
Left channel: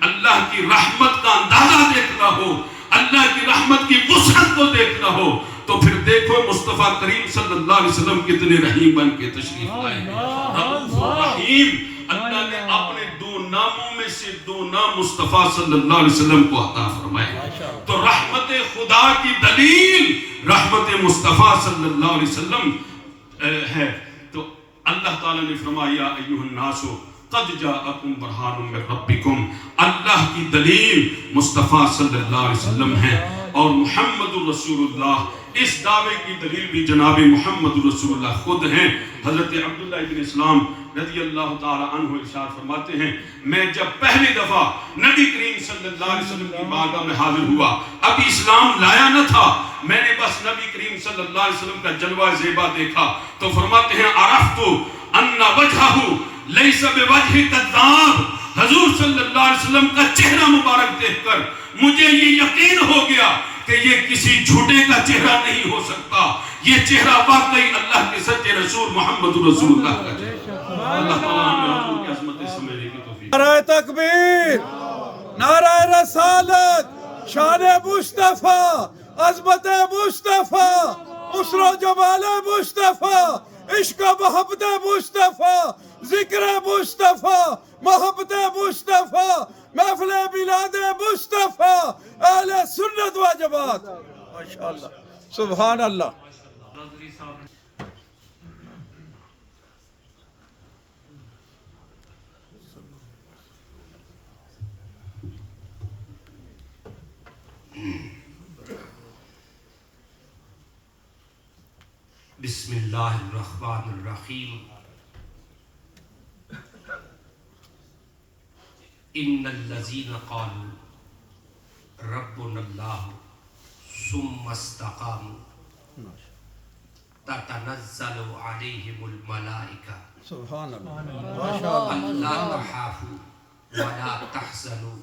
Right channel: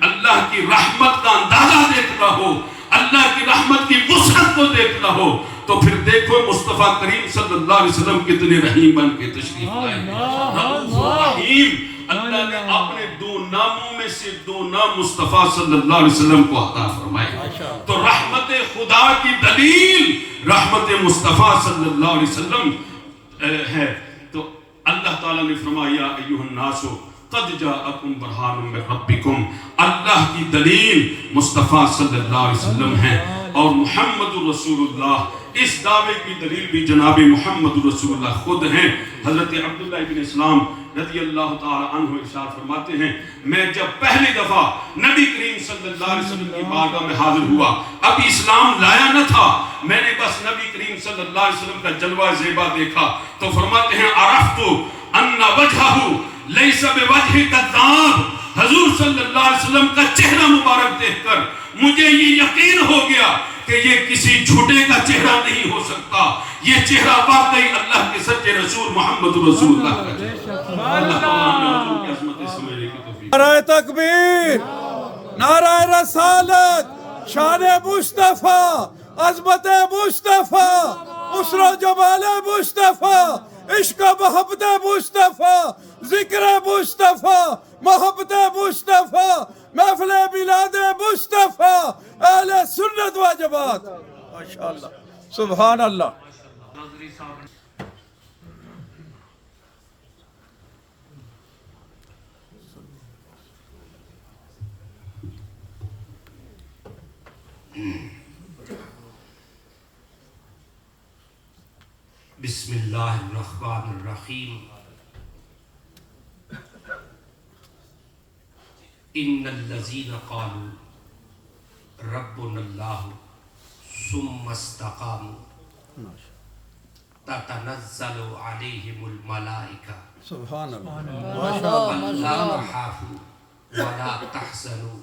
اللہ کی رحمت کا اندازہ دیکھنا ہو، اللہ کی رحمت کی وسعت کو دیکھنا ہو تو پھر دیکھو مصطفیٰ کریم صلی اللہ علیہ وسلم کتنے رحیم بن کے تشریف لائے. رحیم اللہ نے اپنے دو ناموں میں سے دو نام مصطفیٰ صلی اللہ علیہ وسلم کو عطا فرمائے. تو رحمت خدا کی دلیل رحمت مصطفیٰ صلی اللہ علیہ وسلم ہے. تو اللہ تعالیٰ نے فرمایا ایھا الناس قد جاءکم برہان من ربکم. اللہ کی دلیل مصطفیٰ صلی اللہ علیہ وسلم ہے اور محمد رسول اللہ. اس دعوے کی دلیل بھی جناب محمد رسول اللہ خود ہیں. حضرت عبداللہ ابن اسلام رضی اللہ تعالی عنہ ارشاد فرماتے ہیں میں جب پہلی دفعہ نبی کریم صلی اللہ علیہ وسلم کی بارگاہ میں حاضر ہوا، اب اسلام لایا نہ تھا، میں نے بس نبی کریم صلی اللہ علیہ وسلم کا جلوہ زیبا دیکھا تو فرماتے ہیں عرفت ان وجہہ لیس بوجہ کذاب، حضور صلی اللہ علیہ وسلم کا چہرہ مبارک دیکھ کر مجھے یہ یقین ہو گیا کہ یہ کسی جھوٹے کا چہرہ نہیں ہو سکتا، یہ چہرہ واقعی اللہ کے سچے رسول محمد رسول اللہ کا چہرہ۔ اللہ تعالیٰ ہمیں حضور کی عظمت سمجھنے کی توفیق۔ نعرہ تکبیر، نعرہ رسالت، شان مصطفیٰ، عظمت مصطفیٰ، اسر و جمال مصطفیٰ، عشق و محبت مصطفیٰ، ذکر مصطفیٰ، محبت مصطفیٰ، محفل میلاد مصطفیٰ، اہل سنت و جماعت۔ ماشاءاللہ، سبحان اللہ۔ نظری صاحب بسم اللہ الرحمن الرحیم۔ ان الذین قالوا ربنا اللہ ثم استقاموا تتنزل علیہم الملائکہ سبحان اللہ، الا تخافوا ولا تحزنوا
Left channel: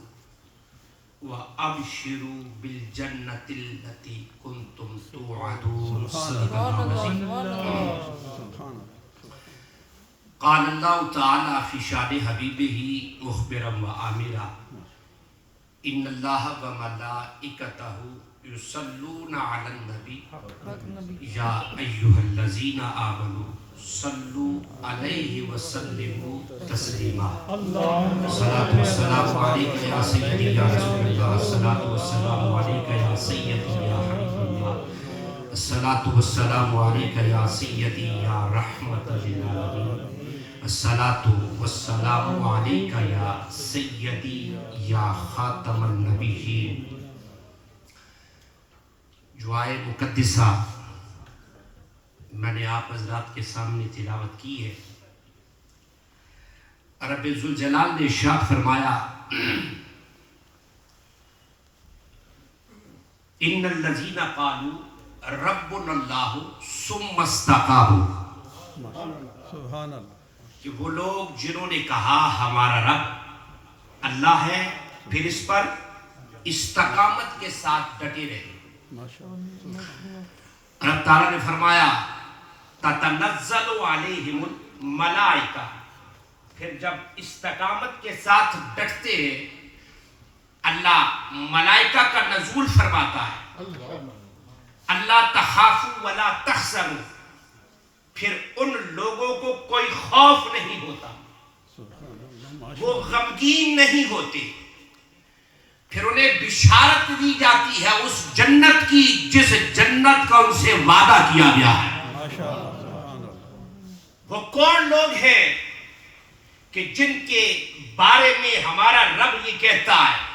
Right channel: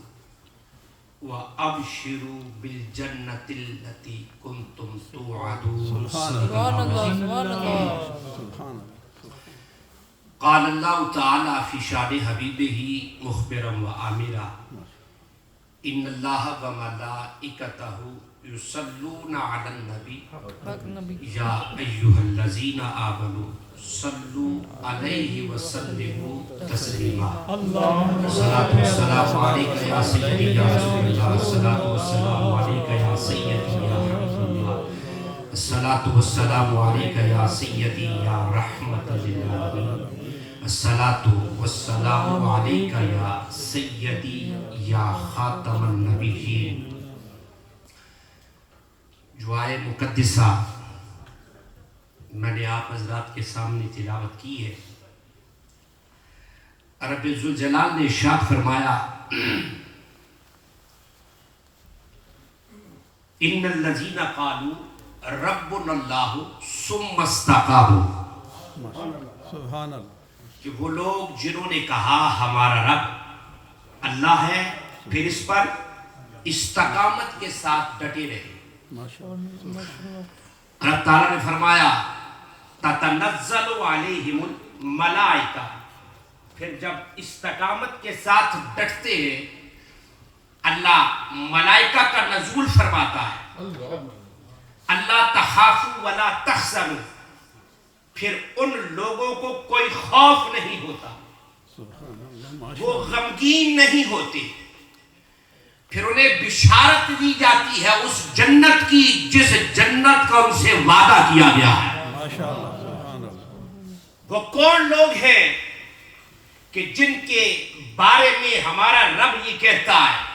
وابشروا بالجنۃ التي كنتم توعدون۔ قال اللہ تعالی فی شان حبیبہ مخبرا وآمرا ان اللہ وملائکتہ یصلون علی النبی یا ایھا الذین آمنوا صلوا علیہ وسلموا تسلیما۔ الصلاۃ والسلام علیک یا سیدی یا رسول اللہ، الصلاۃ والسلام علیک یا سیدی یا حبیب اللہ، الصلاۃ والسلام علیک یا سیدی یا رحمت للعالمین، الصلاۃ والسلام علیک یا سیدی یا خاتم النبیین۔ دعائے مقدسہ میں نے آپ حضرات کے سامنے تلاوت کی ہے۔ رب ذوالجلال نے ارشاد فرمایا ان الذین قالوا ربنا اللہ ثم استقاموا، سبحان اللہ، کہ وہ لوگ جنہوں نے کہا ہمارا رب اللہ ہے، پھر اس پر استقامت کے ساتھ ڈٹے رہے۔ اللہ تعالیٰ نے فرمایا تتنزل علیہم الملائکہ، پھر جب استقامت کے ساتھ ڈٹتے ہیں اللہ ملائکہ کا نزول فرماتا ہے۔ اللہ تخافوا ولا تحزنوا، پھر ان لوگوں کو کوئی خوف نہیں ہوتا، وہ غمگین نہیں ہوتے، پھر انہیں بشارت دی جاتی ہے اس جنت کی جس جنت کا ان سے وعدہ کیا گیا ہے۔ وہ کون لوگ ہیں کہ جن کے بارے میں ہمارا رب یہ کہتا ہے،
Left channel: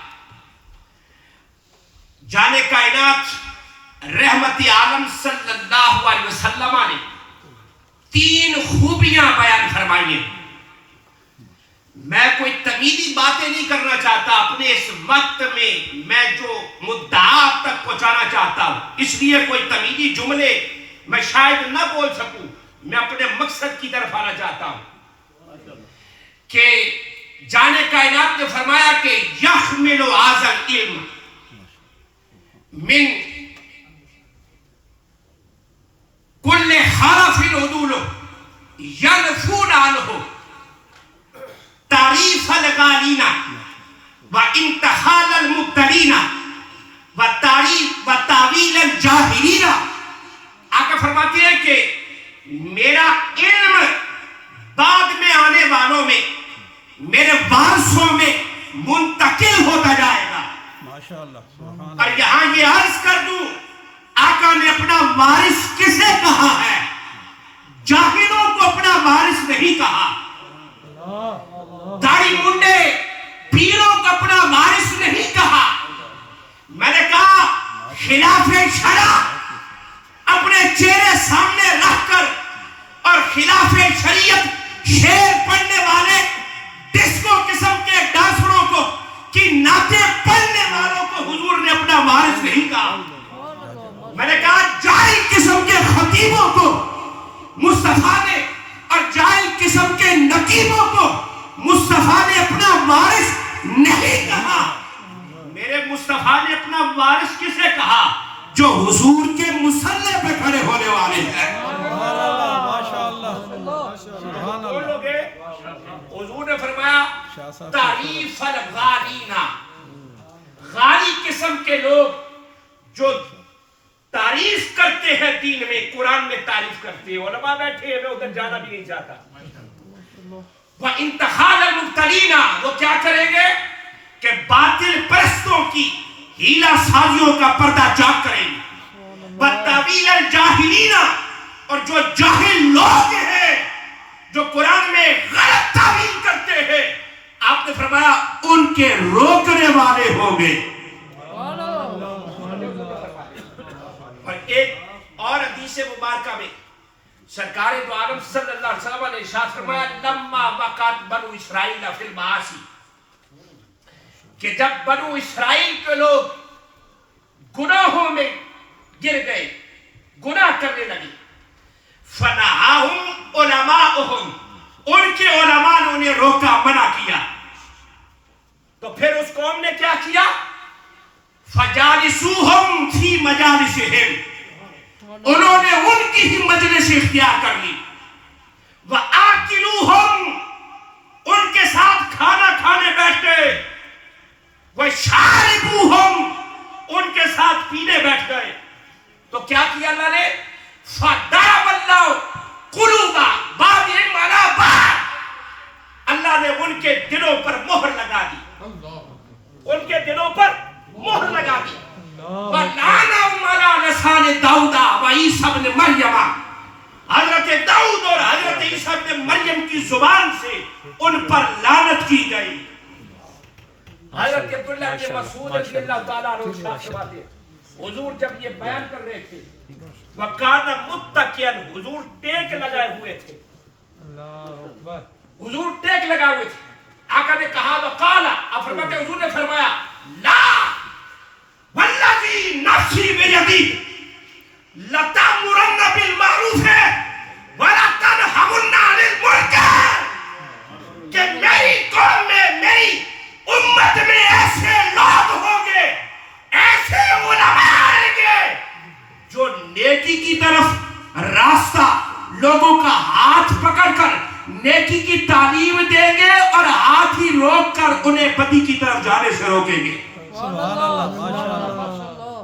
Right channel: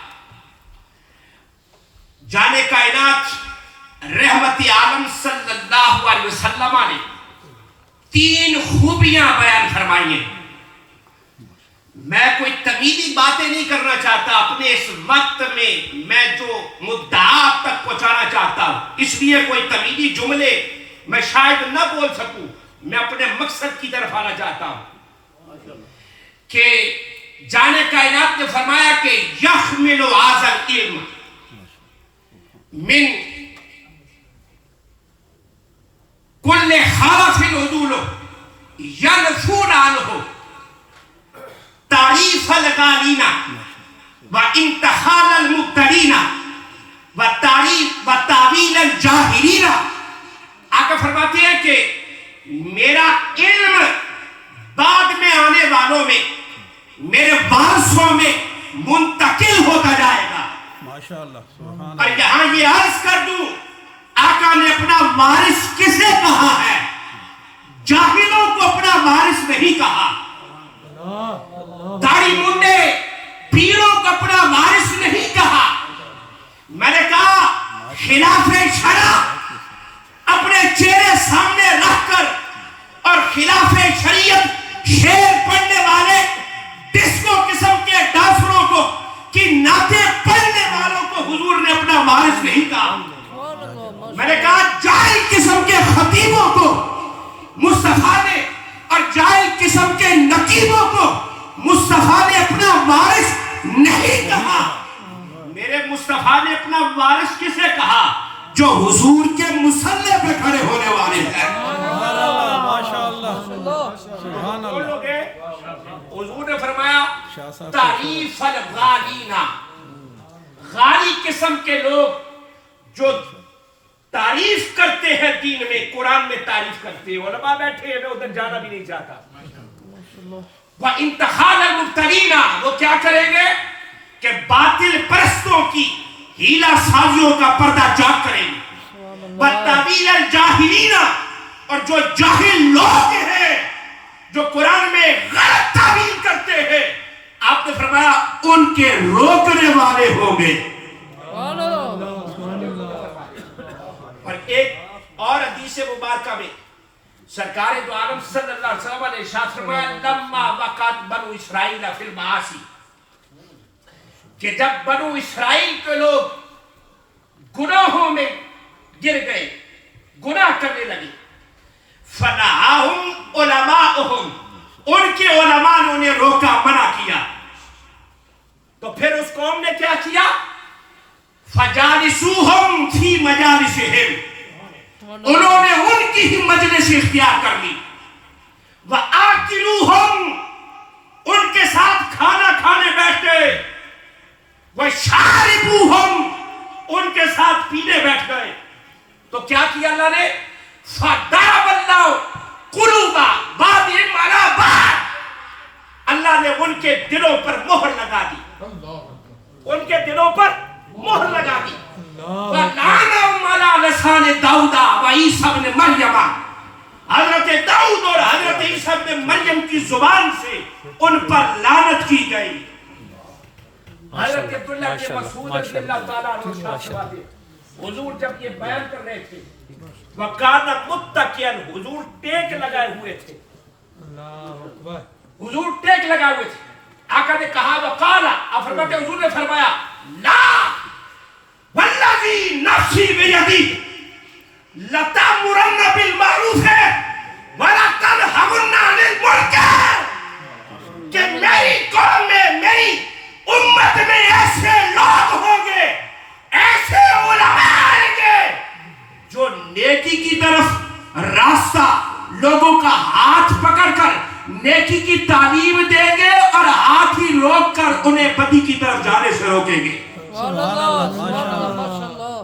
جانے کائنات رحمت عالم صلی اللہ علیہ وسلم نے 3 خوبیاں بیان فرمائی ہیں۔ میں کوئی تمیزی باتیں نہیں کرنا چاہتا، اپنے اس وقت میں جو مدعا تک پہنچانا چاہتا ہوں، اس لیے کوئی تمیزی جملے میں شاید نہ بول سکوں، میں اپنے مقصد کی طرف آنا چاہتا ہوں کہ جانے کائنات نے فرمایا کہ یحمل ھذا العلم من کل خالف عدول ینفون عنہ تعریف الغالین و انتحال المبتلین و تعویل الجاہلین۔ آقا فرماتے ہیں کہ میرا علم بعد میں آنے والوں میں، میرے وارثوں میں منتقل ہوتا جائے گا۔ اور یہاں یہ عرض کر دوں، آقا نے اپنا وارث کسے کہا ہے؟ جاہلوں کو اپنا وارث نہیں کہا، داڑھی منڈے پیروں کو اپنا وارث نہیں کہا۔ میں نے کہا خلاف شرع اپنے چہرے سامنے رکھ کر اور خلاف شریعت شعر پڑھنے والے ڈسکو قسم کے ڈانسروں کو کی نعتیں پڑھنے والوں کو حضور نے اپنا وارث نہیں کہا۔ میں نے کہا جاہل قسم کے خطیبوں کو مصطفیٰ نے اور جاہل قسم کے نقش رقیبوں کو مصطفیٰ نے اپنا وارث نہیں کہا. میرے مصطفیٰ نے اپنا وارث کسے کہا؟ جو حضور کے مصلی پہ کھڑے ہونے والے ہیں. حضور نے فرمایا تعریف الغالینا، غالی قسم کے لوگ جو تعریف کرتے ہیں دین میں، قرآن میں تعریف کرتے ہیں. علماء بیٹھے ہیں، میں ادھر جانا بھی نہیں چاہتا. وَإِنْتَحَالَ الْمُبْتَلِينَ، وہ کیا کریں گے کہ باطل پرستوں کی ہیلہ سازیوں کا پردہ چاک کریں گے. وَتَّوِيلَ الْجَاهِلِينَ، اور جو جاہل لوگ ہیں جو قرآن میں غلط تعبیر کرتے ہیں، آپ نے فرمایا ان کے روکنے والے ہوں گے. اور ایک اور حدیث مبارکہ میں سرکار دو عالم صلی اللہ علیہ وسلم نے ارشاد فرمایا لما وقعت بنو اسرائیل فی المعاصی، کہ جب بنو اسرائیل کے لوگ گناہوں میں گر گئے، گناہ کرنے لگے، فنہاہم علماؤہم، ان کے علماء نے انہیں روکا، منع کیا. تو پھر اس قوم نے کیا کیا؟ فجالسوہم فی مجالسہم، انہوں نے ان کی ہی مجلس اختیار کر لی. وآکلوہم، ان کے ساتھ کھانا کھانے بیٹھ گئے. وشاربوہم، ان کے ساتھ پینے بیٹھ گئے. تو کیا کیا اللہ نے؟ فضرب اللہ قلوب بعضهم علی بعض، اللہ نے ان کے دلوں پر مہر لگا دی، ان کے دلوں پر مہر لگا دی. وَلَعَنَهُمْ عَلَى لِسَانِ دَاؤُدَ وَعِیسیٰ ابن مریم، حضرت داؤد اور حضرت عیسیٰ ابن مریم کی زبان سے ان پر لعنت کی گئی. حضرت عبداللہ بن مسعود رضی اللہ تعالیٰ عنہ ارشاد فرماتے ہیں، حضور جب یہ بیان کر رہے تھے وَقَانَ مُتَّكِئًا، حضور ٹیک لگائے ہوئے تھے، حضور ٹیک لگائے ہوئے تھے. آقا نے کہا وَقَالَ، آپ فرماتے حضور نے فرمایا لا وَالَّذِي نَفْسِي بِيَدِهِ لَتَأْمُرَنَّ بِالْمَعْرُوفِ وَلَتَنْهَوْنَ عَنِ الْمُنكَرِ، کہ میری قوم میں، میری امت میں ایسے لوگ ہوں گے، ایسے علماء آئیں گے جو نیکی کی طرف راستہ لوگوں کا ہاتھ پکڑ کر نیکی کی تعلیم دیں گے اور ہاتھ ہی روک کر انہیں بدی کی طرف جانے سے روکیں گے.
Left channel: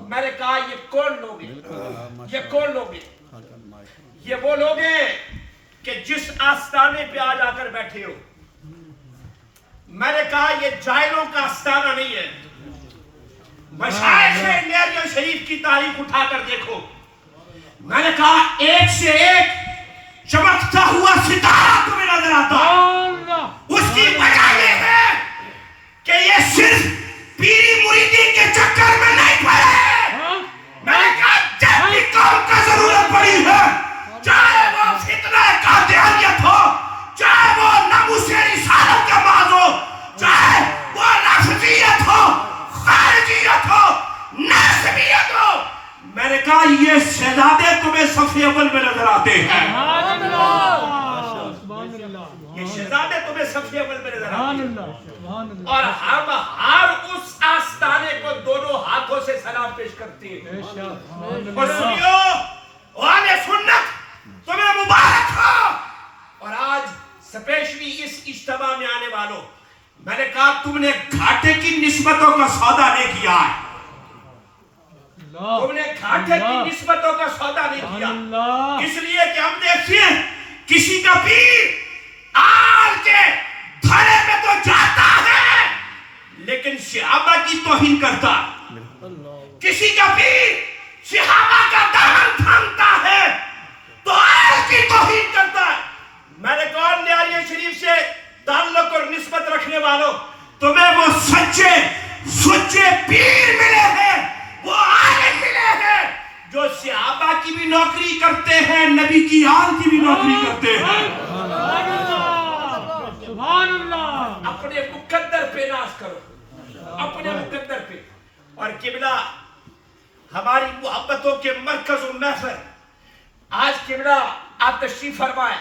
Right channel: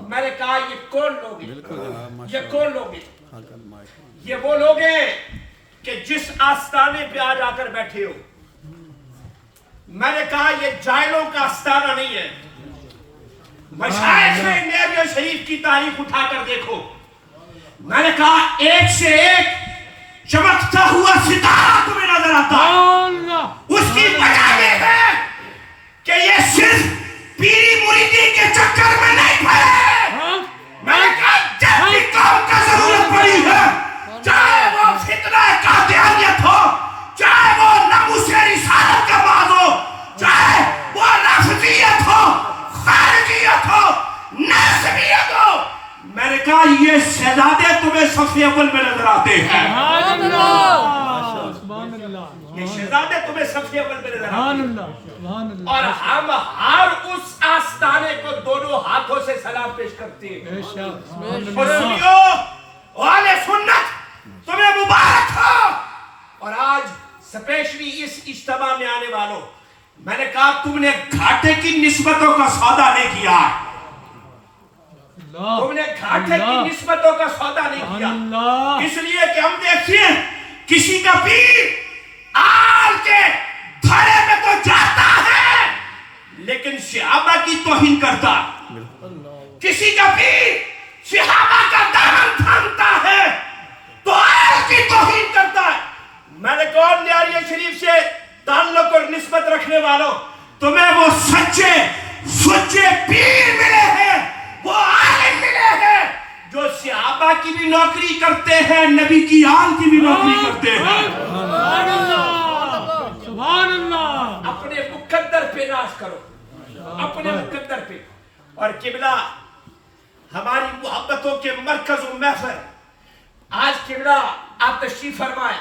میں نے کہا یہ کون لوگ ہیں؟ یہ کون لوگ ہیں؟ یہ وہ لوگ ہیں کہ جس آستانے پہ آج آ کر بیٹھے ہو. میں نے کہا یہ جاہلوں کا آستانہ نہیں ہے. مشائخ میریہ شریف کی تاریخ اٹھا کر دیکھو. میں نے کہا ایک سے ایک چمکتا ہوا ستارہ تمہیں نظر آتا ہے. اس کی وجہ یہ ہے کہ یہ صرف پیری مریدی کے چکر میں نہیں پڑے. میں نے کہا جب بھی قوم کو ضرورت پڑی ہے، چاہے وہ فتنہ قادیانیت ہو، چاہے وہ ناموس رسالت کا باز ہو، چاہے وہ نافذیت ہو، خارجیت ہو، ناسبیت ہو، میں نے کہا یہ شہزادے تمہیں صف اول میں نظر آتے ہیں. یہ شہزادے تمہیں صف اول میں نظر آتے ہیں، اور ہم ہر اس آستانے کو دونوں ہاتھوں سے سلام پیش کرتے ہیں. اور سنیو اہل سنت تمہیں مبارک ہو. اور آج سپیشلی اس اجتماع میں آنے والوں، میں نے کہا تم نے گھاٹے کی نسبتوں کا سودا نہیں کیا، تم نے گھاٹے کی نسبتوں کا سودا نہیں کیا. اس لیے کہ ہم دیکھتے ہیں کسی کا پیر آل کے دھڑے میں تو جاتا ہے لیکن صحابہ کی توہین کرتا ہے. کسی کا پیر صحابہ کا دامن تھامتا ہے تو آل کی توہین کرتا ہے. میں نے کہا نیاریہ شریف سے تعلق اور نسبت رکھنے والوں، تمہیں وہ سچے پیر ملے ہیں، وہ عالم ملے ہیں جو صحابہ کی بھی نوکری کرتے ہیں، نبی کی آل کی بھی نوکری کرتے ہیں. سبحان اللہ. اپنے مقدر پہ ناز کرو، اپنے مقدر پہ. اور قبلہ ہماری محبتوں کے مرکز و محفل، آج قبلہ آپ تشریف فرمائیں.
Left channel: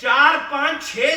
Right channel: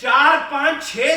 4-5-6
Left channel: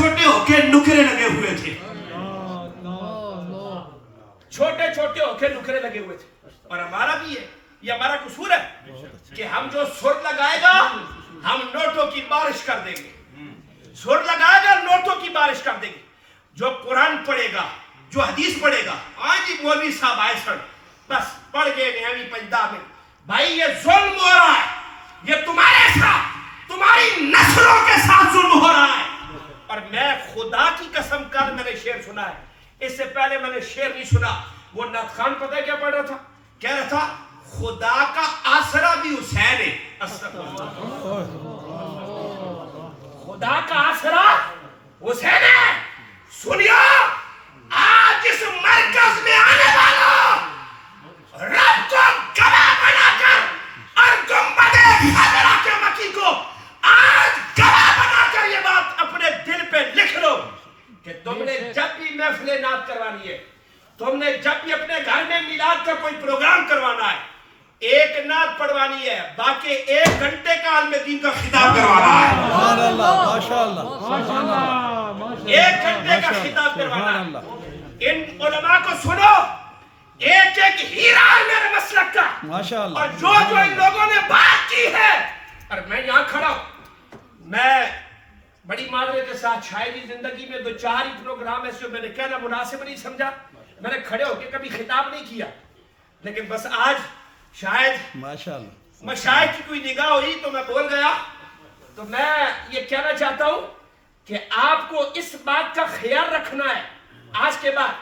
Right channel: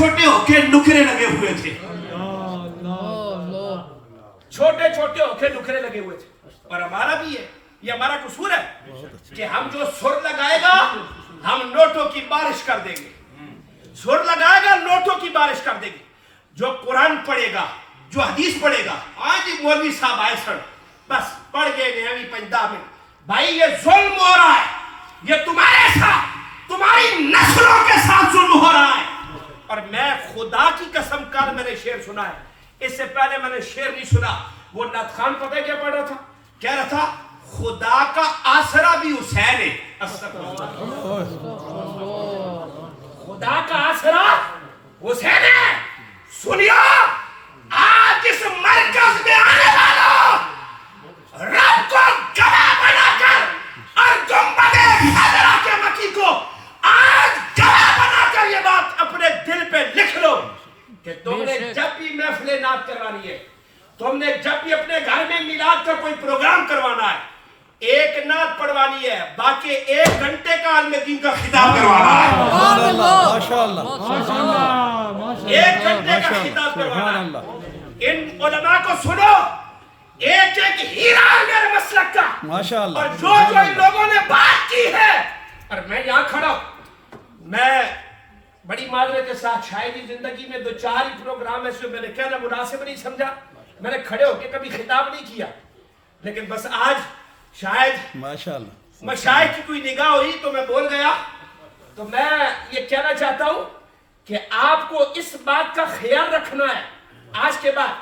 چھوٹے ہو کے نکرے لگے ہوئے تھے، چھوٹے چھوٹے ہو کے نکرے لگے ہوئے تھے. اور ہمارا بھی ہے، یہ ہمارا قصور ہے کہ ہم جو سر لگائے گا ہم نوٹوں کی بارش کر دیں گے. سر لگائے گا نوٹوں کی بارش کر دیں گے. جو قرآن پڑھے گا، جو حدیث پڑھے گا، آج ہی مولوی صاحب آئے سن بس پڑھ گئے نہوی پنجا میں، بھائی یہ ظلم ہو رہا ہے، یہ تمہارے ساتھ، تمہاری نسلوں کے ساتھ ظلم ہو رہا ہے. اور میں خدا کی قسم کل میں نے شعر سنا ہے، اس سے پہلے میں نے شعر نہیں سنا. وہ نعت خان پتہ ہے کیا پڑھ رہا تھا؟ کہہ رہا تھا خدا کا آسرا بھی حسین ہے. خدا کا آسرا حسین ہے. سنیا، آج اس مرکز میں آنے والا رب کو گواہ بنا کر اور گنبد خضرا کے مکی کو آج گواہ بنا کر یہ بات اپنے دل پہ لکھ لو کہ تم نے جب بھی محفل نعت کروانی ہے، تم نے جب بھی اپنے گھر میں میلاد کا کوئی پروگرام کروانا ہے، ایک نعت پڑھوانی ہے، باقی 1 گھنٹے کا عالم دین کا خطاب کروانا ہے. سبحان اللہ، ماشاءاللہ، سبحان اللہ، 1 گھنٹے کا خطاب کروانا ہے. ان علماء کو سنو، ایک ایک ہیرا ہے میرے مسلک کا، ماشاءاللہ. اور جو ان لوگوں نے بات کی ہے، اور میں یہاں کھڑا ہوں، میں بڑی معذرت کے ساتھ شاید زندگی میں 2-4 ہی پروگرام ایسے میں نے کہنا مناسب نہیں سمجھا، میں نے کھڑے ہو کے کبھی خطاب نہیں کیا، لیکن بس آج شاید ماشاءاللہ مشائخ کی کوئی نگاہ ہوئی تو میں بول گیا. تو میں یہ کہنا چاہتا ہوں کہ آپ کو اس بات کا خیال رکھنا ہے، آج کے بعد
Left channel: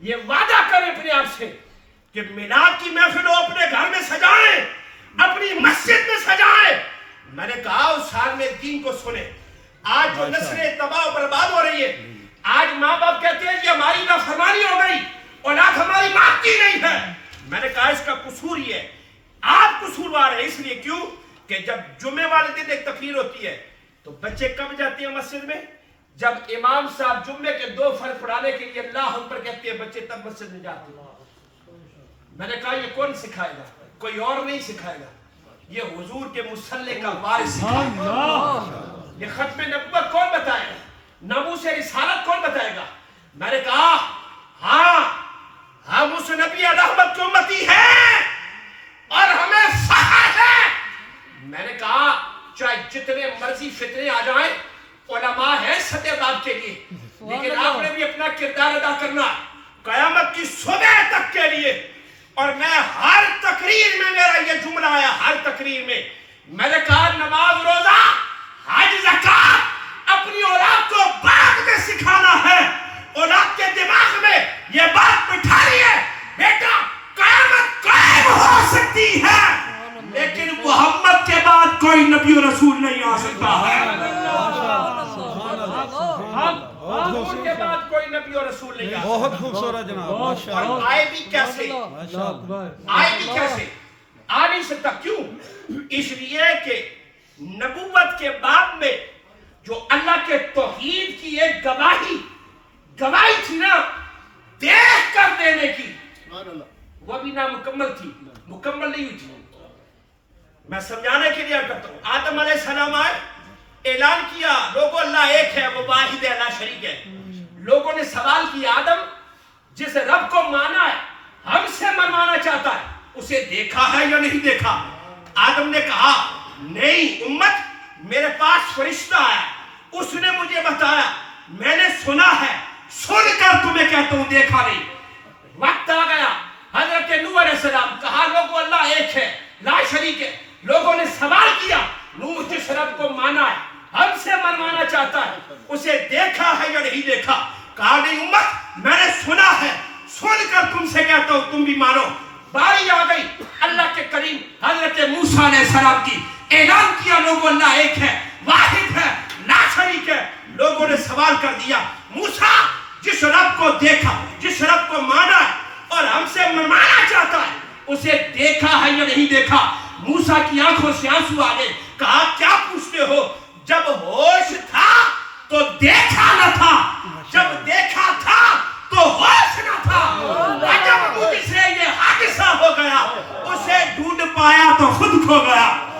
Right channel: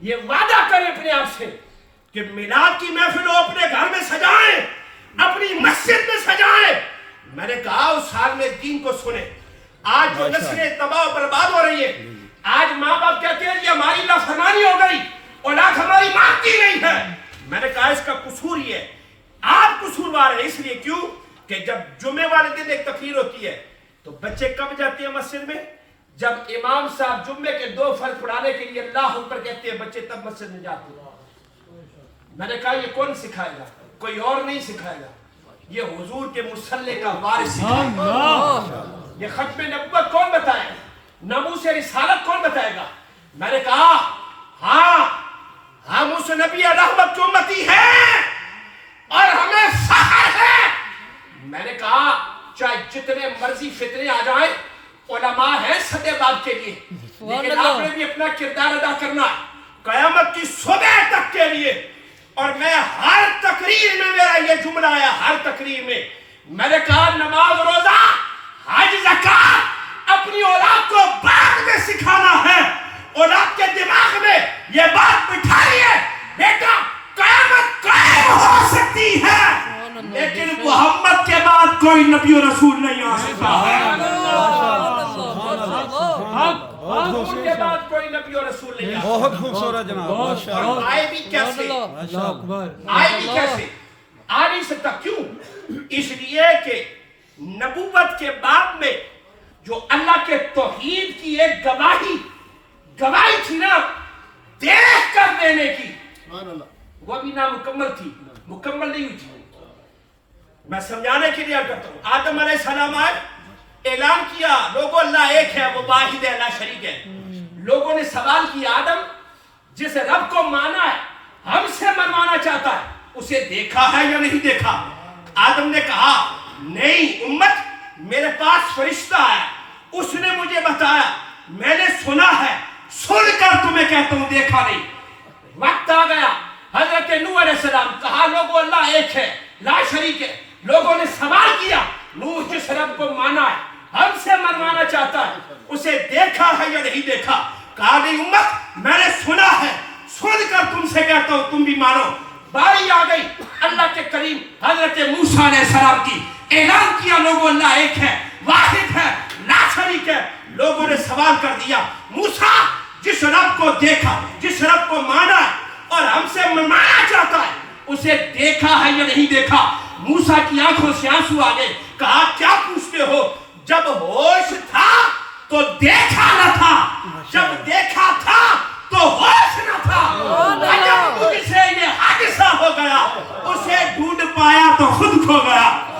یہ وعدہ کریں اپنے آپ سے کہ میلاد کی محفل ہو اپنے گھر میں سجائیں، اپنی مسجد میں سجائیں. میں نے کہا اس سال میں دین کو سنیں. آج جو نسلیں تباہ و برباد ہو رہی ہے، آج ماں باپ کہتے ہیں یہ ہماری نافرمانی ہو گئی، اولاد ہماری مانتی نہیں ہے. میں نے کہا اس کا قصور یہ ہے، آپ قصوروار ہیں. اس لیے کیوں کہ جب جمعے والے دن ایک تقریر ہوتی ہے تو بچے کب جاتے ہیں مسجد میں؟ جب امام صاحب جمعے کے 2 فرض پڑھانے کے لیے اللہ اکبر کہتے ہیں، بچے تب مسجد میں جاتے ہیں. میں نے کہا یہ کون سکھائے گا؟ کوئی اور نہیں سکھائے گا، یہ حضور کے مصلی کا وارث سکھائے گا. یہ ختم نبوت کون بتائے گا؟ ناموس رسالت کون بتائے گا؟ میں نے کہا ہاں ہم اس نبی رحمت کی امتی ہیں اور ہمیں فخر ہے. میں نے کہا چاہے جتنے مرضی فتنے آ جائیں، علماء ہیں سدے باب کے لیے، لیکن آپ نے بھی اپنا کردار ادا کرنا قیامت کی صبح تک کے لیے. اور میں ہر تقریر میں میرا یہ جملہ آیا، ہر تقریر میں نے کہا نماز روزہ حج زکات اپنی اولاد کو بعد میں سکھانا ہے. اولاد کے دماغ میں یہ بات بٹھائی ہے، بیٹا قیامت قائم ہو سکتی ہے لیکن محمد کے بعد کوئی نبی و رسول نہیں آ سکتا ہے. محمد کے بعد کوئی نبی و رسول نہیں آ سکتا. بہت خوبصورت جناب، ماشاءاللہ. اور آئے بھی کیسے؟ آئے بھی کیسے؟ آ نہیں سکتا. کیوں؟ اس لیے کہ نبوت کے بعد میں جو اللہ کے توحید کی ایک گواہی تھی نا، دیکھ کر دینے کی، وہ بھی نامکمل تھی، مکمل نہیں ہوئی تھی. میں سمجھانے کے لیے کرتا ہوں. آدم علیہ السلام آئے، اعلان کیا لوگوں اللہ ایک ہے، وہ واحد ہے، لا شریک ہے. لوگوں نے سوال کیا آدم جس رب کو مانا ہے ہم سے منوانا چاہتا ہے، اسے دیکھا ہے یا نہیں دیکھا؟ آدم نے کہا نہیں امت، میرے پاس فرشتہ ہے، اس نے مجھے بتایا، میں نے سنا ہے، سن کر تمہیں کہتا ہوں دیکھا نہیں. وقت آ گیا، حضرت نوح علیہ السلام کہا لوگوں اللہ ایک ہے، لا شریک ہے. لوگوں نے سوال کیا نوح جس رب کو مانا ہے ہم سے منوانا چاہتا ہے، اسے دیکھا ہے یا نہیں دیکھا؟ کہا نہیں امت، میں نے سنا ہے، سن کر تم سے کہتا ہوں تم بھی مانو. باری آ گئی اللہ کے کریم حضرت موسیٰ علیہ السلام کی، اعلان کیا لوگوں اللہ ایک ہے، واحد ہے، لا شریک ہے. لوگوں نے سوال کر دیا موسیٰ جس رب کو دیکھا، جس رب کو مانا ہے اور ہم سے منوانا چاہتا ہے، اسے دیکھا ہے یا نہیں دیکھا؟ موسیٰ کی آنکھوں سے آنسو آ گئے. کہا کیا پوچھتے ہو؟ جب ہوش تھا تو دیکھا نہ تھا، جب دیکھا تھا تو ہوش نہ تھا. جب مجھ سے یہ حادثہ ہو گیا، اسے ڈھونڈ پایا تو خود کھو گیا.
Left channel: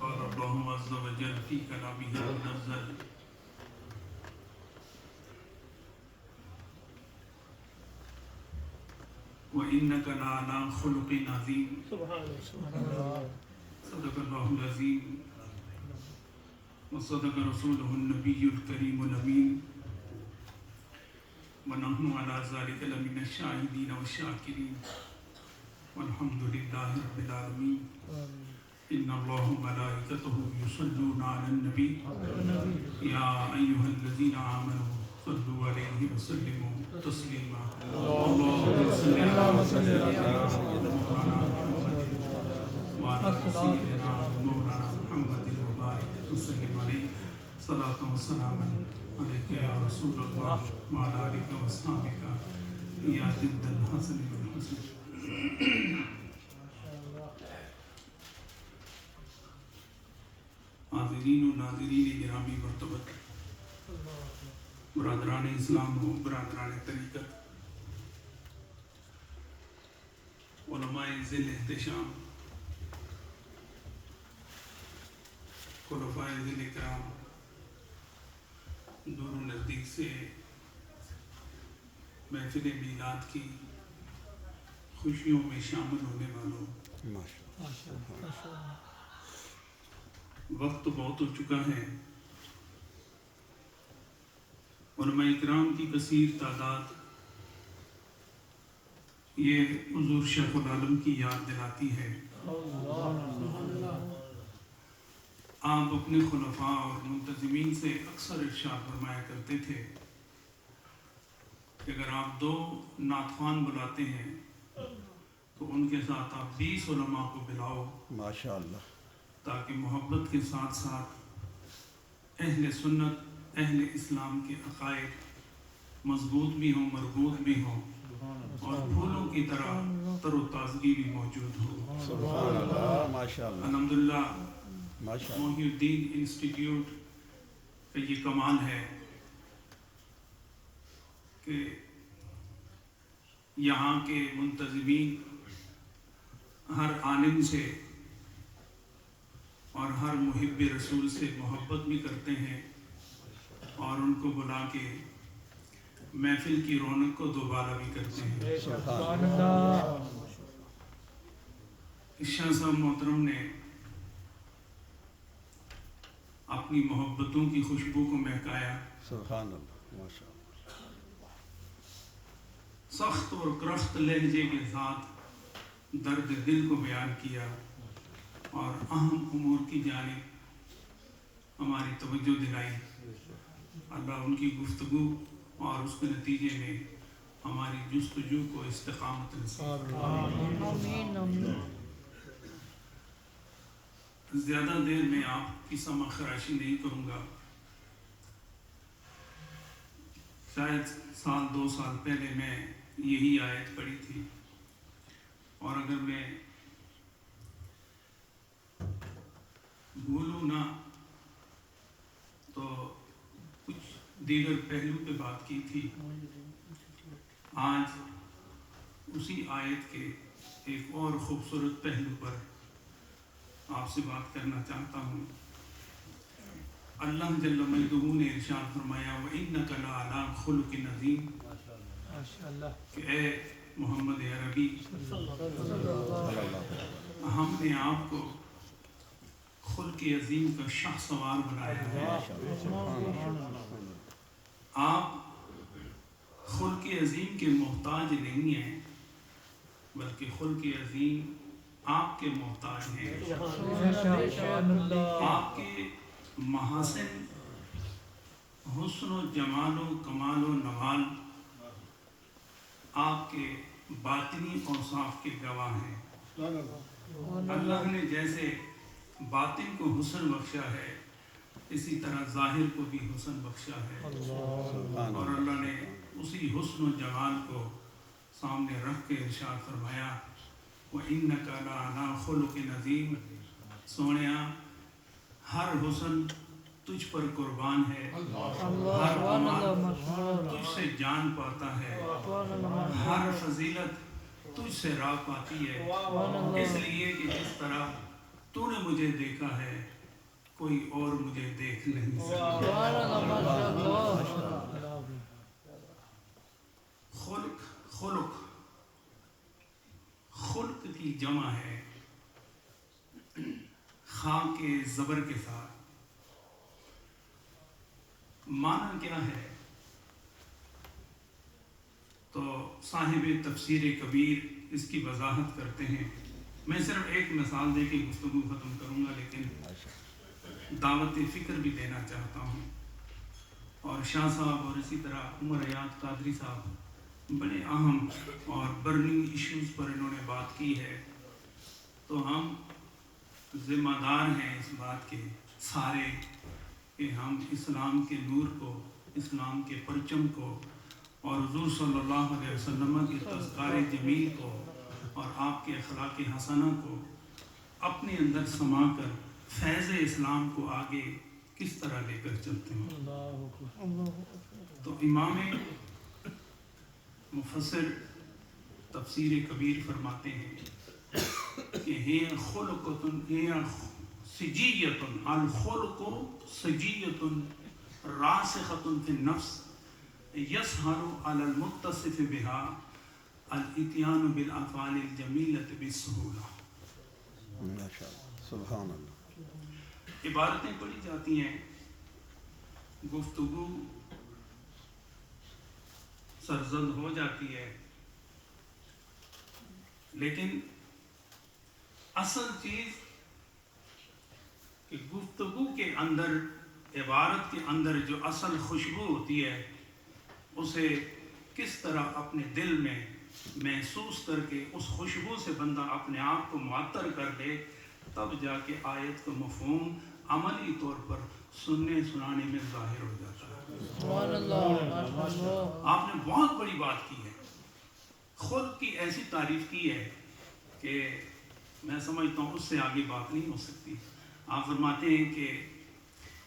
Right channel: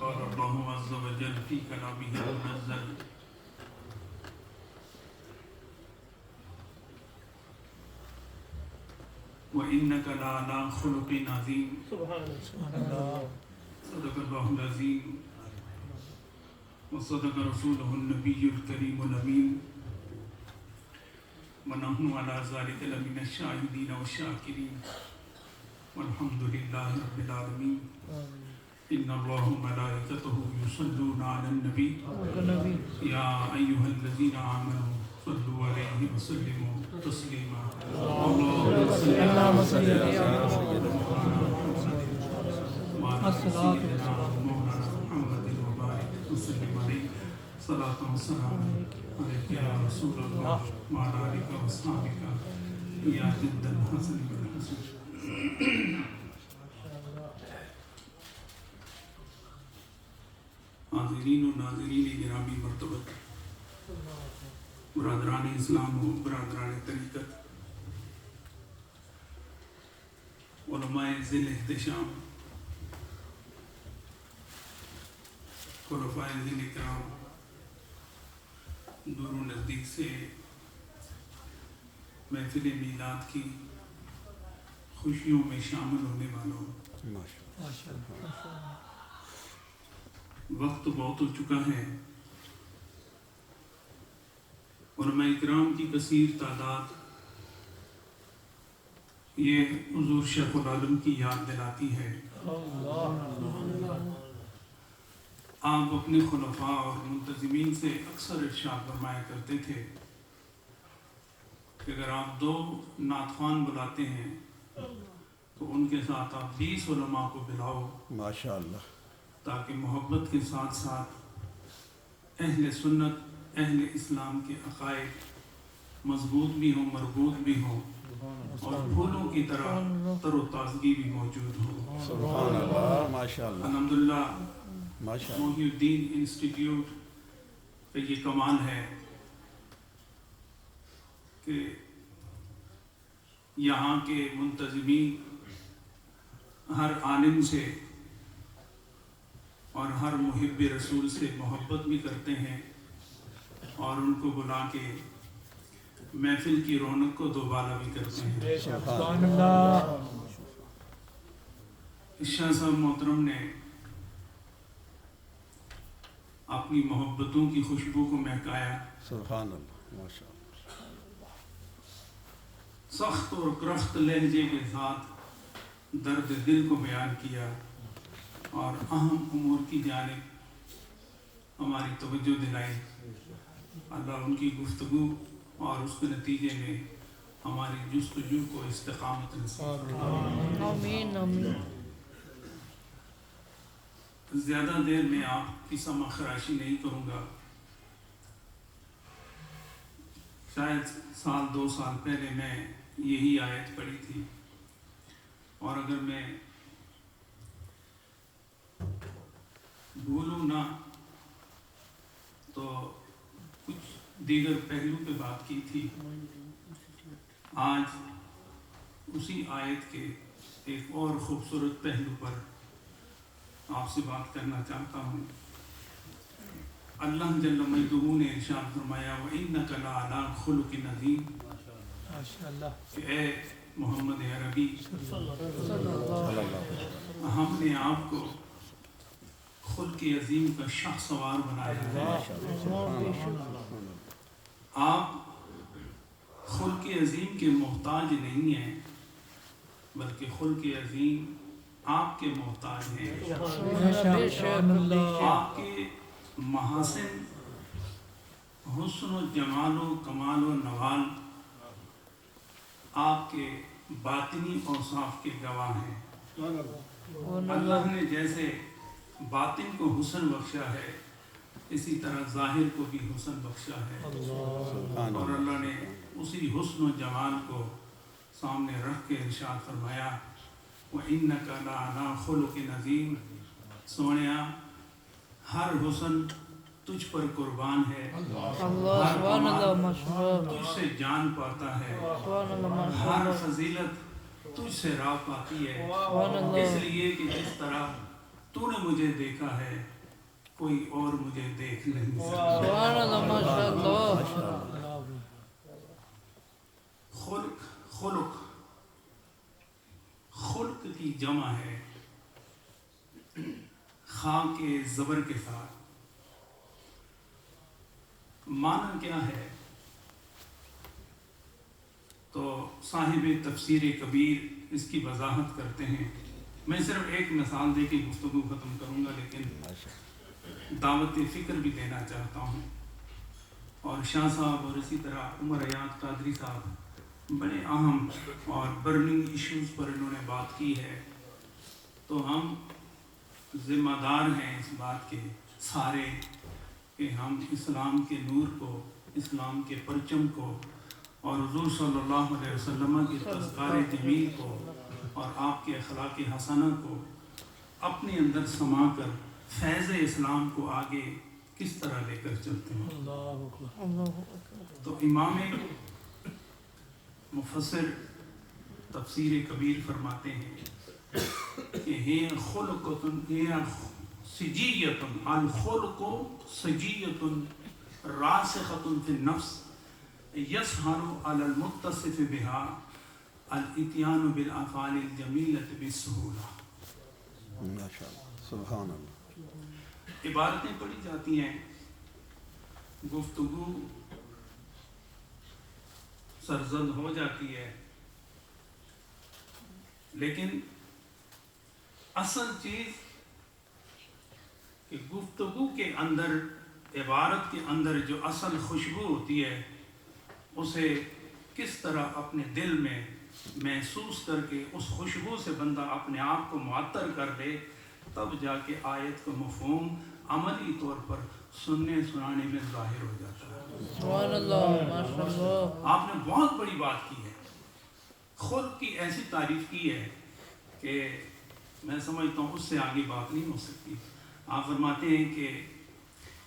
قال الله عز وجل في كلامه المنزل وإنك لعلى خلق عظيم صدق الله العظيم وصدق رسوله النبي الكريم الأمين ونحن على ذلك لمن الشاهدين والشاكرين والحمد لله رب العالمين إن الله وملائكته يصلون على النبي يا أيها الذين آمنوا صلوا عليه وسلموا تسليما اللهم صل على سيدنا مولانا محمد وبارك وسلم عليه صلاة وسلام عليك يا رسول الله وعلى آلك وأصحابك يا جد الحسن والحسن حاضرین و ناظرین جنابی مرتبت برادران اسلام و برادران طریقت علماء ذی الاحتشام خلفاء ذی الاکرام دور و نزدیک سے محفل میلاد کی خوشیوں میں شامل ہونے والوں وقت بہت ہو چکا ہے علماء اکرام کی کثیر تعداد یہ حضور شیخ العالم کی یاد دلاتی ہے آپ اپنے خلفاء اور منتظمین سے اکثر ارشاد فرمایا کرتے تھے کہ اگر آپ 2 نعت خوان بلاتے ہیں تو ان کے ساتھ آپ 20 علماء کو بلاؤ ماشاءاللہ، تاکہ محبت کے ساتھ ساتھ اہل سنت اہل اسلام کے عقائد مضبوط بھی ہوں، مربوط بھی ہوں اور پھولوں کی طرح تر و تازگی بھی موجود ہو. سبحان اللہ، ماشاءاللہ، الحمدللہ ماشاءاللہ. محی الدین انسٹیٹیوٹ کا یہ کمال ہے کہ یہاں کے منتظمین ہر عالم سے اور ہر محب رسول سے محبت بھی کرتے ہیں اور ان کو بلا کے محفل کی رونق کو دوبالا بھی کرتے ہیں. سبحان اللہ. شاہ صاحب محترم نے اپنی محبتوں کی خوشبو کو مہکایا. سبحان اللہ، ماشاءاللہ. سخت اور کرخت لہجے کے ساتھ درد دل کو بیان کیا اور اہم امور کی جانب ہماری توجہ دلائی. اللہ ان کی گفتگو اور اس کے نتیجے میں ہماری جستجو کو استقامت نصیب فرمائے. زیادہ دیر میں آپ کی سمع خراشی نہیں کروں گا. شاید 1-2 سال پہلے میں یہی آیت پڑھی تھی اور اگر میں بھولوں نہ تو کچھ دیگر پہلو پہ بات کی تھی. آج اسی آیت کے ایک اور خوبصورت پہلو پر آپ سے بات کرنا چاہتا ہوں. اللہ جل مجدہ نے ارشاد فرمایا وَإِنَّكَ لَعَلَىٰ خُلُقٍ عَظِيمٍ کہ اے محمد عربی ہم نے آپ کو خلق عظیم کا شاہ سوار بنایا ہے. آپ خلق عظیم کے محتاج نہیں ہیں بلکہ خلق عظیم آپ کے محتاج ہیں. آپ کے محاسن، حسن و جمال و کمال و نوال آپ کے باطنی اوصاف کے گواہ ہیں. اللہ نے جیسے باطن کو حسن بخشا ہے اسی طرح ظاہر کو بھی حسن بخشا ہے اور اللہ نے اسی حسن و جمال کو سامنے رکھ کے ارشاد فرمایا وَإِنَّكَ لَعَلَىٰ خُلُقٍ عَظِيمٍ سونیا ہر حسن تجھ پر قربان ہے، ہر کمال تجھ سے جان پاتا ہے، ہر فضیلت تجھ سے راہ پاتی ہے. اس لیے کہ جس طرح تو نے مجھے دیکھا ہے کوئی اور مجھے دیکھ نہیں سکتا. خلق کی جمع ہے خاء کے زبر کے ساتھ. معنی کیا ہے؟ تو صاحب تفسیر کبیر اس کی وضاحت کرتے ہیں. میں صرف ایک مثال دے کے گفتگو ختم کروں گا لیکن دعوت فکر بھی دینا چاہتا ہوں. اور شاہ صاحب اور اسی طرح عمر ایاز قادری صاحب بڑے اہم اور برننگ ایشوز پر انہوں نے بات کی ہے. تو ہم ذمہ دار ہیں اس بات کے سارے کہ ہم اسلام کے نور کو، اسلام کے پرچم کو اور حضور صلی اللہ علیہ وسلم کے تذکار جمیل کو اور آپ کے اخلاق حسنہ کو اپنے اندر سما کر فیض اسلام کو آگے کس طرح لے کر چلتے ہیں. تو امام مفسر تفسیر کبیر فرماتے ہیں کہ ہی خلقتن ہی سجیتن الخلق سجیتن راسختن فی النفس یسہر علی المتصف بها الاتیان بالافعال الجمیلۃ بالسہولہ. ماشاءاللہ، سبحان اللہ. عبارتیں پڑھی جاتی ہیں، گفتگو سرزد ہو جاتی ہے، لیکن اصل چیز کہ گفتگو کے اندر، عبارت کے اندر جو اصل خوشبو ہوتی ہے اسے کس طرح اپنے دل میں محسوس کر کے اس خوشبو سے بندہ اپنے آپ کو معطر کر دے، تب جا کے آیت کا مفہوم عملی طور پر سننے سنانے میں ظاہر ہو جاتا ہے۔ سبحان اللہ۔ آپ نے بہت بڑی بات کی ہے، خود کی ایسی تعریف کی ہے کہ میں سمجھتا ہوں اس سے آگے بات نہیں ہو سکتی۔ آپ فرماتے ہیں کہ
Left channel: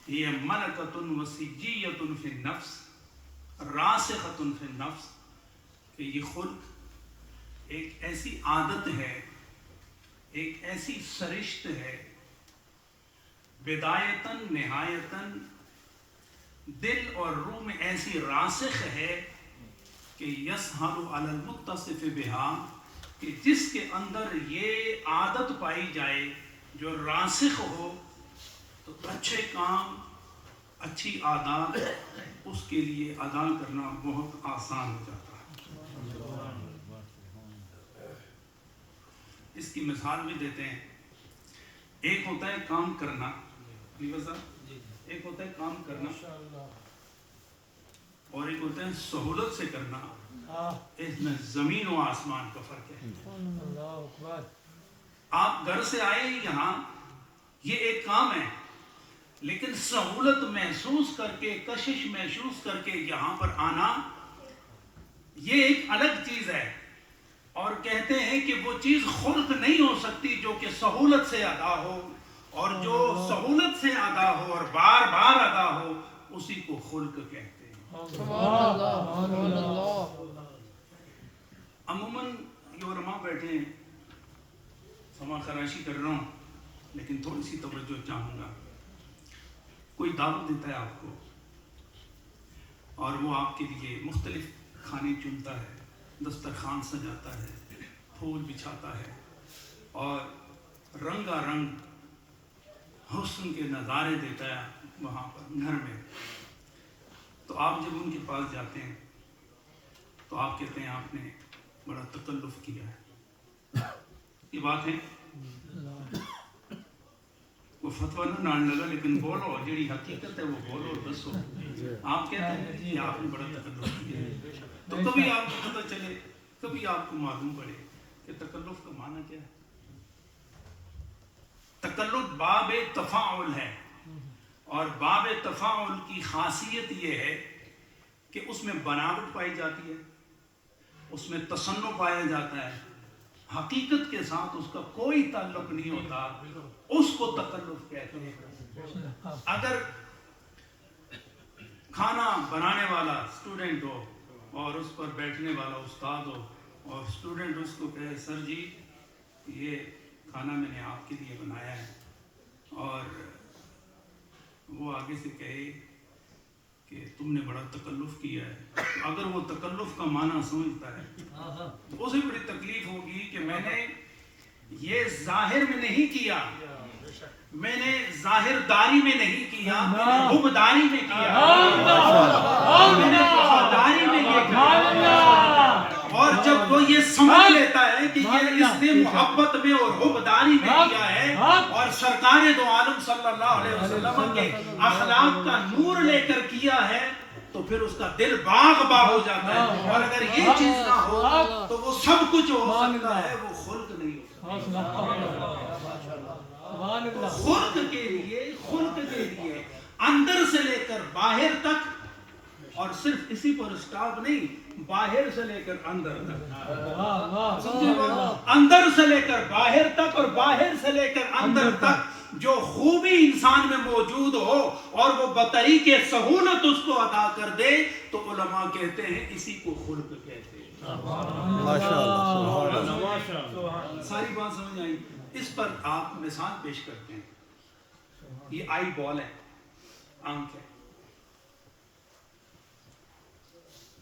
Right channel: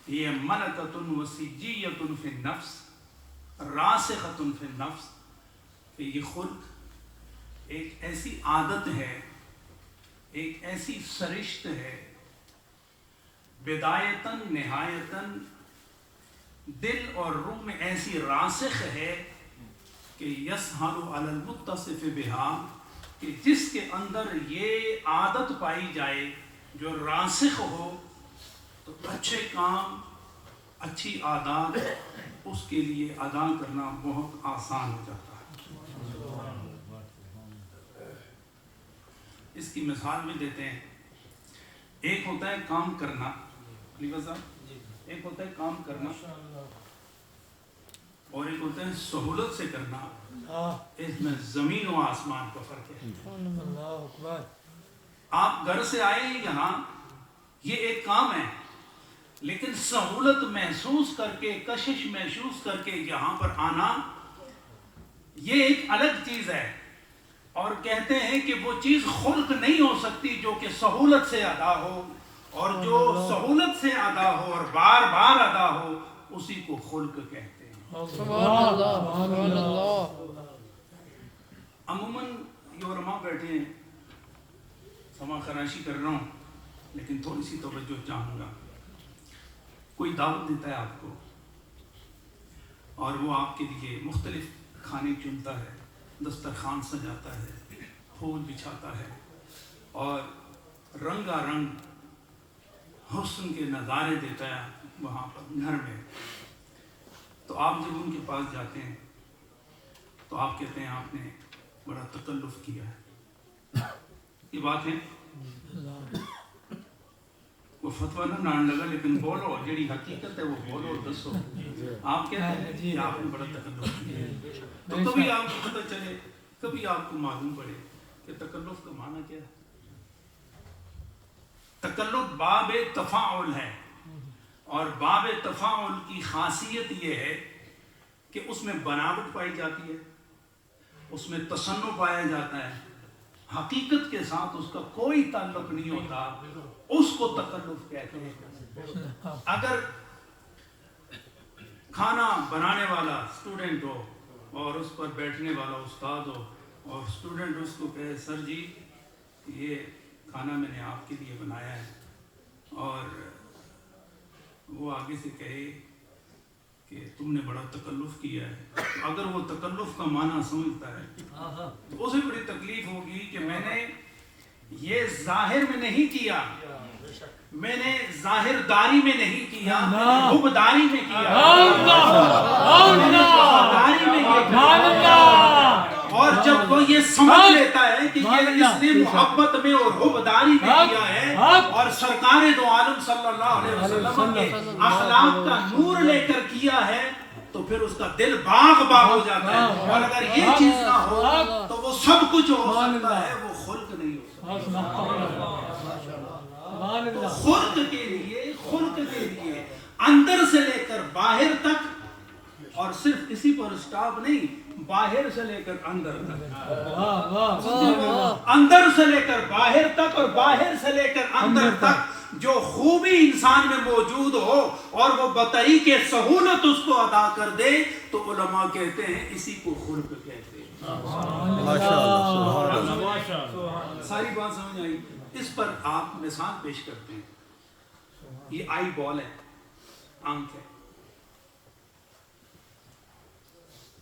یہ ملکۃ وسجیۃ فی النفس راسخۃ فی النفس، کہ یہ خلق ایک ایسی عادت ہے، ایک ایسی سرشت ہے، بدایتاً نہایتاً دل اور روح میں ایسی راسخ ہے کہ یسہل علی المتصف بہا، کہ جس کے اندر یہ عادت پائی جائے جو راسخ ہو تو اچھے کام، اچھی عادات اس کے لیے ادا کرنا بہت آسان ہو جاتا ہے۔ اس کی مثال بھی دیتے ہیں۔ ایک ہوتا ہے کام کرنا، ایک ہوتا ہے کام کرنا اور ایک ہوتا ہے سہولت سے کرنا، اس میں زمین و آسمان کا فرق ہے۔ آپ گھر سے آئے ہیں یہاں، یہ ایک کام ہے، لیکن سہولت محسوس کر کے، کشش محسوس کر کے یہاں پر آنا یہ ایک الگ چیز ہے، اور کہتے ہیں کہ وہ چیز خلق نہیں ہو سکتی جو کہ سہولت سے ادا ہو، اور جو سہولت سے ادا ہو اور بار بار ادا ہو اسی کو خلق کہتے ہیں۔ عموماً یہ علماء بیٹھے ہیں، سما خراشی کر رہا ہوں لیکن تھوڑی سی توجہ چاہوں گا۔ کوئی دعوت دیتا ہے آپ کو اور وہ آپ کے لیے مختلف کھانے چنتا ہے، دسترخوان سجاتا ہے، پھول بچھاتا ہے اور رنگا رنگ حسن کے نظارے دیتا ہے وہاں پر گھر میں، تو آپ جب ان کے پاس جاتے ہیں تو آپ کہتے ہیں آپ نے بڑا تکلف کیا ہے۔ یہ بات ہے، وہ فتویٰ نہ ڈال لگا، لیکن بولو جڑی حقیقت ہے وہ بولو، دسو۔ آپ کہتے ہیں کہ آپ نے بڑا تکلف کیا ہے، تو کبھی آپ کو پتہ چلے، کبھی آپ کو معلوم پڑے کہ تکلف کا معنی کیا ہے۔ تکلف باب تفاعل ہے، اور باب تفاعل کی خاصیت یہ ہے کہ اس میں بناوٹ پائی جاتی ہے، اس میں تصنع پایا جاتا ہے، حقیقت کے ساتھ اس کا کوئی تعلق نہیں ہوتا، اس کو تکلف کہتے ہیں۔ اگر کھانا بنانے والا اسٹوڈنٹ ہو اور اس پر بیٹھنے والا استاد ہو اور اسٹوڈنٹ اس کو کہے سر جی یہ کھانا میں نے آپ کے لیے بنایا ہے، اور وہ آگے سے کہے کہ تم نے بڑا تکلف کیا ہے، اگر وہ تکلف کا معنی سمجھتا ہے تو اسے بڑی تکلیف ہوگی کہ میں نے یہ ظاہر میں نہیں کیا، میں نے ظاہر داری میں نہیں کیا، میں نے حبداری میں کیا، میں نے وفاداری میں کیا۔ اور جب وہ یہ سمجھ لیتا ہے کہ یہ اس نے محبت میں اور حبداری میں کیا ہے اور سرکار دو عالم صلی اللہ علیہ وسلم کے اخلاق کا نور لے کر کیا ہے، تو پھر اس کا دل باغ باغ ہو جاتا ہے۔ اور اگر یہ چیز نہ ہو تو وہ سب کچھ ہو سکتا ہے، وہ خلق نہیں ہو سکتا۔ خلق کے لیے اندر سے لے کر باہر تک، اور صرف اسی پر اسٹاپ نہیں، باہر سے لے کر اندر تک، اندر سے لے کر باہر تک اور باہر سے لے کر اندر تک جو خوبی انسان میں موجود ہو اور وہ بطریق سہولت اس کو ادا کر دے، تو علماء کہتے ہیں اسی کو خلق کہتے ہیں۔ ساری بات سمجھ آئی؟ اس پر آپ مثال پیش کرتے ہیں۔ یہ آئی بال ہے، آنکھ ہے،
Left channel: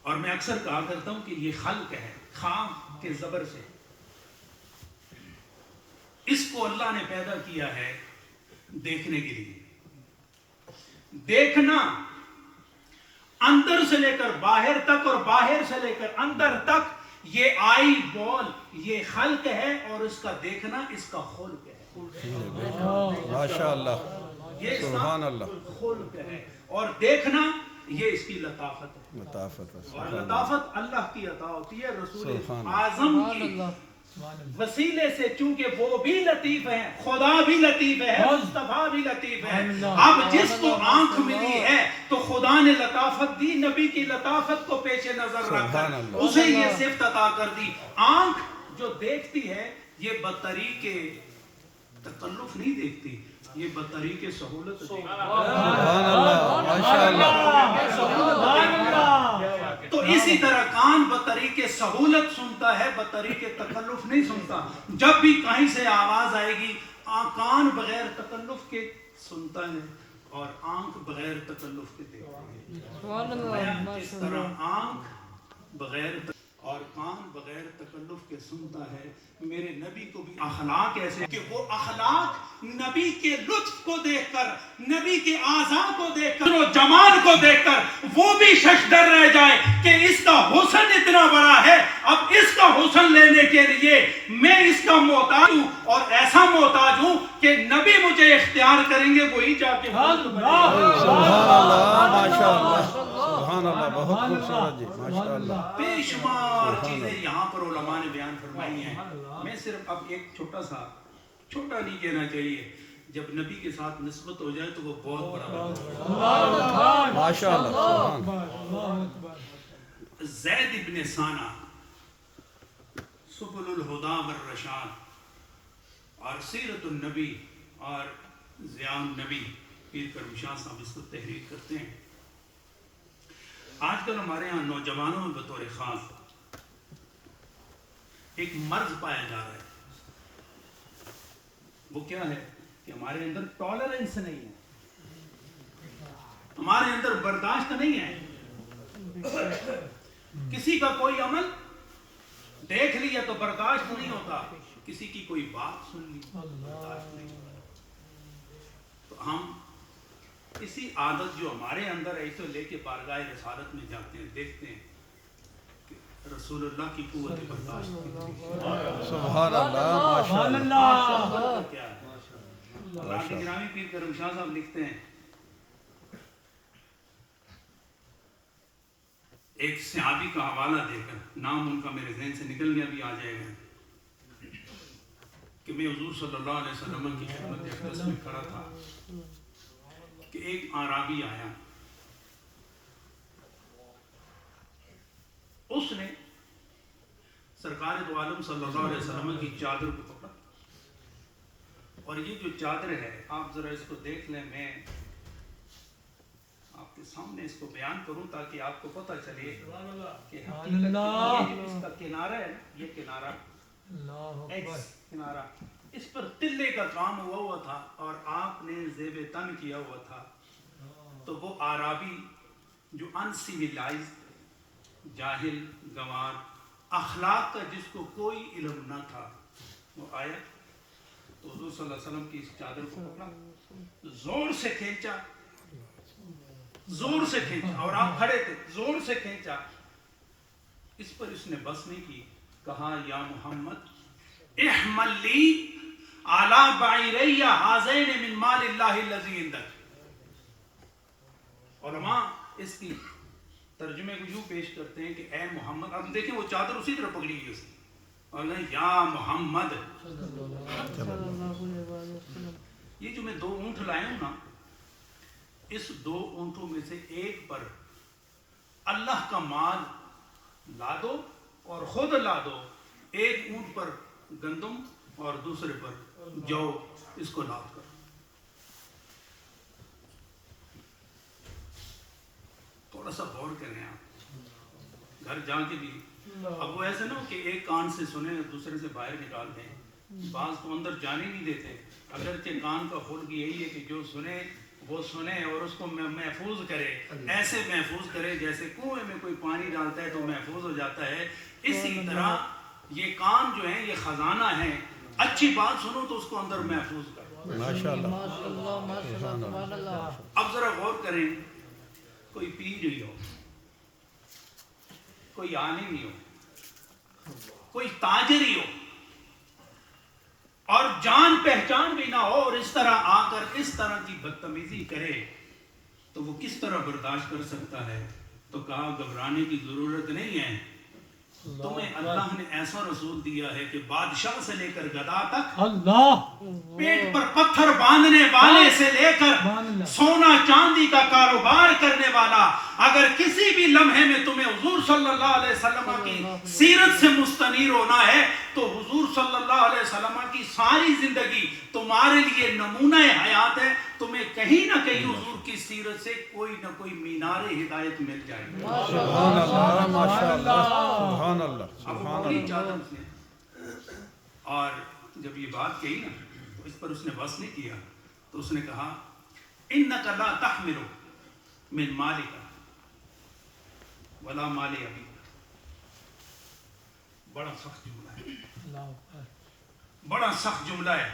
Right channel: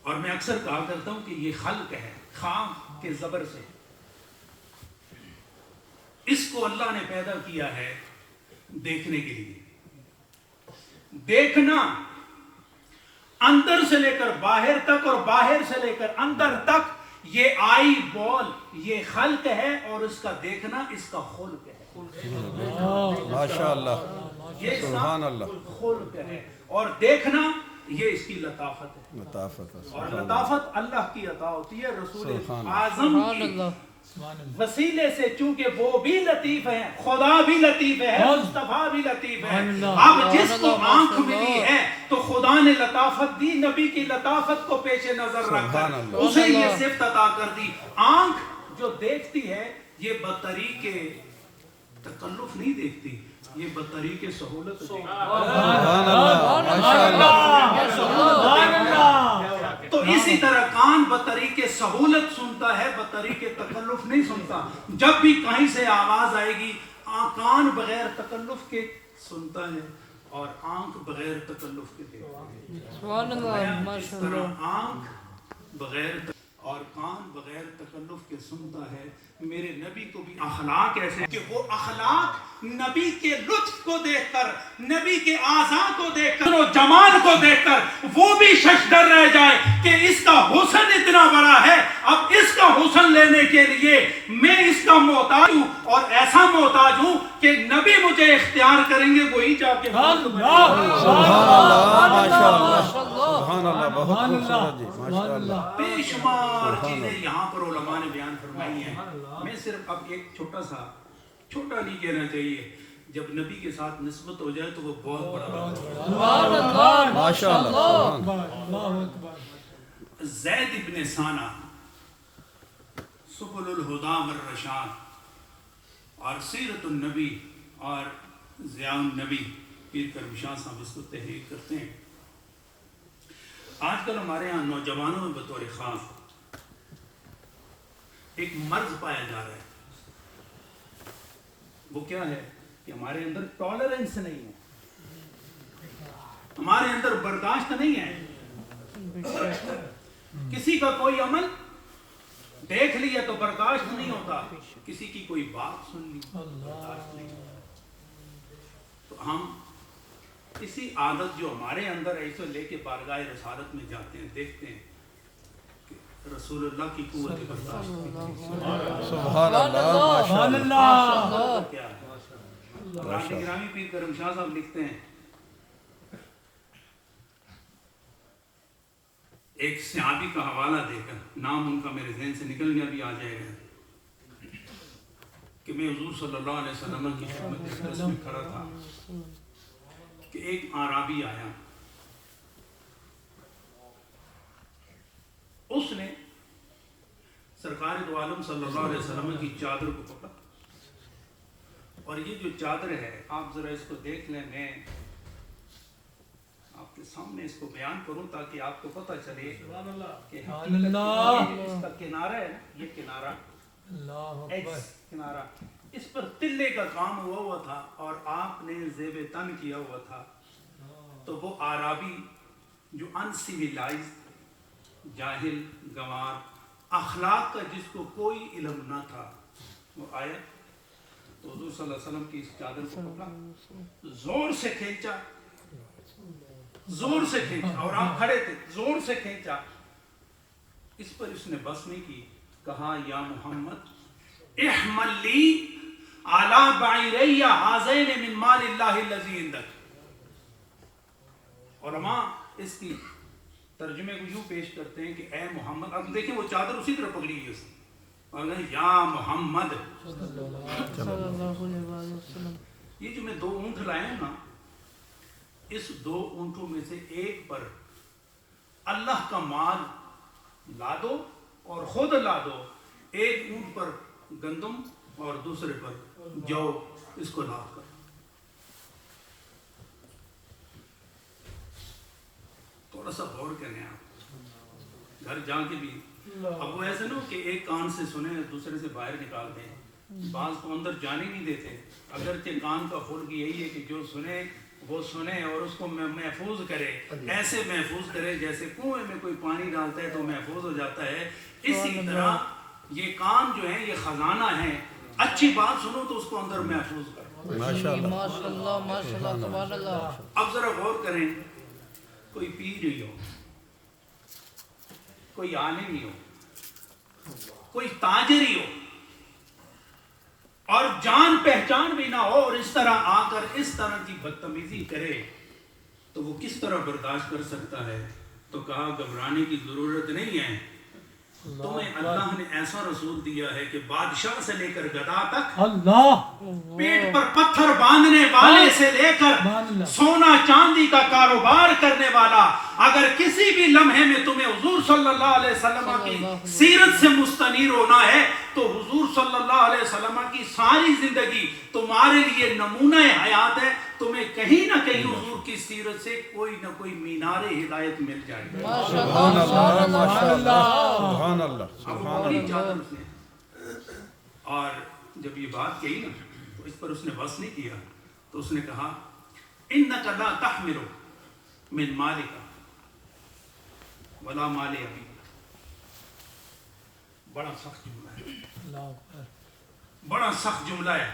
اور میں اکثر کہا کرتا ہوں کہ یہ خلق ہے، خام کے زبر سے۔ اس کو اللہ نے پیدا کیا ہے دیکھنے کے لیے۔ دیکھنا اندر سے لے کر باہر تک اور باہر سے لے کر اندر تک، یہ آئی بال یہ خلق ہے، اور اس کا دیکھنا اس کا خلق ہے۔ ماشاءاللہ۔ یہ اس سبحان کا اللہ خلق ہے، اور دیکھنا یہ اس کی لطافت ہے، لطافت ہے، اور سبحان اللہ لطافت اللہ کی عطا ہوتی ہے رسول سبحان اعظم کی وسیلے سے، چونکہ وہ بھی لطیف ہیں، خدا بھی لطیف ہے، مصطفیٰ بھی لطیف ہے۔ اب جس کو آنکھ ملی ہے تو خدا نے لطافت دی، نبی کی لطافت کو پیش نظر رکھ کر اسے یہ صفت عطا کر دی۔ آنکھ جو دیکھتی ہے یہ بطریق تکلف نہیں دیکھتی، یہ بطریق سہولت دیکھتی ہے۔ سبحان اللہ ماشاءاللہ۔ تو اسی طرح کان بطریق سہولت سنتا ہے، بطریق تکلف نہیں سنتا۔ جب بھی کہیں سے آواز آئے گی کان بغیر تکلف کے سنتا ہے اور آنکھ بغیر تکلف کے دیکھتا ہے۔ اس طرح آنکھ بغیر اور کان بغیر تکلف کے سنتا ہے۔ میرے نبی کو بھی اخلاق ایسے کہ وہ اخلاق نبی کے لطف کو دیکھ کر، نبی کے اعضاء کو دیکھ کر، و جمال کو دیکھ کر وہ بھی ششدر رہ جائے کہ اس کا حسن اتنا بڑا ہے، اب اس کا حسن لینے کے لیے میں اس کا محتاج ہوں، اور ایسا محتاج ہوں کہ نبی مجھے اختیار کریں گے وہی جا کے سبحان اللہ ماشاءاللہ سبحان اللہ، بہت خوبصورت جی ماشاءاللہ۔ بے شمار چیزیں یہاں پر علماء نے بیان فرمائی ہیں، میں صرف اب ایک چھوٹا نہیں کہنا چاہیے، جب نبی کے ساتھ نسبت ہو جائے تو وہ بہت بڑا ماشاءاللہ سبحان۔ زید ابن ثانہ سبل الہدا والرشاد اور سیرت النبی اور ضیاء النبی پیر کرم شاہ صاحب اس کو تحریر کرتے ہیں۔ آج کل ہمارے ہاں نوجوانوں میں بطور خاص ایک مرض پایا جا رہا ہے، وہ کیا ہے کہ ہمارے اندر ٹالرنس نہیں ہے، ہمارے اندر برداشت نہیں ہے۔ کسی کا کوئی عمل دیکھ لیا تو برداشت نہیں ہوتا، کسی کی کوئی بات سن لی برداشت نہیں ہوتا۔ تو ہم اسی عادت جو ہمارے اندر ہے اسے لے کے بارگاہ رسالت میں جاتے ہیں، دیکھتے ہیں کہ رسول اللہ کی قوت برداشت سبحان اللہ ماشاءاللہ کیا ہے۔ راندی گرامی پیر کرم شاہ صاحب لکھتے ہیں، ایک صحابی کا حوالہ دے کر، نام ان کا میرے ذہن سے نکل گیا، بھی آ جائے گا، کہ میں حضور صلی اللہ علیہ وسلم کی خدمت اقدس میں کھڑا تھا کہ ایک اعرابی آیا، اس نے سرکار دو عالم صلی اللہ علیہ وسلم کی چادر کو پکڑا، اور یہ جو چادر ہے آپ ذرا اس کو دیکھ لیں، میں آپ کے سامنے اس کو بیان کروں تاکہ آپ کو پتہ چلے کہ اس کا کنارہ ہے نا، یہ کنارہ ایکس کنارہ، اس پر تلے کا کام ہوا تھا اور آپ نے زیب تن کیا ہوا تھا۔ تو وہ اعرابی جو انسیویلائز، جاہل، گنوار، اخلاق کا جس کو کوئی علم نہ تھا، وہ آیا تو حضور صلی اللہ علیہ وسلم کی اس چادر کو پکڑا، زور سے کھینچا، اور آپ کھڑے تھے، زور سے کھینچا، اس پر اس نے بس نہیں کی، کہا یا محمد احمل لی علی بعیری ہذین من مال اللہ الذی عندک۔ علماء اس کی ترجمے کو یوں پیش کرتے ہیں کہ اے محمد، اب دیکھیں وہ چادر اسی طرح پکڑی ہوئی اس نے، اور یا محمد، یہ جو میں 2 اونٹ لائے ہوں نا، اس 2 اونٹوں میں سے ایک پر اللہ کا مال لا دو اور خود لا دو، ایک اونٹ پر گندم اور دوسرے پر جو، اس کو لاد کر۔ تھوڑا سا غور کریں آپ، گھر جا کے بھی، اب وہ ایسے نہ ہو کہ ایک کان سے سنے دوسرے سے باہر نکال دیں، بعض تو اندر جانے نہیں دیتے، اگرچہ کان کا خلق یہی ہے کہ جو سنے وہ سنے اور اس کو محفوظ کرے، ایسے محفوظ کرے جیسے کنویں میں کوئی پانی ڈالتا ہے تو محفوظ ہو جاتا ہے، اسی طرح یہ کان جو ہیں یہ خزانہ ہیں، اچھی بات سنو تو اس کو اندر محفوظ کرو۔ اب ذرا غور کریں، کوئی پیر ہی ہو، کوئی عالم ہی ہو، کوئی تاجر ہی ہو، اور جان پہچان بھی نہ ہو اور اس طرح آ کر اس طرح کی بدتمیزی کرے تو وہ کس طرح برداشت کر سکتا ہے؟ تو کہا گھبرانے کی ضرورت نہیں ہے، تمہیں اللہ نے ایسا رسول دیا ہے کہ بادشاہ سے لے کر گدا تک، پیٹ پر پتھر باندھنے والے سے لے کر سونا چاندی کا کاروبار کرنے والا، اگر کسی بھی لمحے میں تمہیں حضور صلی اللہ علیہ وسلم کی سیرت سے مستنیر ہونا ہے تو حضور صلی اللہ علیہ وسلم کی ساری زندگی تمہارے لیے نمونہ حیات ہے، تمہیں کہیں نہ کہیں حضور کی سیرت سے کوئی نہ کوئی مینار ہدایت مل جائے گا۔ سبحان اللہ، ماشاءاللہ، سبحان اللہ، سبحان اللہ۔ اور جب یہ بات کہی نا تو اس پر اس نے بس نہیں کیا، تو اس نے کہا اِنَّكَ لَا تَحْمِلُ مِن مَالِكَ وَلَا مَالِ أَبِيكَ۔ بڑا سخت جملہ ہے، بڑا سخت جملہ ہے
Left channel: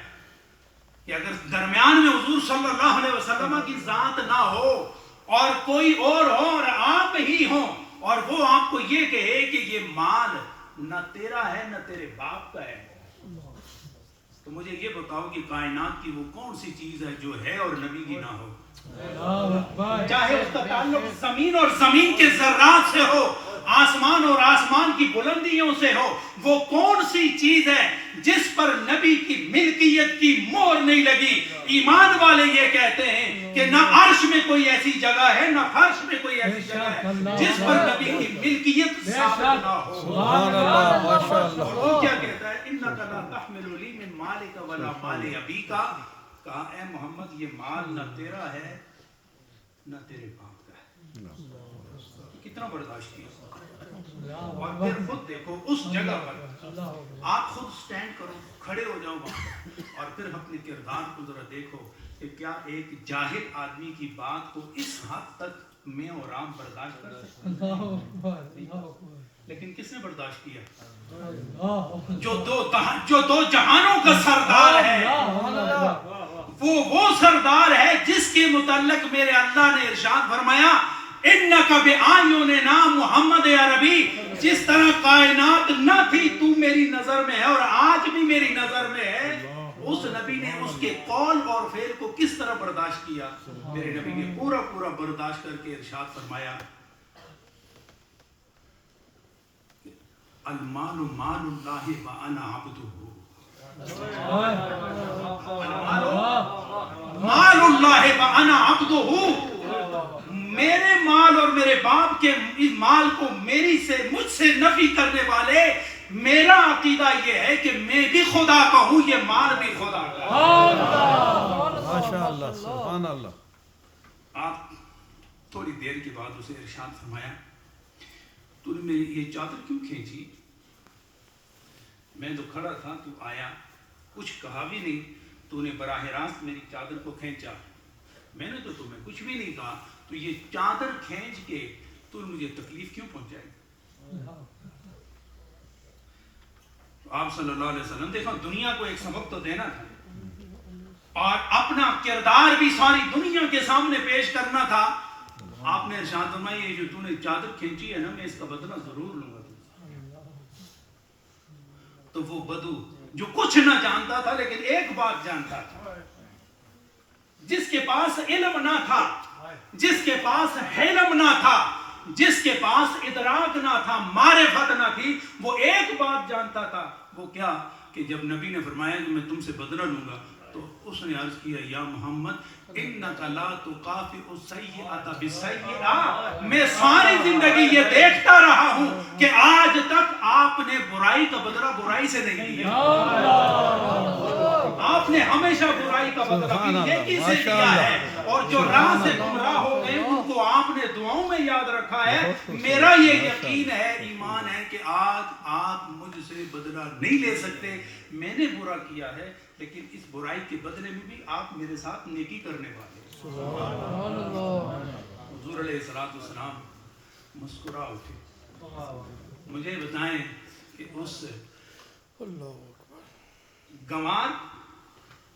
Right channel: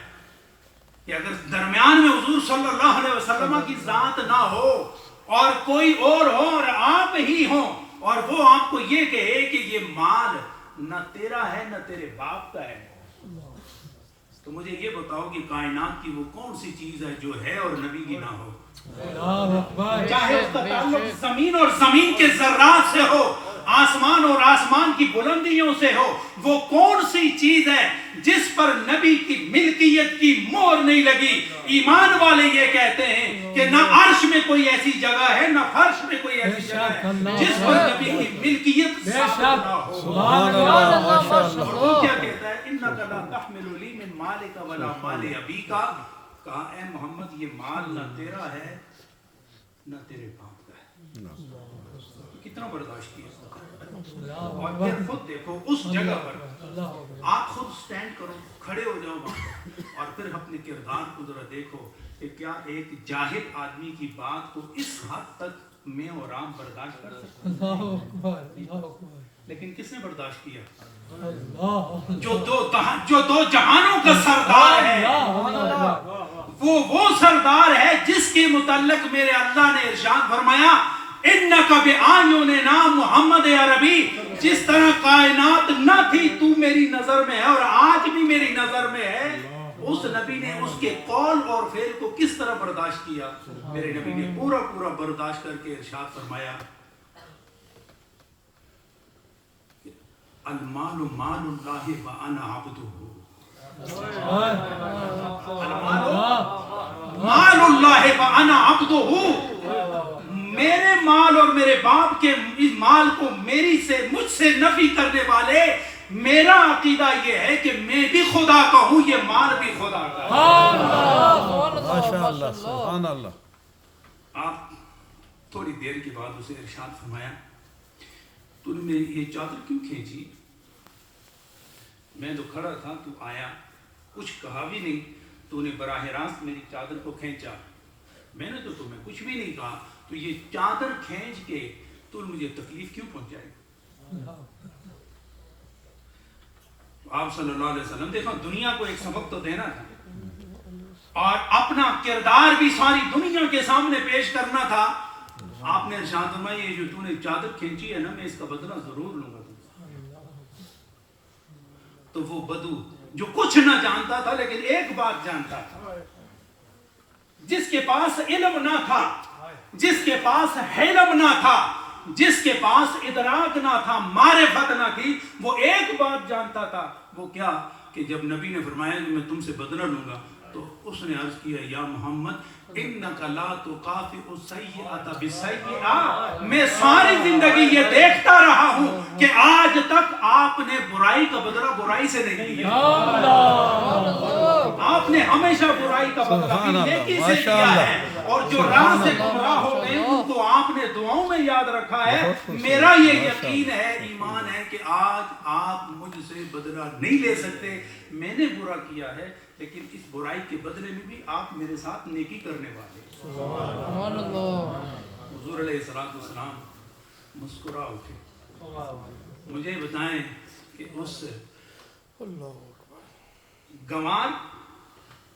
کہ اگر درمیان میں حضور صلی اللہ علیہ وسلم کی ذات نہ ہو اور کوئی اور ہو اور آپ ہی ہوں اور وہ آپ کو یہ کہے کہ یہ مال نہ تیرا ہے نہ تیرے باپ کا ہے، تو مجھے یہ بتاؤ کہ کائنات کی وہ کون سی چیز ہے جو ہے اور نبی کی نہ ہو؟ چاہے اس کا تعلق زمین اور زمین کے ذرات سے ہو، آسمان اور آسمان کی بلندیوں سے ہو، وہ کون سی چیز ہے جس پر نبی کی ملکیت کی مہر نہیں لگی؟ ایمان والے یہ کہتے ہیں کہ نہ عرش میں کوئی ایسی جگہ ہے نہ فرش میں کوئی ایسی جگہ ہے جس پر نبی کی ملکیت ثابت نہ ہو۔ سبحان اللہ، ماشاءاللہ۔ وہ کیا کہتا ہے؟ اِنَّكَ لَا تَحْمِلُ لِي مِن مَالِكَ وَلَا مَالِ أَبِيكَ۔ کہا اے محمد یہ مال نہ تیرا ہے نہ تیرے باپ کا ہے۔ کتنا برداشت کیا؟ اور پھر خود دیکھو اس جگہ پر آپ خود سٹینڈ کرو، کھڑے ہو جاؤ وہاں اور پھر اپنے کردار کو ذرا دیکھو کہ کیا ایک جاہل آدمی کی بات کو اس حد تک میں اور رام برداشت کر سکتے ہیں؟ لیکن کس نے برداشت کیا؟ جو دو جہانوں کا سردار ہے، وہ سردار ہے جس کے متعلق میرے اللہ نے ارشاد فرمایا اِنَّكَ بِأَعْيُنِنَا محمد عربی، جس طرح کائنات نہ تھی تو میری نظر میں ہے اور آج بھی میری نظر میں ہے، اس نبی نے اس کے قول اور فعل کو کس طرح برداشت کیا؟ میرے نبی نے پورا پورا برداشت کر کے ارشاد فرمایا المال مال اللہ وانا عبدہ، مال اللہ وانا عبدہ، میرے مال اور میرے باپ کے اس مال کو مجھ سے نفی کرنے والے، میرا عقیدہ یہ ہے کہ میں بھی خدا کا ہوں، یہ مال بھی خدا کا ہے۔ ماشاءاللہ، سبحان اللہ۔ آپ تھوڑی دیر کے بعد اسے ارشاد فرمایا تو نے میری یہ چادر کیوں کھینچی؟ میں تو کھڑا تھا، تو آیا، کچھ کہا بھی نہیں، تو نے براہ راست میری چادر کو کھینچا، میں نے تو تمہیں کچھ بھی نہیں کہا، تو یہ چادر کھینچ کے تو مجھے تکلیف کیوں پہنچائی؟ آپ صلی اللہ علیہ وسلم دیکھا دنیا کو ایک سبق تو دینا تھا اور اپنا کردار بھی ساری دنیا کے سامنے پیش کرنا تھا۔ آپ نے ارشاد فرمایا یہ جو تو نے چادر کھینچی ہے نا، میں اس کا بدلہ ضرور لوں گا۔ تو وہ بدو جو کچھ نہ جانتا تھا لیکن ایک بات جانتا تھا، جس کے پاس علم نہ تھا، جس کے پاس حلم نہ تھا، جس کے پاس ادراک نہ تھا، معرفت نہ تھی، وہ ایک بات جانتا تھا، وہ کیا کہ جب نبی نے فرمایا کہ میں تم سے بدلہ لوں گا تو اس نے عرض کیا یا محمد اِنَّكَ لَا تُقَافِئُ السَّيِّئَةَ بِالسَّيِّئَةِ، میں ساری زندگی یہ دیکھتا رہا ہوں کہ آج تک آپ نے برائی کا بدلہ برائی سے نہیں دیا، آپ نے ہمیشہ برائی کا بدلہ نیکی سے دیا ہے، اور جو راہ سے گمراہ ہو گئے ان کو آپ نے دعاؤں میں یاد رکھا ہے۔ میرا یہ یقین ہے، ایمان ہے کہ آج آپ مجھ سے بدلہ نہیں لے سکتے، میں نے برا کیا ہے لیکن اس برائی کے بدلے میں بھی آپ میرے ساتھ نیکی کرنے والے۔ سبحان اللہ۔ حضور علیہ السلام مسکرا اٹھے، مجھے بتائیں کہ اس گنوار،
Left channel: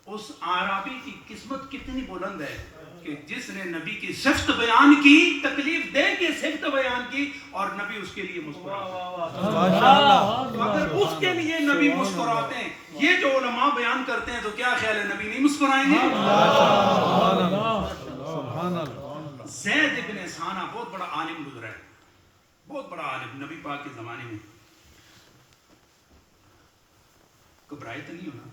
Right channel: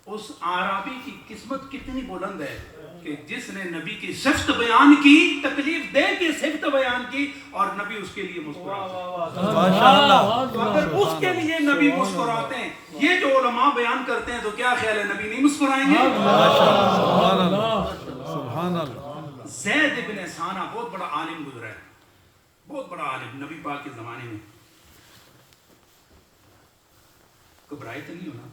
اس عربی کی قسمت کتنی بلند ہے کہ جس نے نبی کی صفت بیان کی، تکلیف دے کے صفت بیان کی، اور نبی اس کے لیے مسکراتے ہیں. ماشاءاللہ. تو اگر اس کے لیے نبی مسکراتے ہیں، یہ جو علماء بیان کرتے ہیں، تو کیا خیال ہے نبی نہیں مسکرائیں گے؟ سبحان اللہ سبحان اللہ. زید ابن ثانہ بہت بڑا عالم گزرا ہے، بہت بڑا عالم نبی پاک کے زمانے میں. گھبرائے تو نہیں ہونا،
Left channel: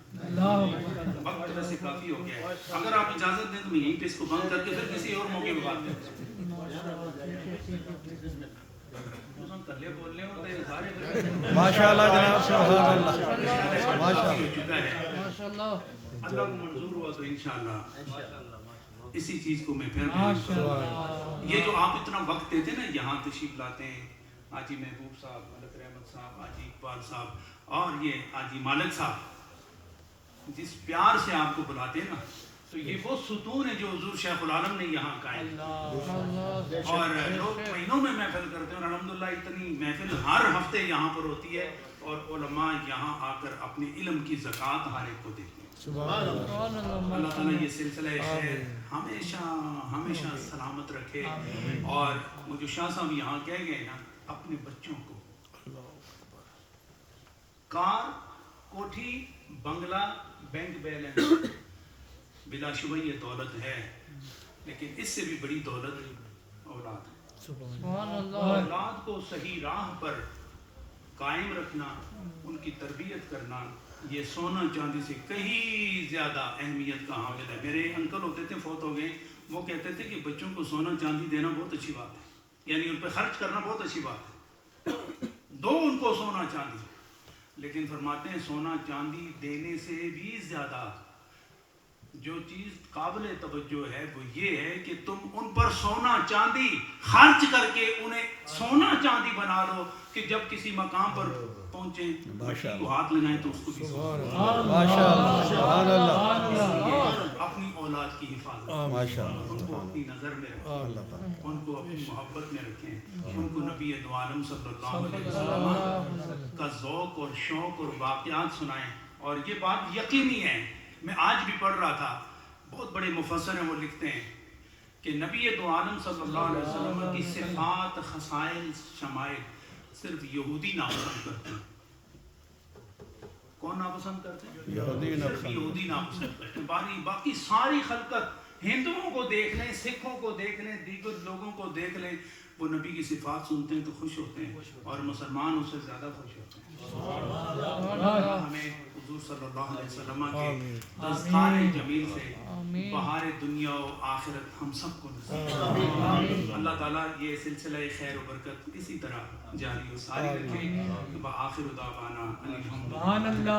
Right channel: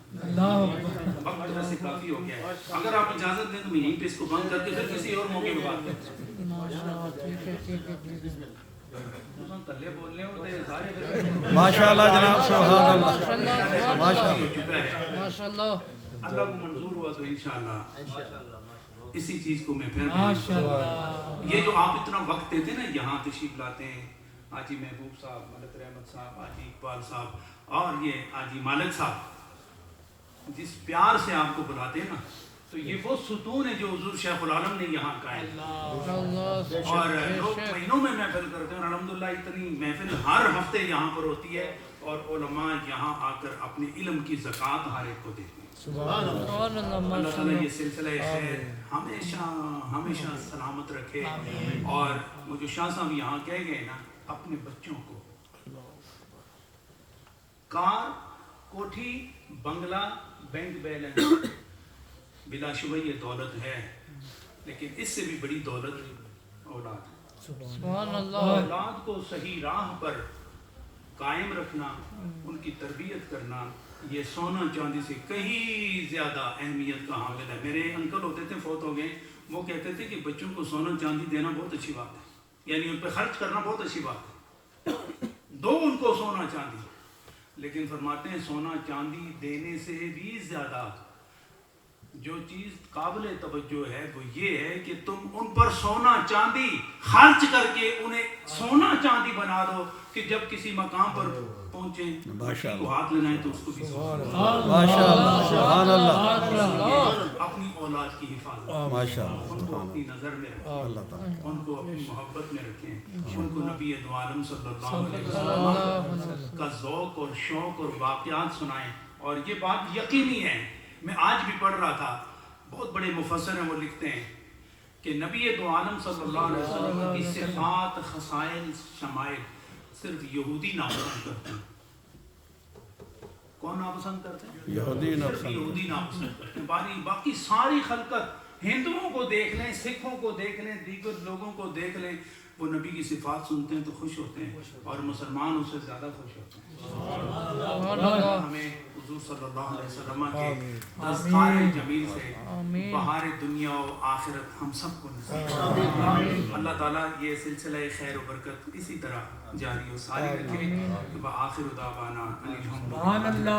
وقت طرح سے کافی ہو گیا ہے. اگر آپ اجازت دیں تو میں یہیں پہ اس کو بند کر کے پھر کسی اور موقع پہ بات کرتے ہیں. ماشاءاللہ جناب سبحان اللہ ماشاءاللہ. اللہ کو منظور ہوا تو انشاءاللہ اسی چیز کو میں پھر یہ جو آپ اتنا وقت دیتے ہیں نا، یہاں تشریف لاتے ہیں حاجی محبوب صاحب، ملک رحمت صاحب، حاجی اقبال صاحب اور یہ حاجی مالک صاحب، جس پیار سے آپ کو بلاتے ہیں نا، تو یہ وہ ستون ہے جو حضور شیخ العالم نے یہاں قائم. اور لوگ مہینوں میں محفل کرتے ہیں، اور الحمدللہ اتنی محفل ہر ہفتے یہاں پر ہوتی ہے، اور علماء یہاں آ کر اپنے علم کی زکوٰۃ ہر ایک کو دیتے ہیں. اللہ تعالیٰ یہ سلسلہ خیر ہمیشہ ہمیشہ سلامت رکھے. اور وہ جو شاہ صاحب یہاں کہہ گئے نا، اپنے بچوں کو کار، کوٹھی، بنگلہ، بینک بیلنس، بلا شبہ یہ دولت ہے، لیکن اس سے بھی بڑی دولت اولاد. اولاد کو صحیح راہ پر قائم رکھنا، ان کی تربیت کرنا، یہ سونا چاندی سے کہیں زیادہ اہمیت کا حامل ہے. میرے انکل ہوتے تھے، فوت ہو گئے، وہ کہتے تھے کہ بچوں کو سونا چاندی دینا بہت اچھی بات ہے، یعنی ان پہ خرچ کرنا بہت اچھی بات ہے، دو ان کو سونا چاندی. لیکن فرماتے ہیں سونا چاندی دینے سے بھی زیادہ جو چیز قابل توجہ ہے وہ یہ ہے کہ تم ان پر سونا چاندی خرچ کر کے انہیں سونا چاندی بنا دو، کہ جب کسی مقام پر پہنچیں مٹی کو ہاتھ لگائیں تو اس کو بھی ماشاءاللہ سبحان اللہ. اپنی اولاد کی حفاظت، ان کو اپنی نظر میں رکھیں، ان کو اپنی محبت میں رکھیں، ان کو نبی دو عالم صلی اللہ علیہ وسلم کا ذوق اور شوق اور واقعات سنائیں. اور یہ بات یقینی ہے، میں آج بھی پڑھ رہا تھا، بہت بڑے مفسر ہیں، وہ لکھتے ہیں کہ نبی دو عالم صلی اللہ علیہ وسلم کی صفات، خصائل، شمائل صرف یہودی ناپسند کرتے ہیں. کون ناپسند کرتے ہیں؟ یہودی ناپسند کرتے ہیں. باقی ساری خلقت، ہندوؤں کو دیکھ لیں، سکھوں کو دیکھ لیں، دیگر لوگوں کو دیکھ لیں، وہ نبی کی صفات سنتے ہیں تو خوش ہوتے ہیں، اور مسلمان اس سے زیادہ خوش ہوتے ہیں. ہمیں حضور صلی اللہ علیہ وسلم کے تذکار جمیل سے بہار دنیا و آخرت ہم سب کو نصیب. اللہ تعالیٰ یہ سلسلہ خیر و برکت اسی طرح جاری و ساری رکھے. وآخر دعوانا الحمدللہ.